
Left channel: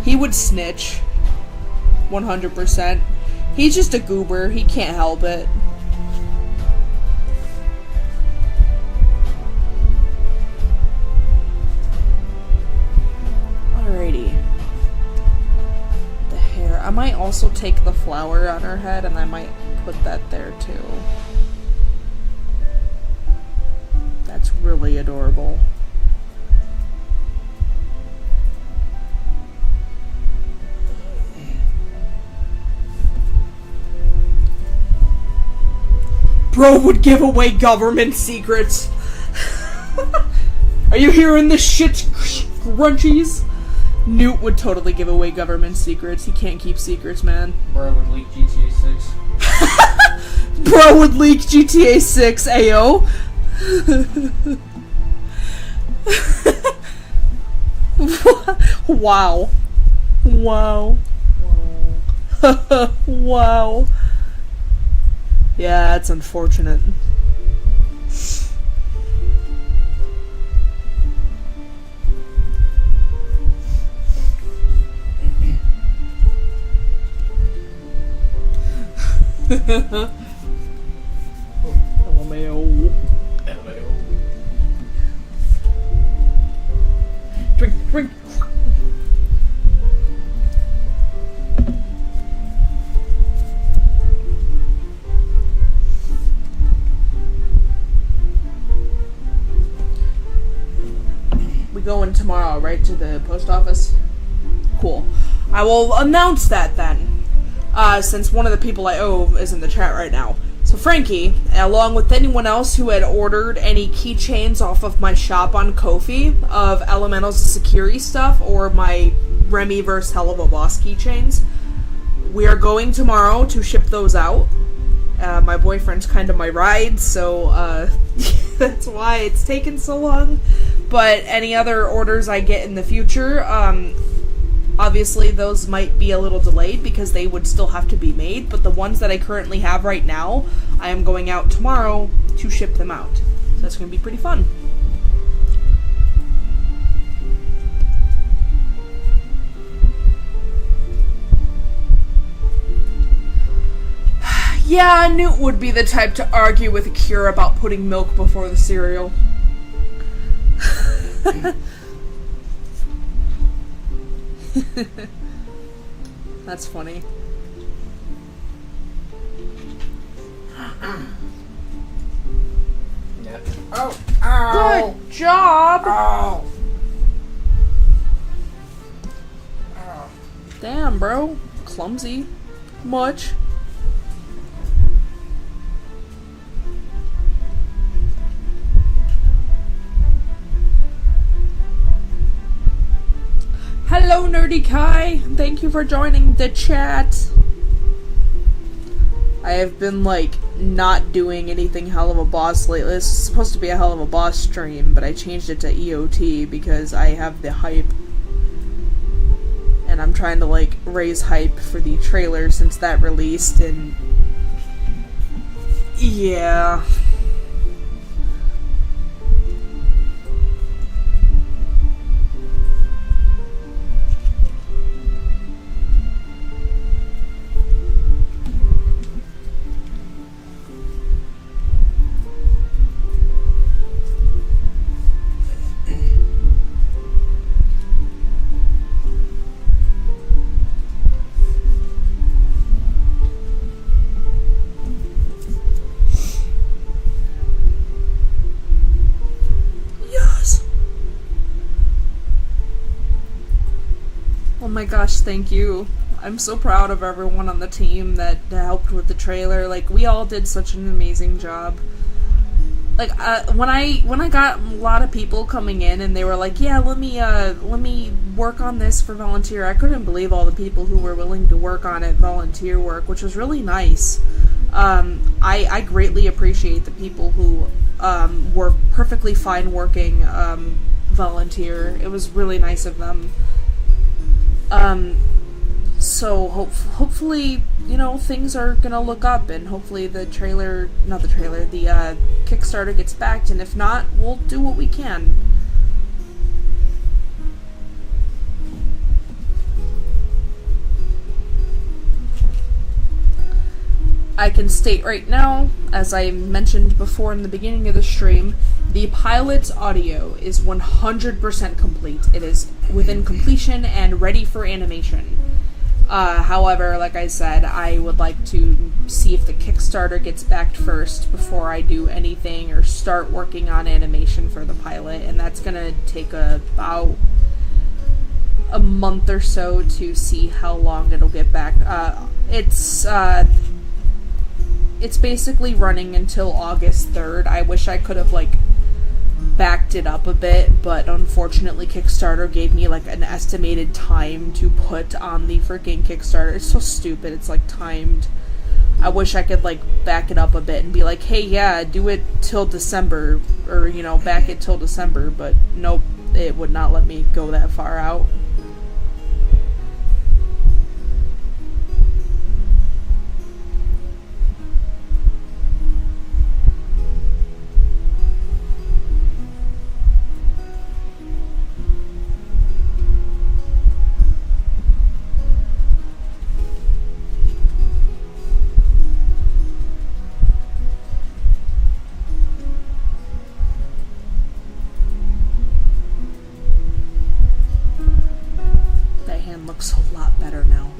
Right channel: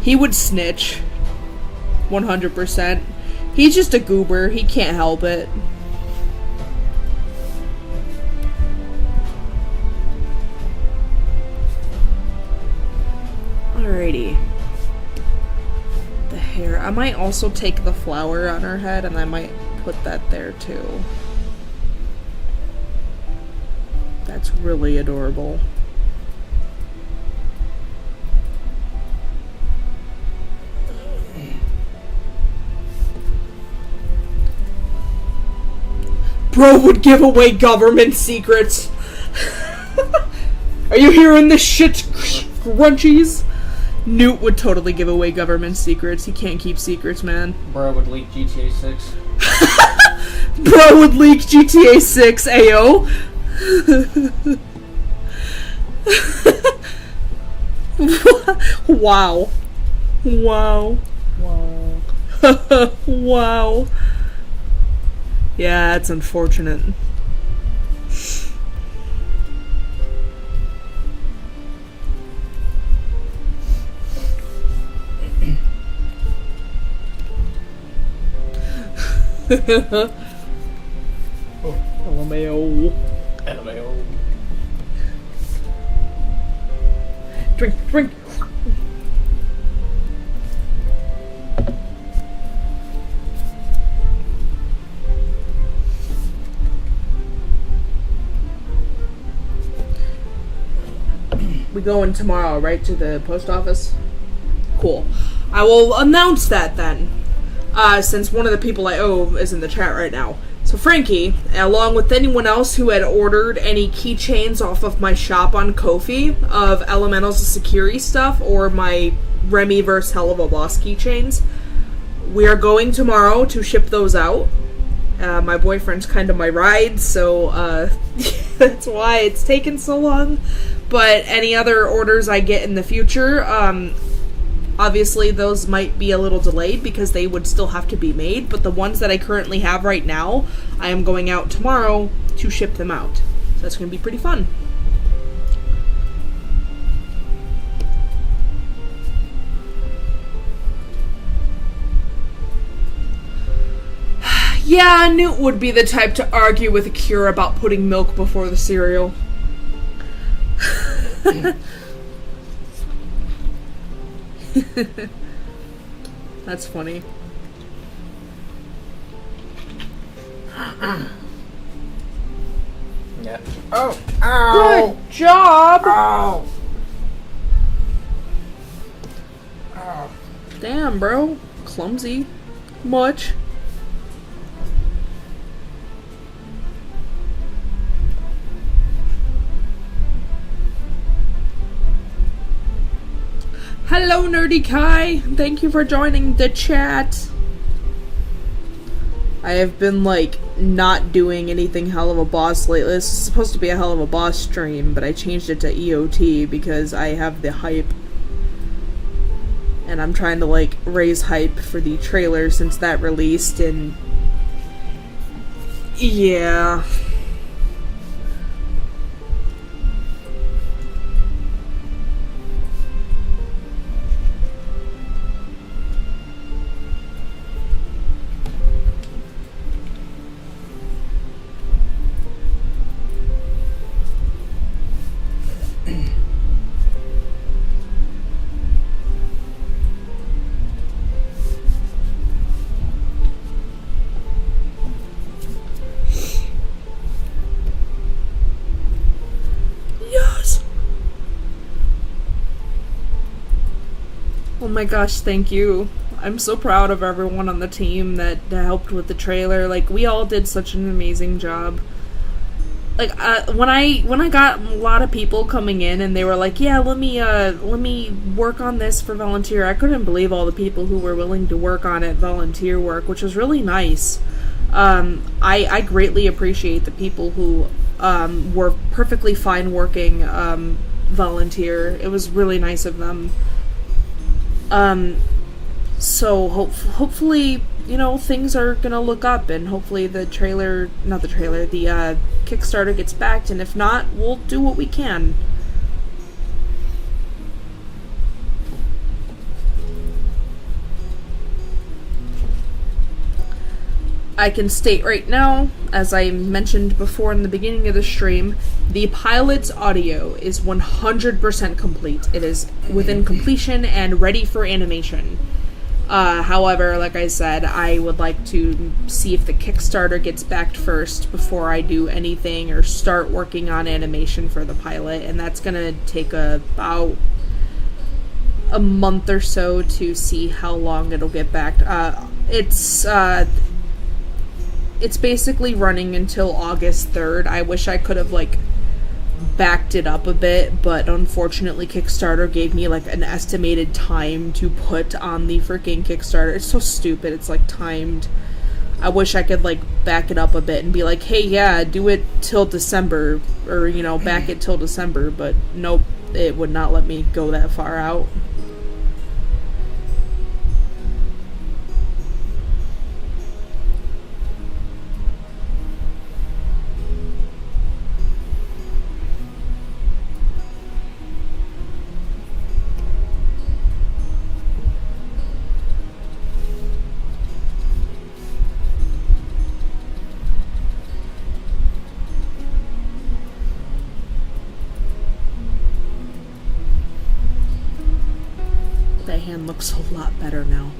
He would snitch. 100%. He's just a goober. He can't help it. Alrighty. The hair. I might also take the flower on her head and I might put that there too. That's really adorable. Bro would give away government secrets. Are you hearing this shit, Crunchies? Newt would totally give away government secrets. He can't keep secrets, man. Bro would leak GTA 6. Bro would leak GTA 6, ayo. Wow. Wow. Wow. Wow. Yeah, that's unfortunate. LMAO. LMAO. Drink, drink. We going tomorrow, right, to the post office? Cool. I will announce that then, since one of the people I owe is in the chat right now. So Frankie, along with anyone else who had ordered any keychains off of my shop on Ko-fi of Elementals of Security stuff or my Remy vs. Helluva-Boss keychains, we are going tomorrow to ship those out. My boyfriend's kind of my ride, so that's why it's taken so long. But any other orders I get in the future, obviously those might be a little delayed because they would still have to be made, but the ones that I currently have right now, I am going out tomorrow to ship them out. So that's going to be pretty fun. Yeah, Newt would be the type to argue with Akira about putting milk before the cereal. That's funny. Yeah. Oh! Ow! Good job! Ow! Ow. Damn, bro. Clumsy. Much. Hello, Nerdy Kai. Thank you for joining the chat. I have been, like, not doing anything Helluva-Boss lately. This is supposed to be a Helluva-Boss stream, but I changed it to EOT because I have the hype. And I'm trying to, like, raise hype for the trailer since that released, and... yeah... Oh my gosh, thank you. I'm so proud of everyone on the team that helped with the trailer. Like, we all did such an amazing job. Like, when I got a lot of people coming in and they were like, yeah, let me work on this for volunteer, I couldn't believe all the people who were willing to work on it, volunteer work, which was really nice. I greatly appreciate the people who were perfectly fine working volunteer. It was really nice of them. So hopefully, things are gonna look up, and hopefully the Kickstarter gets backed, and if not, we'll do what we can. I can state right now, as I mentioned before in the beginning of the stream, the pilot's audio is 100% complete. It is within completion and ready for animation. However, like I said, I would like to see if the Kickstarter gets backed first before I do anything or start working on animation for the pilot, and that's going to take about a month or so to see how long it'll get backed. It's basically running until August 3rd. I wish I could have, backed it up a bit, but unfortunately Kickstarter gave me, an estimated time to put on the freaking Kickstarter. It's so stupid. It's, timed. I wish I could, back it up a bit and be like, hey, yeah, do it till December, or, back it till December, but nope, it would not let me go that far out. That hand looks a lot better now.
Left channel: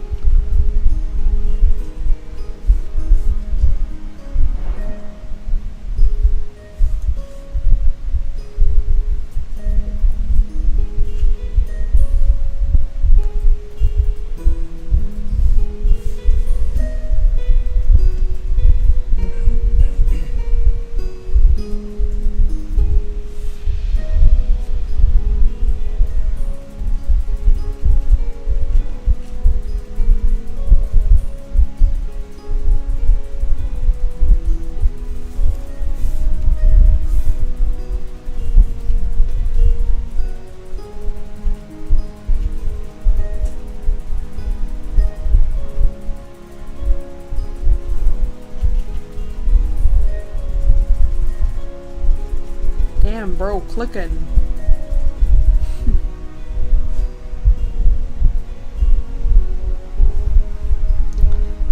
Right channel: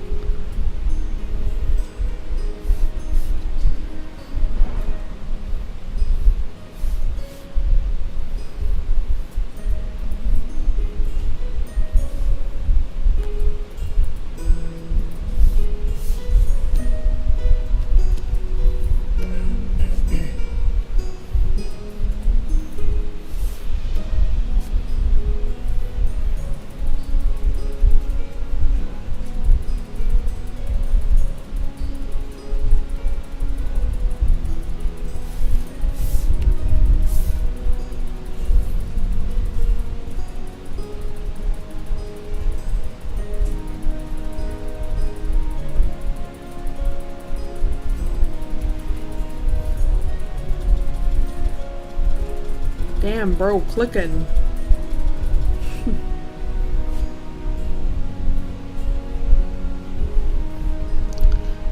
Damn, bro, clicking.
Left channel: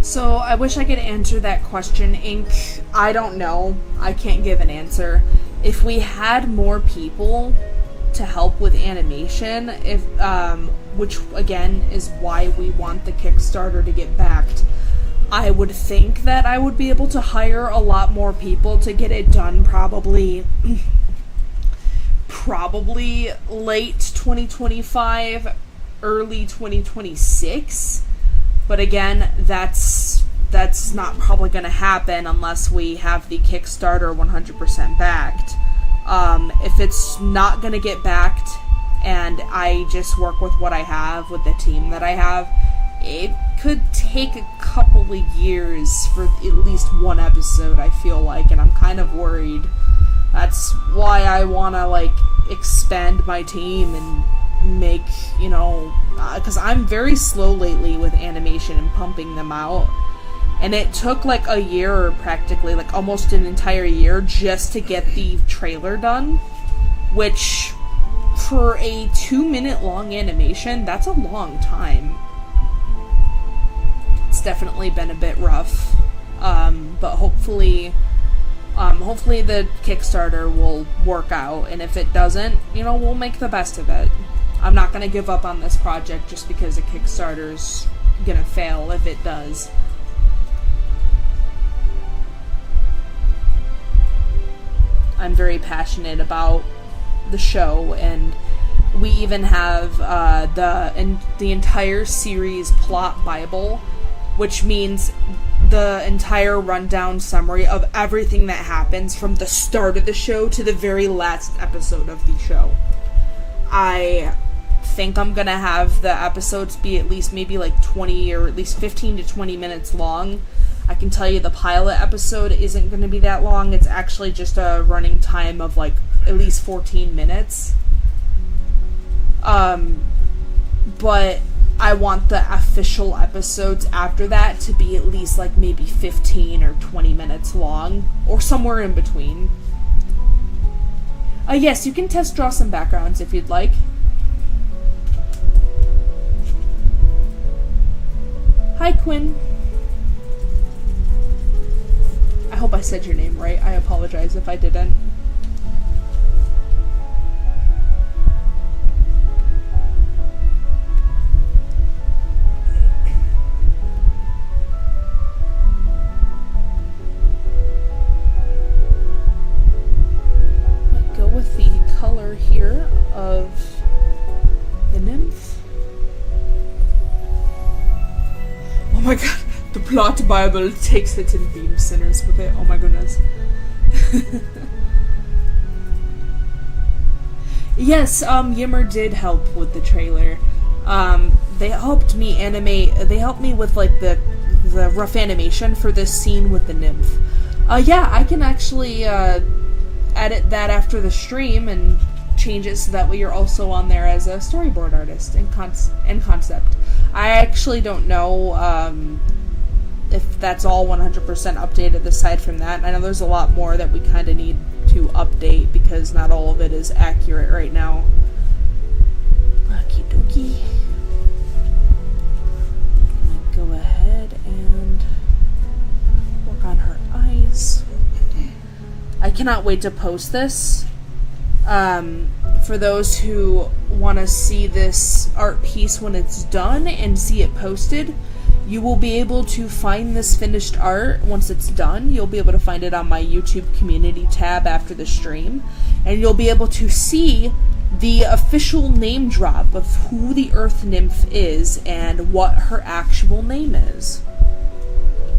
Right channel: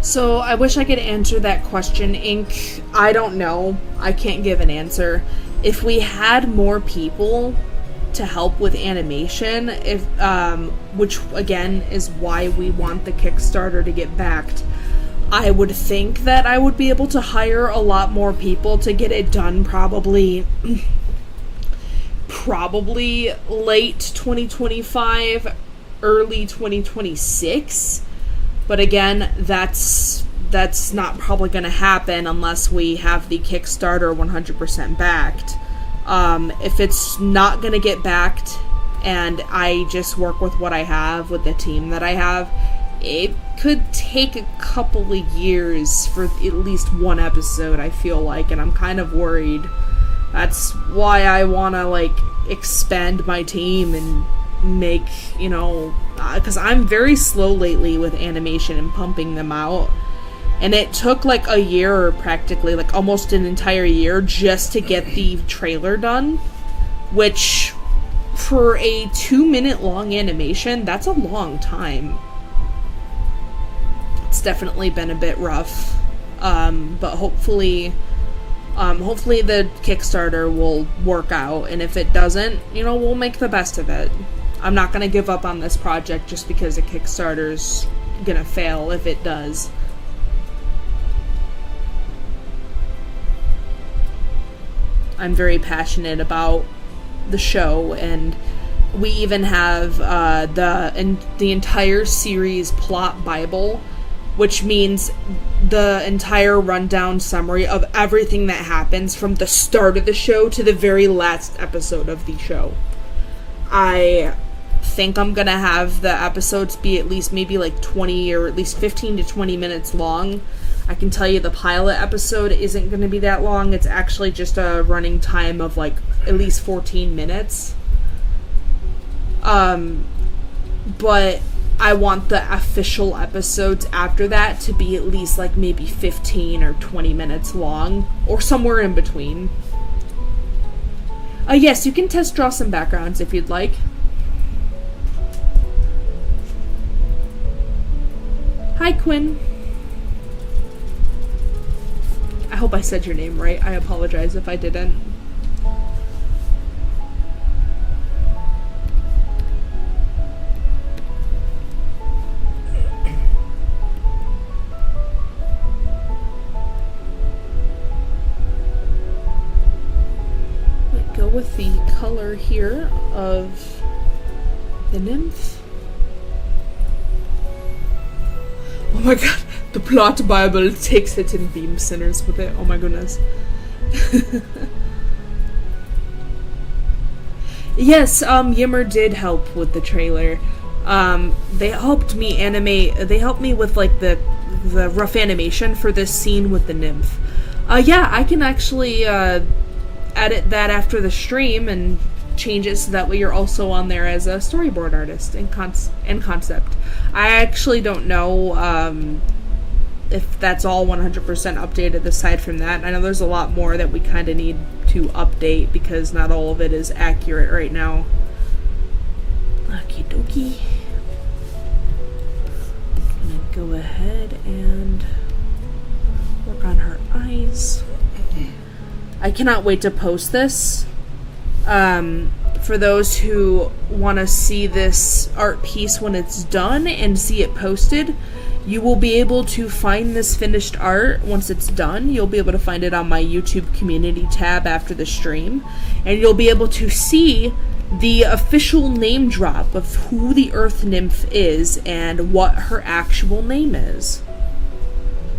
So, I wish I could answer that question, Ink. I don't know. I can't give an answer. If we had more people to help with animation, which again is why we want the Kickstarter to get backed, I would think that I would be able to hire a lot more people to get it done probably late 2025, early 2026. But again, that's not probably going to happen unless we have the Kickstarter 100% backed. If it's not going to get backed and I just work with what I have, with the team that I have, it could take a couple of years for at least one episode, I feel like, and I'm kind of worried. That's why I want to, expand my team and make, because I'm very slow lately with animation and pumping them out. And it took, a year, practically, almost an entire year, just to get the trailer done. Which, for a 2-minute long animation, that's a long time. It's definitely been a bit rough. But hopefully the Kickstarter will work out, and if it doesn't, we'll make the best of it. I'm not going to give up on this project just because the Kickstarter's going to fail if it does. I'm very passionate about the show, and we even have the entire series plot Bible, which means the entire rundown summary of everything that happens from the start of the show to the very last episode of the show. I think I'm gonna have the episodes be at least maybe 20 or at least 15 to 20 minutes long. I can tell you the pilot episode isn't gonna be that long. It's actually just a running time of at least 14 minutes. But I want the official episodes after that to be at least like maybe 15 or 20 minutes long, or somewhere in between. Yes, you can test draw some backgrounds if you'd like. Hi, Quinn. I hope I said your name right. I apologize if I didn't. Go with the color here of the nymph. Oh my god, the plot Bible takes it in theme sinners with it. Oh my goodness. Yes, Yimmer did help with the trailer. They helped me animate, they helped me with like the rough animation for this scene with the nymph. Yeah, I can actually edit that after the stream and change it so that way you're also on there as a storyboard artist and concept. I actually don't know if that's all 100% updated aside from that. I know there's a lot more that we kind of need to update because not all of it is accurate right now. Okie dokie. I'm gonna go ahead and work on her eyes. I cannot wait to post this. For those who want to see this art piece when it's done and see it posted, you will be able to find this finished art once it's done. You'll be able to find it on my YouTube community tab after the stream, and you'll be able to see the official name drop of who the Earth Nymph is and what her actual name is.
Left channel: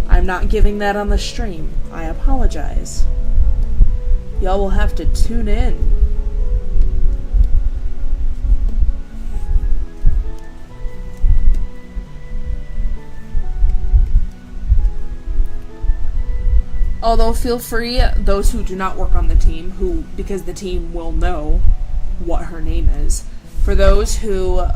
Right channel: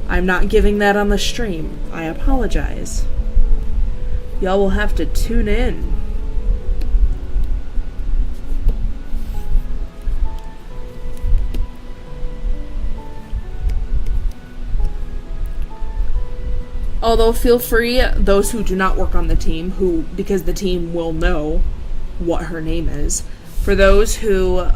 I'm not giving that on the stream. I apologize. Y'all will have to tune in. Although feel free, those who do not work on the team, because the team will know what her name is, for those who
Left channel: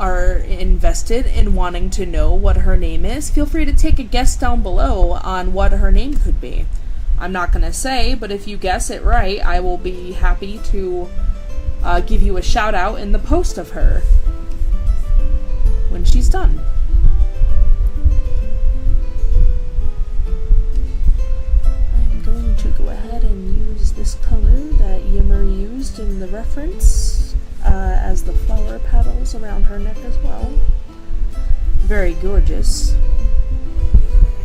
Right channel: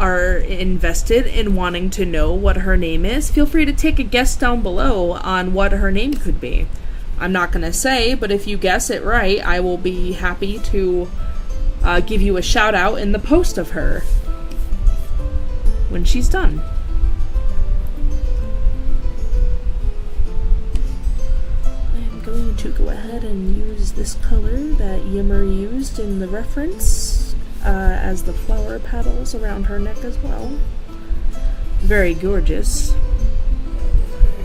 are invested in wanting to know what her name is, feel free to take a guess down below on what her name could be. I'm not going to say, but if you guess it right, I will be happy to give you a shout out in the post of her when she's done. I'm going to go ahead and use this color that Yimmer used in the reference as the flower petals around her neck as well. Very gorgeous.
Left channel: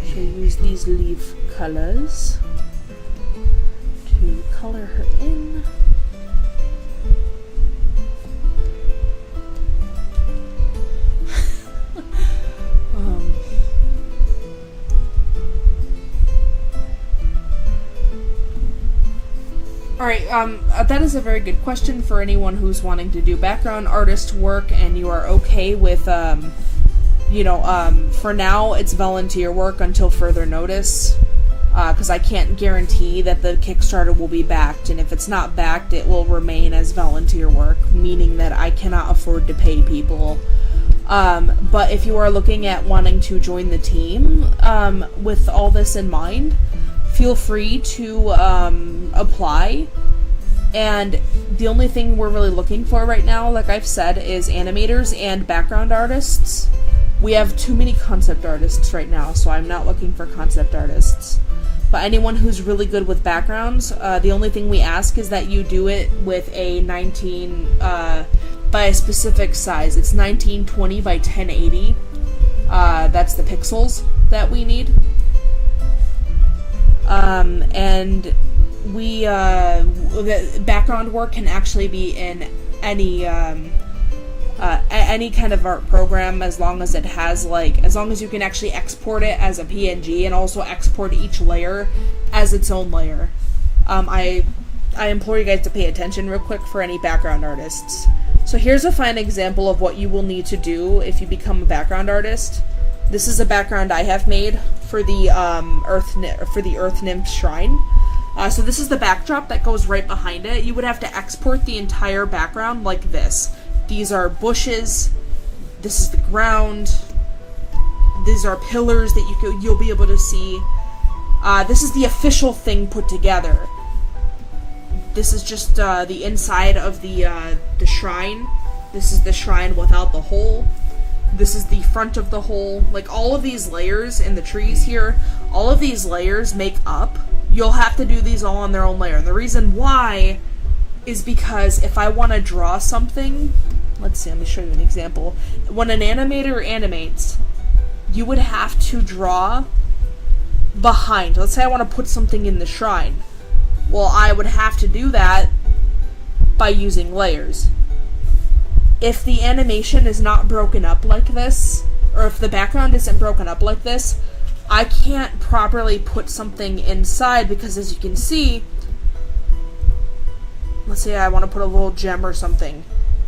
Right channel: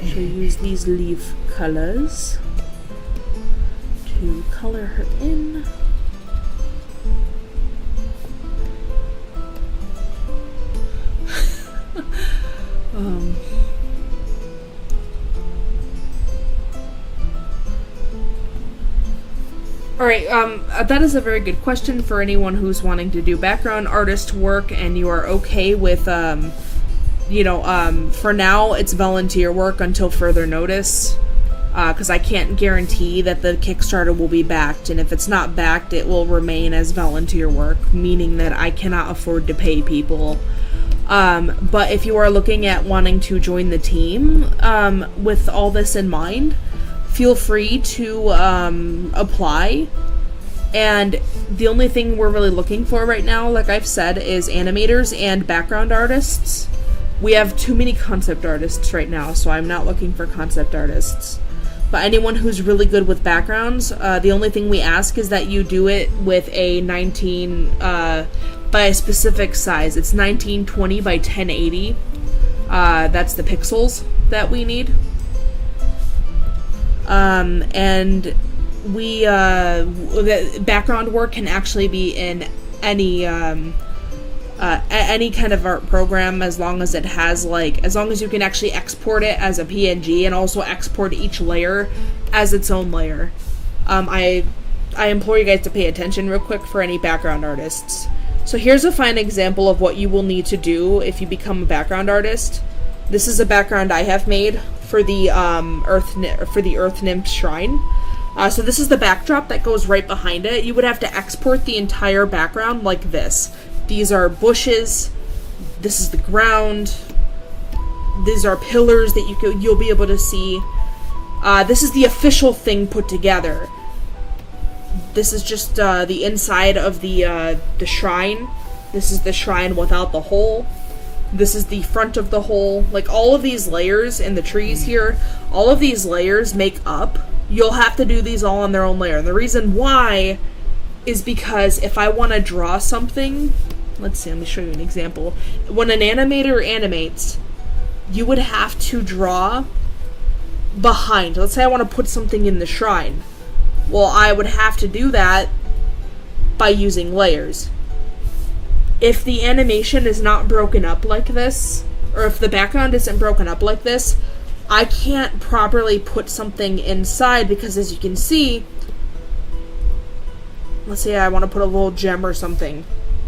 She'll use these leaf colors to color her in. Alright, that is a very good question for anyone who's wanting to do background artist work and you are okay with, for now it's volunteer work until further notice. Because I can't guarantee that the Kickstarter will be backed, and if it's not backed, it will remain as volunteer work, meaning that I cannot afford to pay people. But if you are looking at wanting to join the team with all this in mind, feel free to apply. And the only thing we're really looking for right now, like I've said, is animators and background artists. We have too many concept artists right now, so I'm not looking for concept artists. But anyone who's really good with backgrounds, the only thing we ask is that you do it with a 19 by a specific size. It's 1920 by 1080. That's the pixels that we need. And we the background work can actually be in any kind of art program, as long as it has, as long as you can actually export it as a PNG and also export each layer as its own layer. I implore you guys to pay attention real quick for any background artists. So here's a fine example of what you will need to do if you become a background artist. This is a background I have made for the Earth Nymph Shrine. So this is the backdrop that goes right behind it. You would have to export the entire background like this. These are bushes, this is the ground. These are pillars that you'll be able to see. This is the official thing put together. This is just the inside of the shrine. This is the shrine without the hole. This is the front of the hole. Like, all of these layers in the trees here, all of these layers make up. You'll have to do these all on their own layer. And the reason why is because if I want to draw something, let's see, let me show you an example. When an animator animates, you would have to draw behind. Let's say I want to put something in the shrine. Well, I would have to do that by using layers. If the animation is not broken up like this, or if the background isn't broken up like this, I can't properly put something inside because, as you can see, let's say I want to put a little gem or something,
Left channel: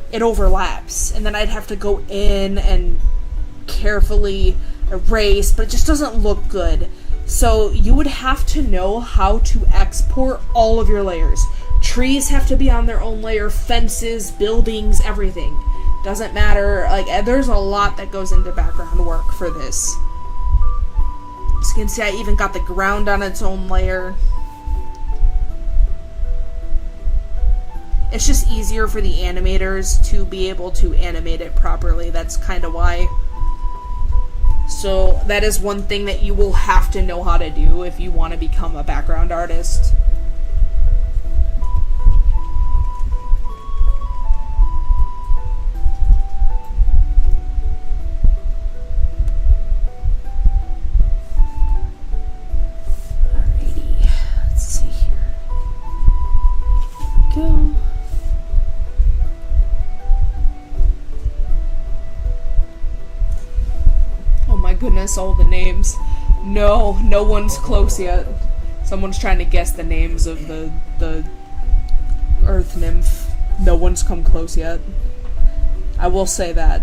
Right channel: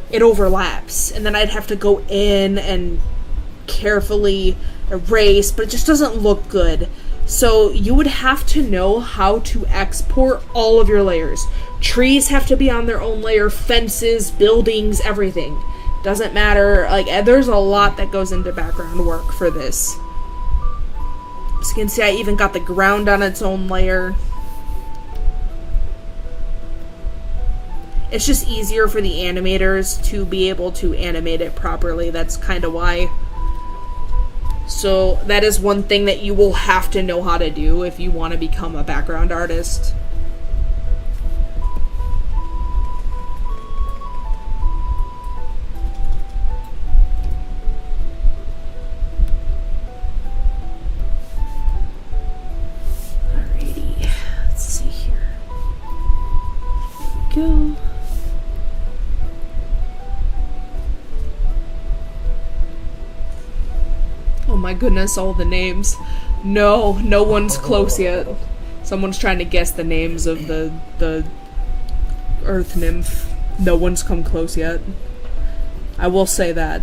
it overlaps, and then I'd have to go in and carefully erase, but it just doesn't look good. So you would have to know how to export all of your layers. Trees have to be on their own layer, fences, buildings, everything. Doesn't matter, like, there's a lot that goes into background work for this. As you can see, I even got the ground on its own layer. It's just easier for the animators to be able to animate it properly. That's kind of why. So that is one thing that you will have to know how to do if you want to become a background artist. Alrighty, let's see here. Here we go. Oh my goodness, all the names. No one's close yet. Someone's trying to guess the names of the earth nymph. No one's come close yet. I will say that.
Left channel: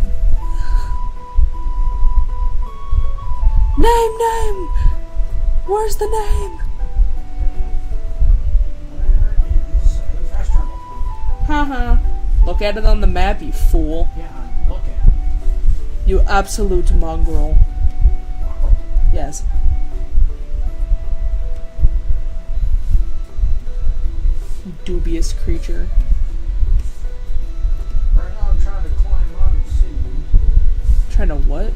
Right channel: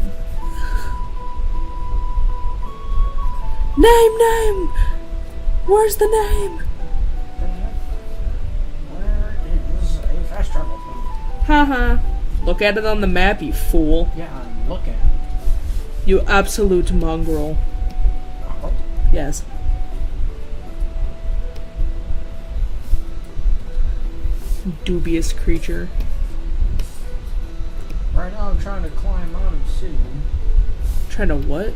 Name! Where's the name? Where is a fast travel point? Haha. Look at it on the map, you fool. Yeah, I'm looking. You absolute mongrel. Oh, Yes. Dubious creature. right now I'm trying to climb on obsidian. Trying to what?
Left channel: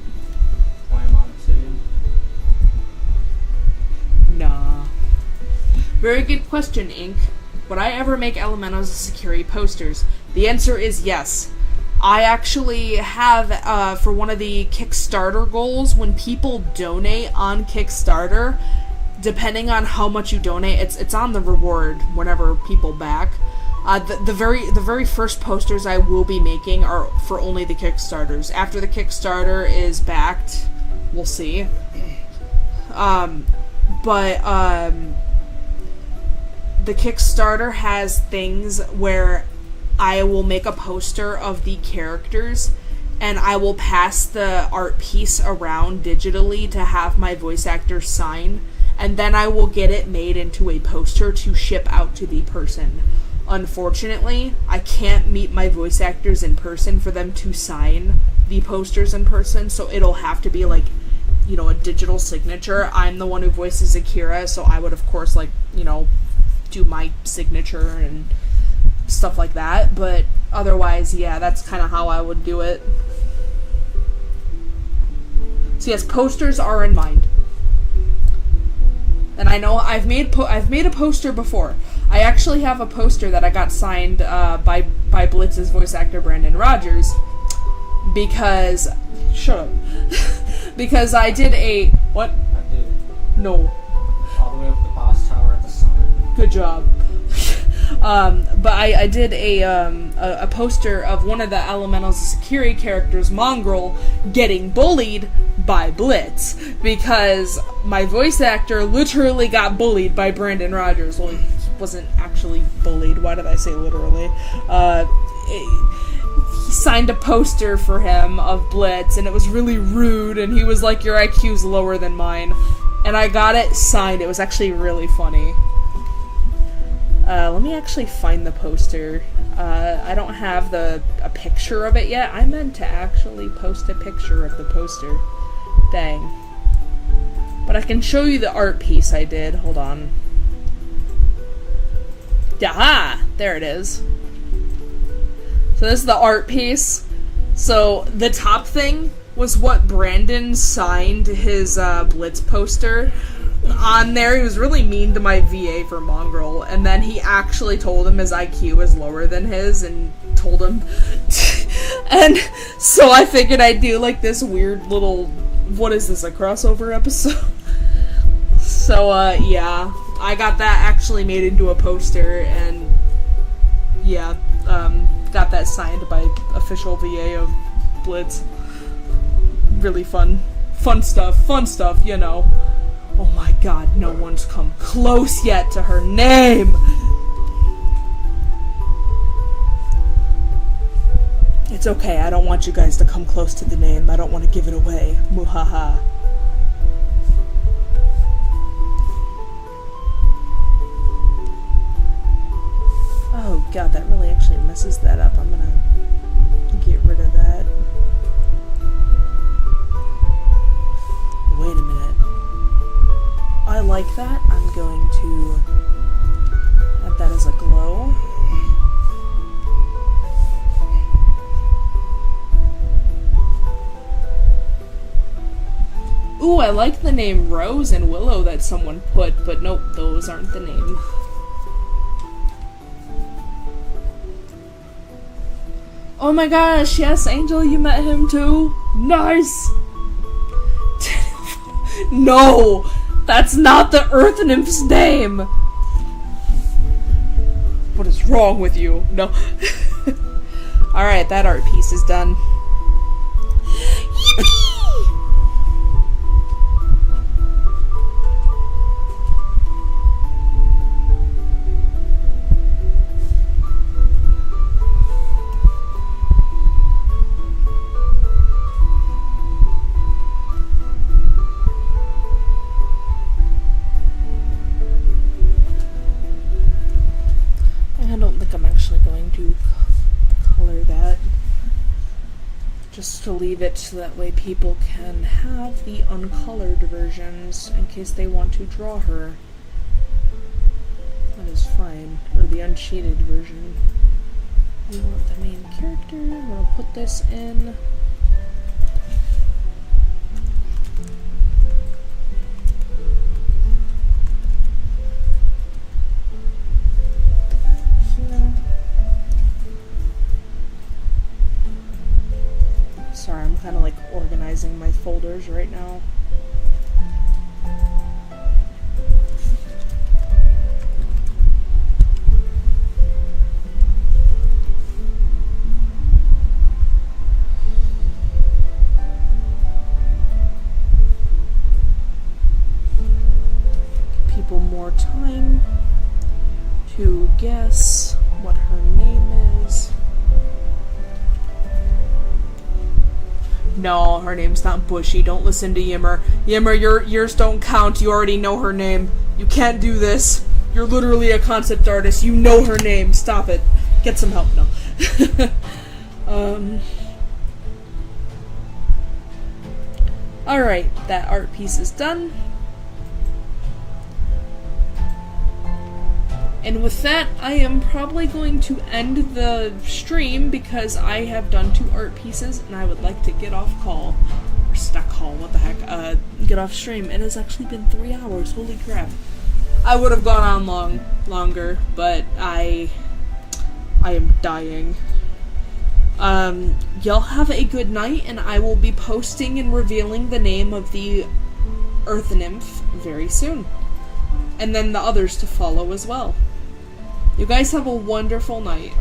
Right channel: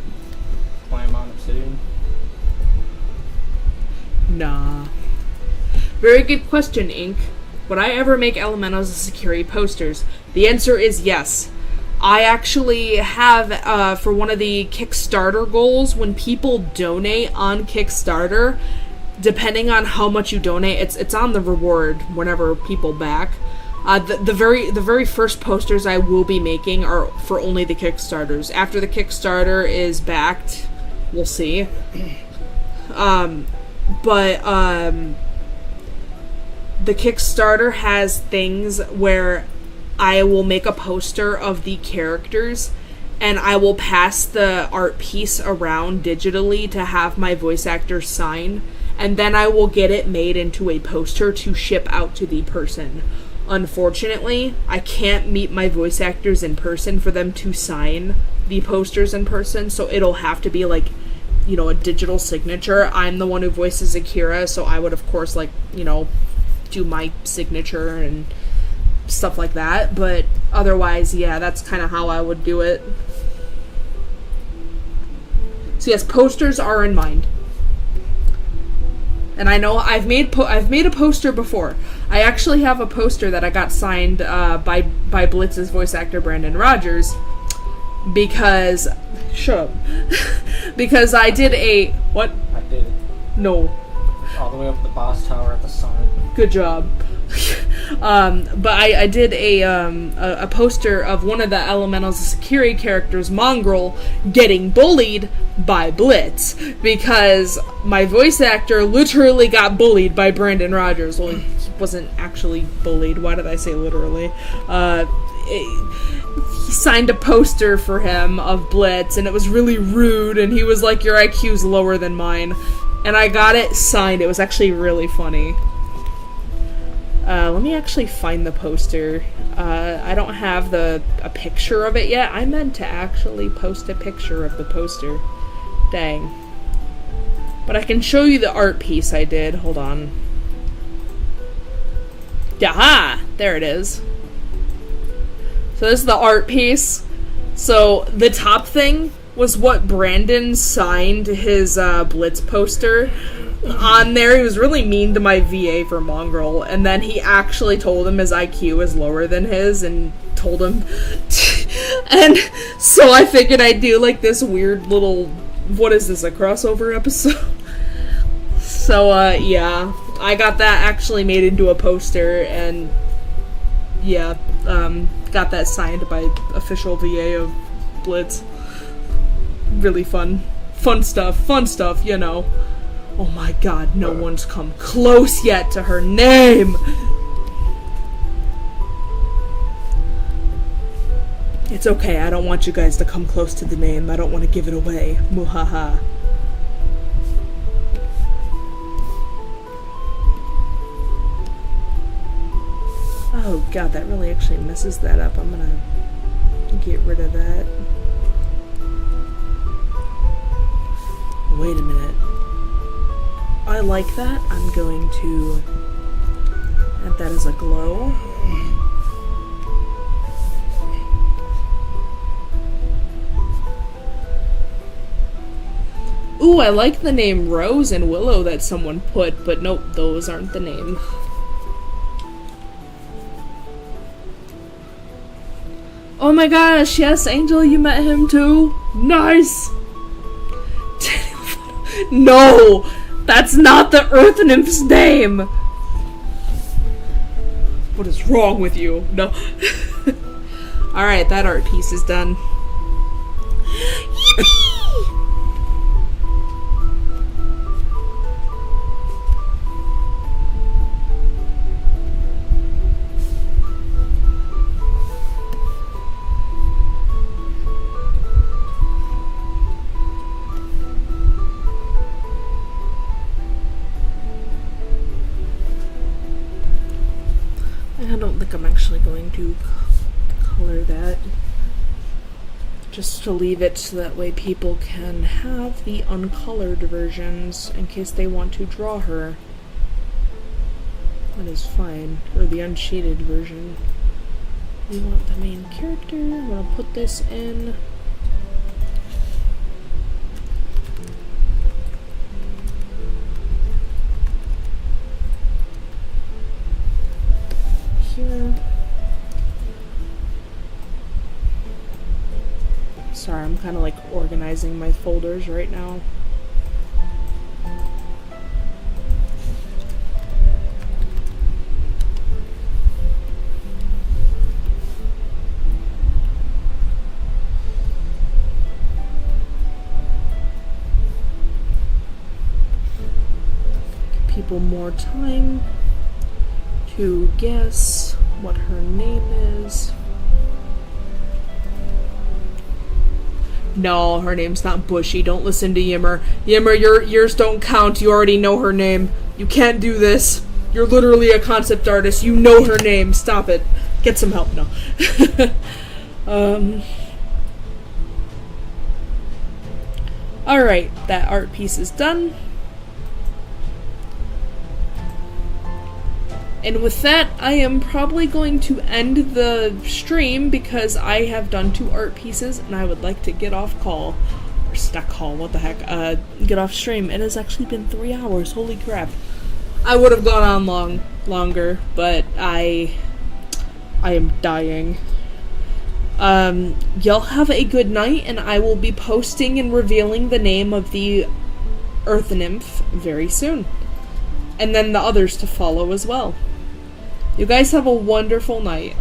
Climb on obsidian? Nah. Very good question, Ink. Would I ever make elementals as security posters? The answer is yes. I actually have, for one of the Kickstarter goals, when people donate on Kickstarter, depending on how much you donate, it's on the reward whenever people back. The very first posters I will be making are for only the Kickstarters. After the Kickstarter is backed, we'll see. But the Kickstarter has things where I will make a poster of the characters and I will pass the art piece around digitally to have my voice actor sign, and then I will get it made into a poster to ship out to the person. Unfortunately, I can't meet my voice actors in person for them to sign the posters in person, so it'll have to be like, you know, a digital signature. I'm the one who voices Akira, so I would of course, like, you know, do my signature and stuff like that, but otherwise, yeah, that's kind of how I would do it. So yes, posters are in mind. And I know I've made a poster before. I actually have a poster that I got signed by Blitz's voice actor Brandon Rogers, because shut up. Because I did a what? I did it. No. All the way up the boss tower at the summit. Good job. But I did a poster of one of the Elemental's security characters, Mongrel, getting bullied by Blitz, because my voice actor literally got bullied by Brandon Rogers. Well, he wasn't actually bullied. Why did I say literally? He signed a poster for him of Blitz, and it was really rude, and he was like, "Your IQ's lower than mine." And I got it signed. It was actually really funny. Let me actually find the poster. I don't have a picture of it yet. I meant to actually post a picture of the poster. Dang. But I can show you the art piece I did. Hold on. Yaha! There it is. So this is the art piece. So the top thing was what Brandon signed his Blitz poster on there. He was really mean to my VA for Mongrel, and then he actually told him his IQ was lower than his and told him and so I figured I'd do like this weird little, what is this, a crossover episode? So yeah, I got that actually made into a poster, and yeah, got that signed by official VA of Blitz. Really fun stuff, you know. Oh my god, no one's come close yet to her name! It's okay, I don't want you guys to come close to the name. I don't want to give it away. Muhaha. Oh god, that really actually messes that up. I'm gonna get rid of that. Wait a minute. I like that. I'm going to add that as a glow. Ooh, I like the name Rose and Willow that someone put, but nope, those aren't the name. Oh my gosh, yes, Angel, you met him too? Nice! No! That's not the Earth Nymph's name! What is wrong with you? No. Alright, that art piece is done. Yippee! I don't think I'm actually going to color that. Just to leave it so that way people can have the uncolored versions in case they want to draw her. That is fine. Or the unshaded version. We want the main character. I'm gonna put this in. Here. Sorry, I'm kind of like organizing my folders right now. Give people more time to guess what her name is. No, her name's not Bushy. Don't listen to Yimmer. Yimmer, yours don't count. You already know her name. You can't do this. You're literally a concept artist. You know her name. Stop it. Get some help. No. Alright, that art piece is done. And with that, I am probably going to end the stream because I have done 2 art pieces and I would like to get off call. Or stuck call, what the heck. Get off stream. It has actually been 3 hours, holy crap. I would have gone on longer, but I am dying. Y'all have a good night, and I will be posting and revealing the name of the Earth Nymph very soon. And then the others to follow as well. You guys have a wonderful night.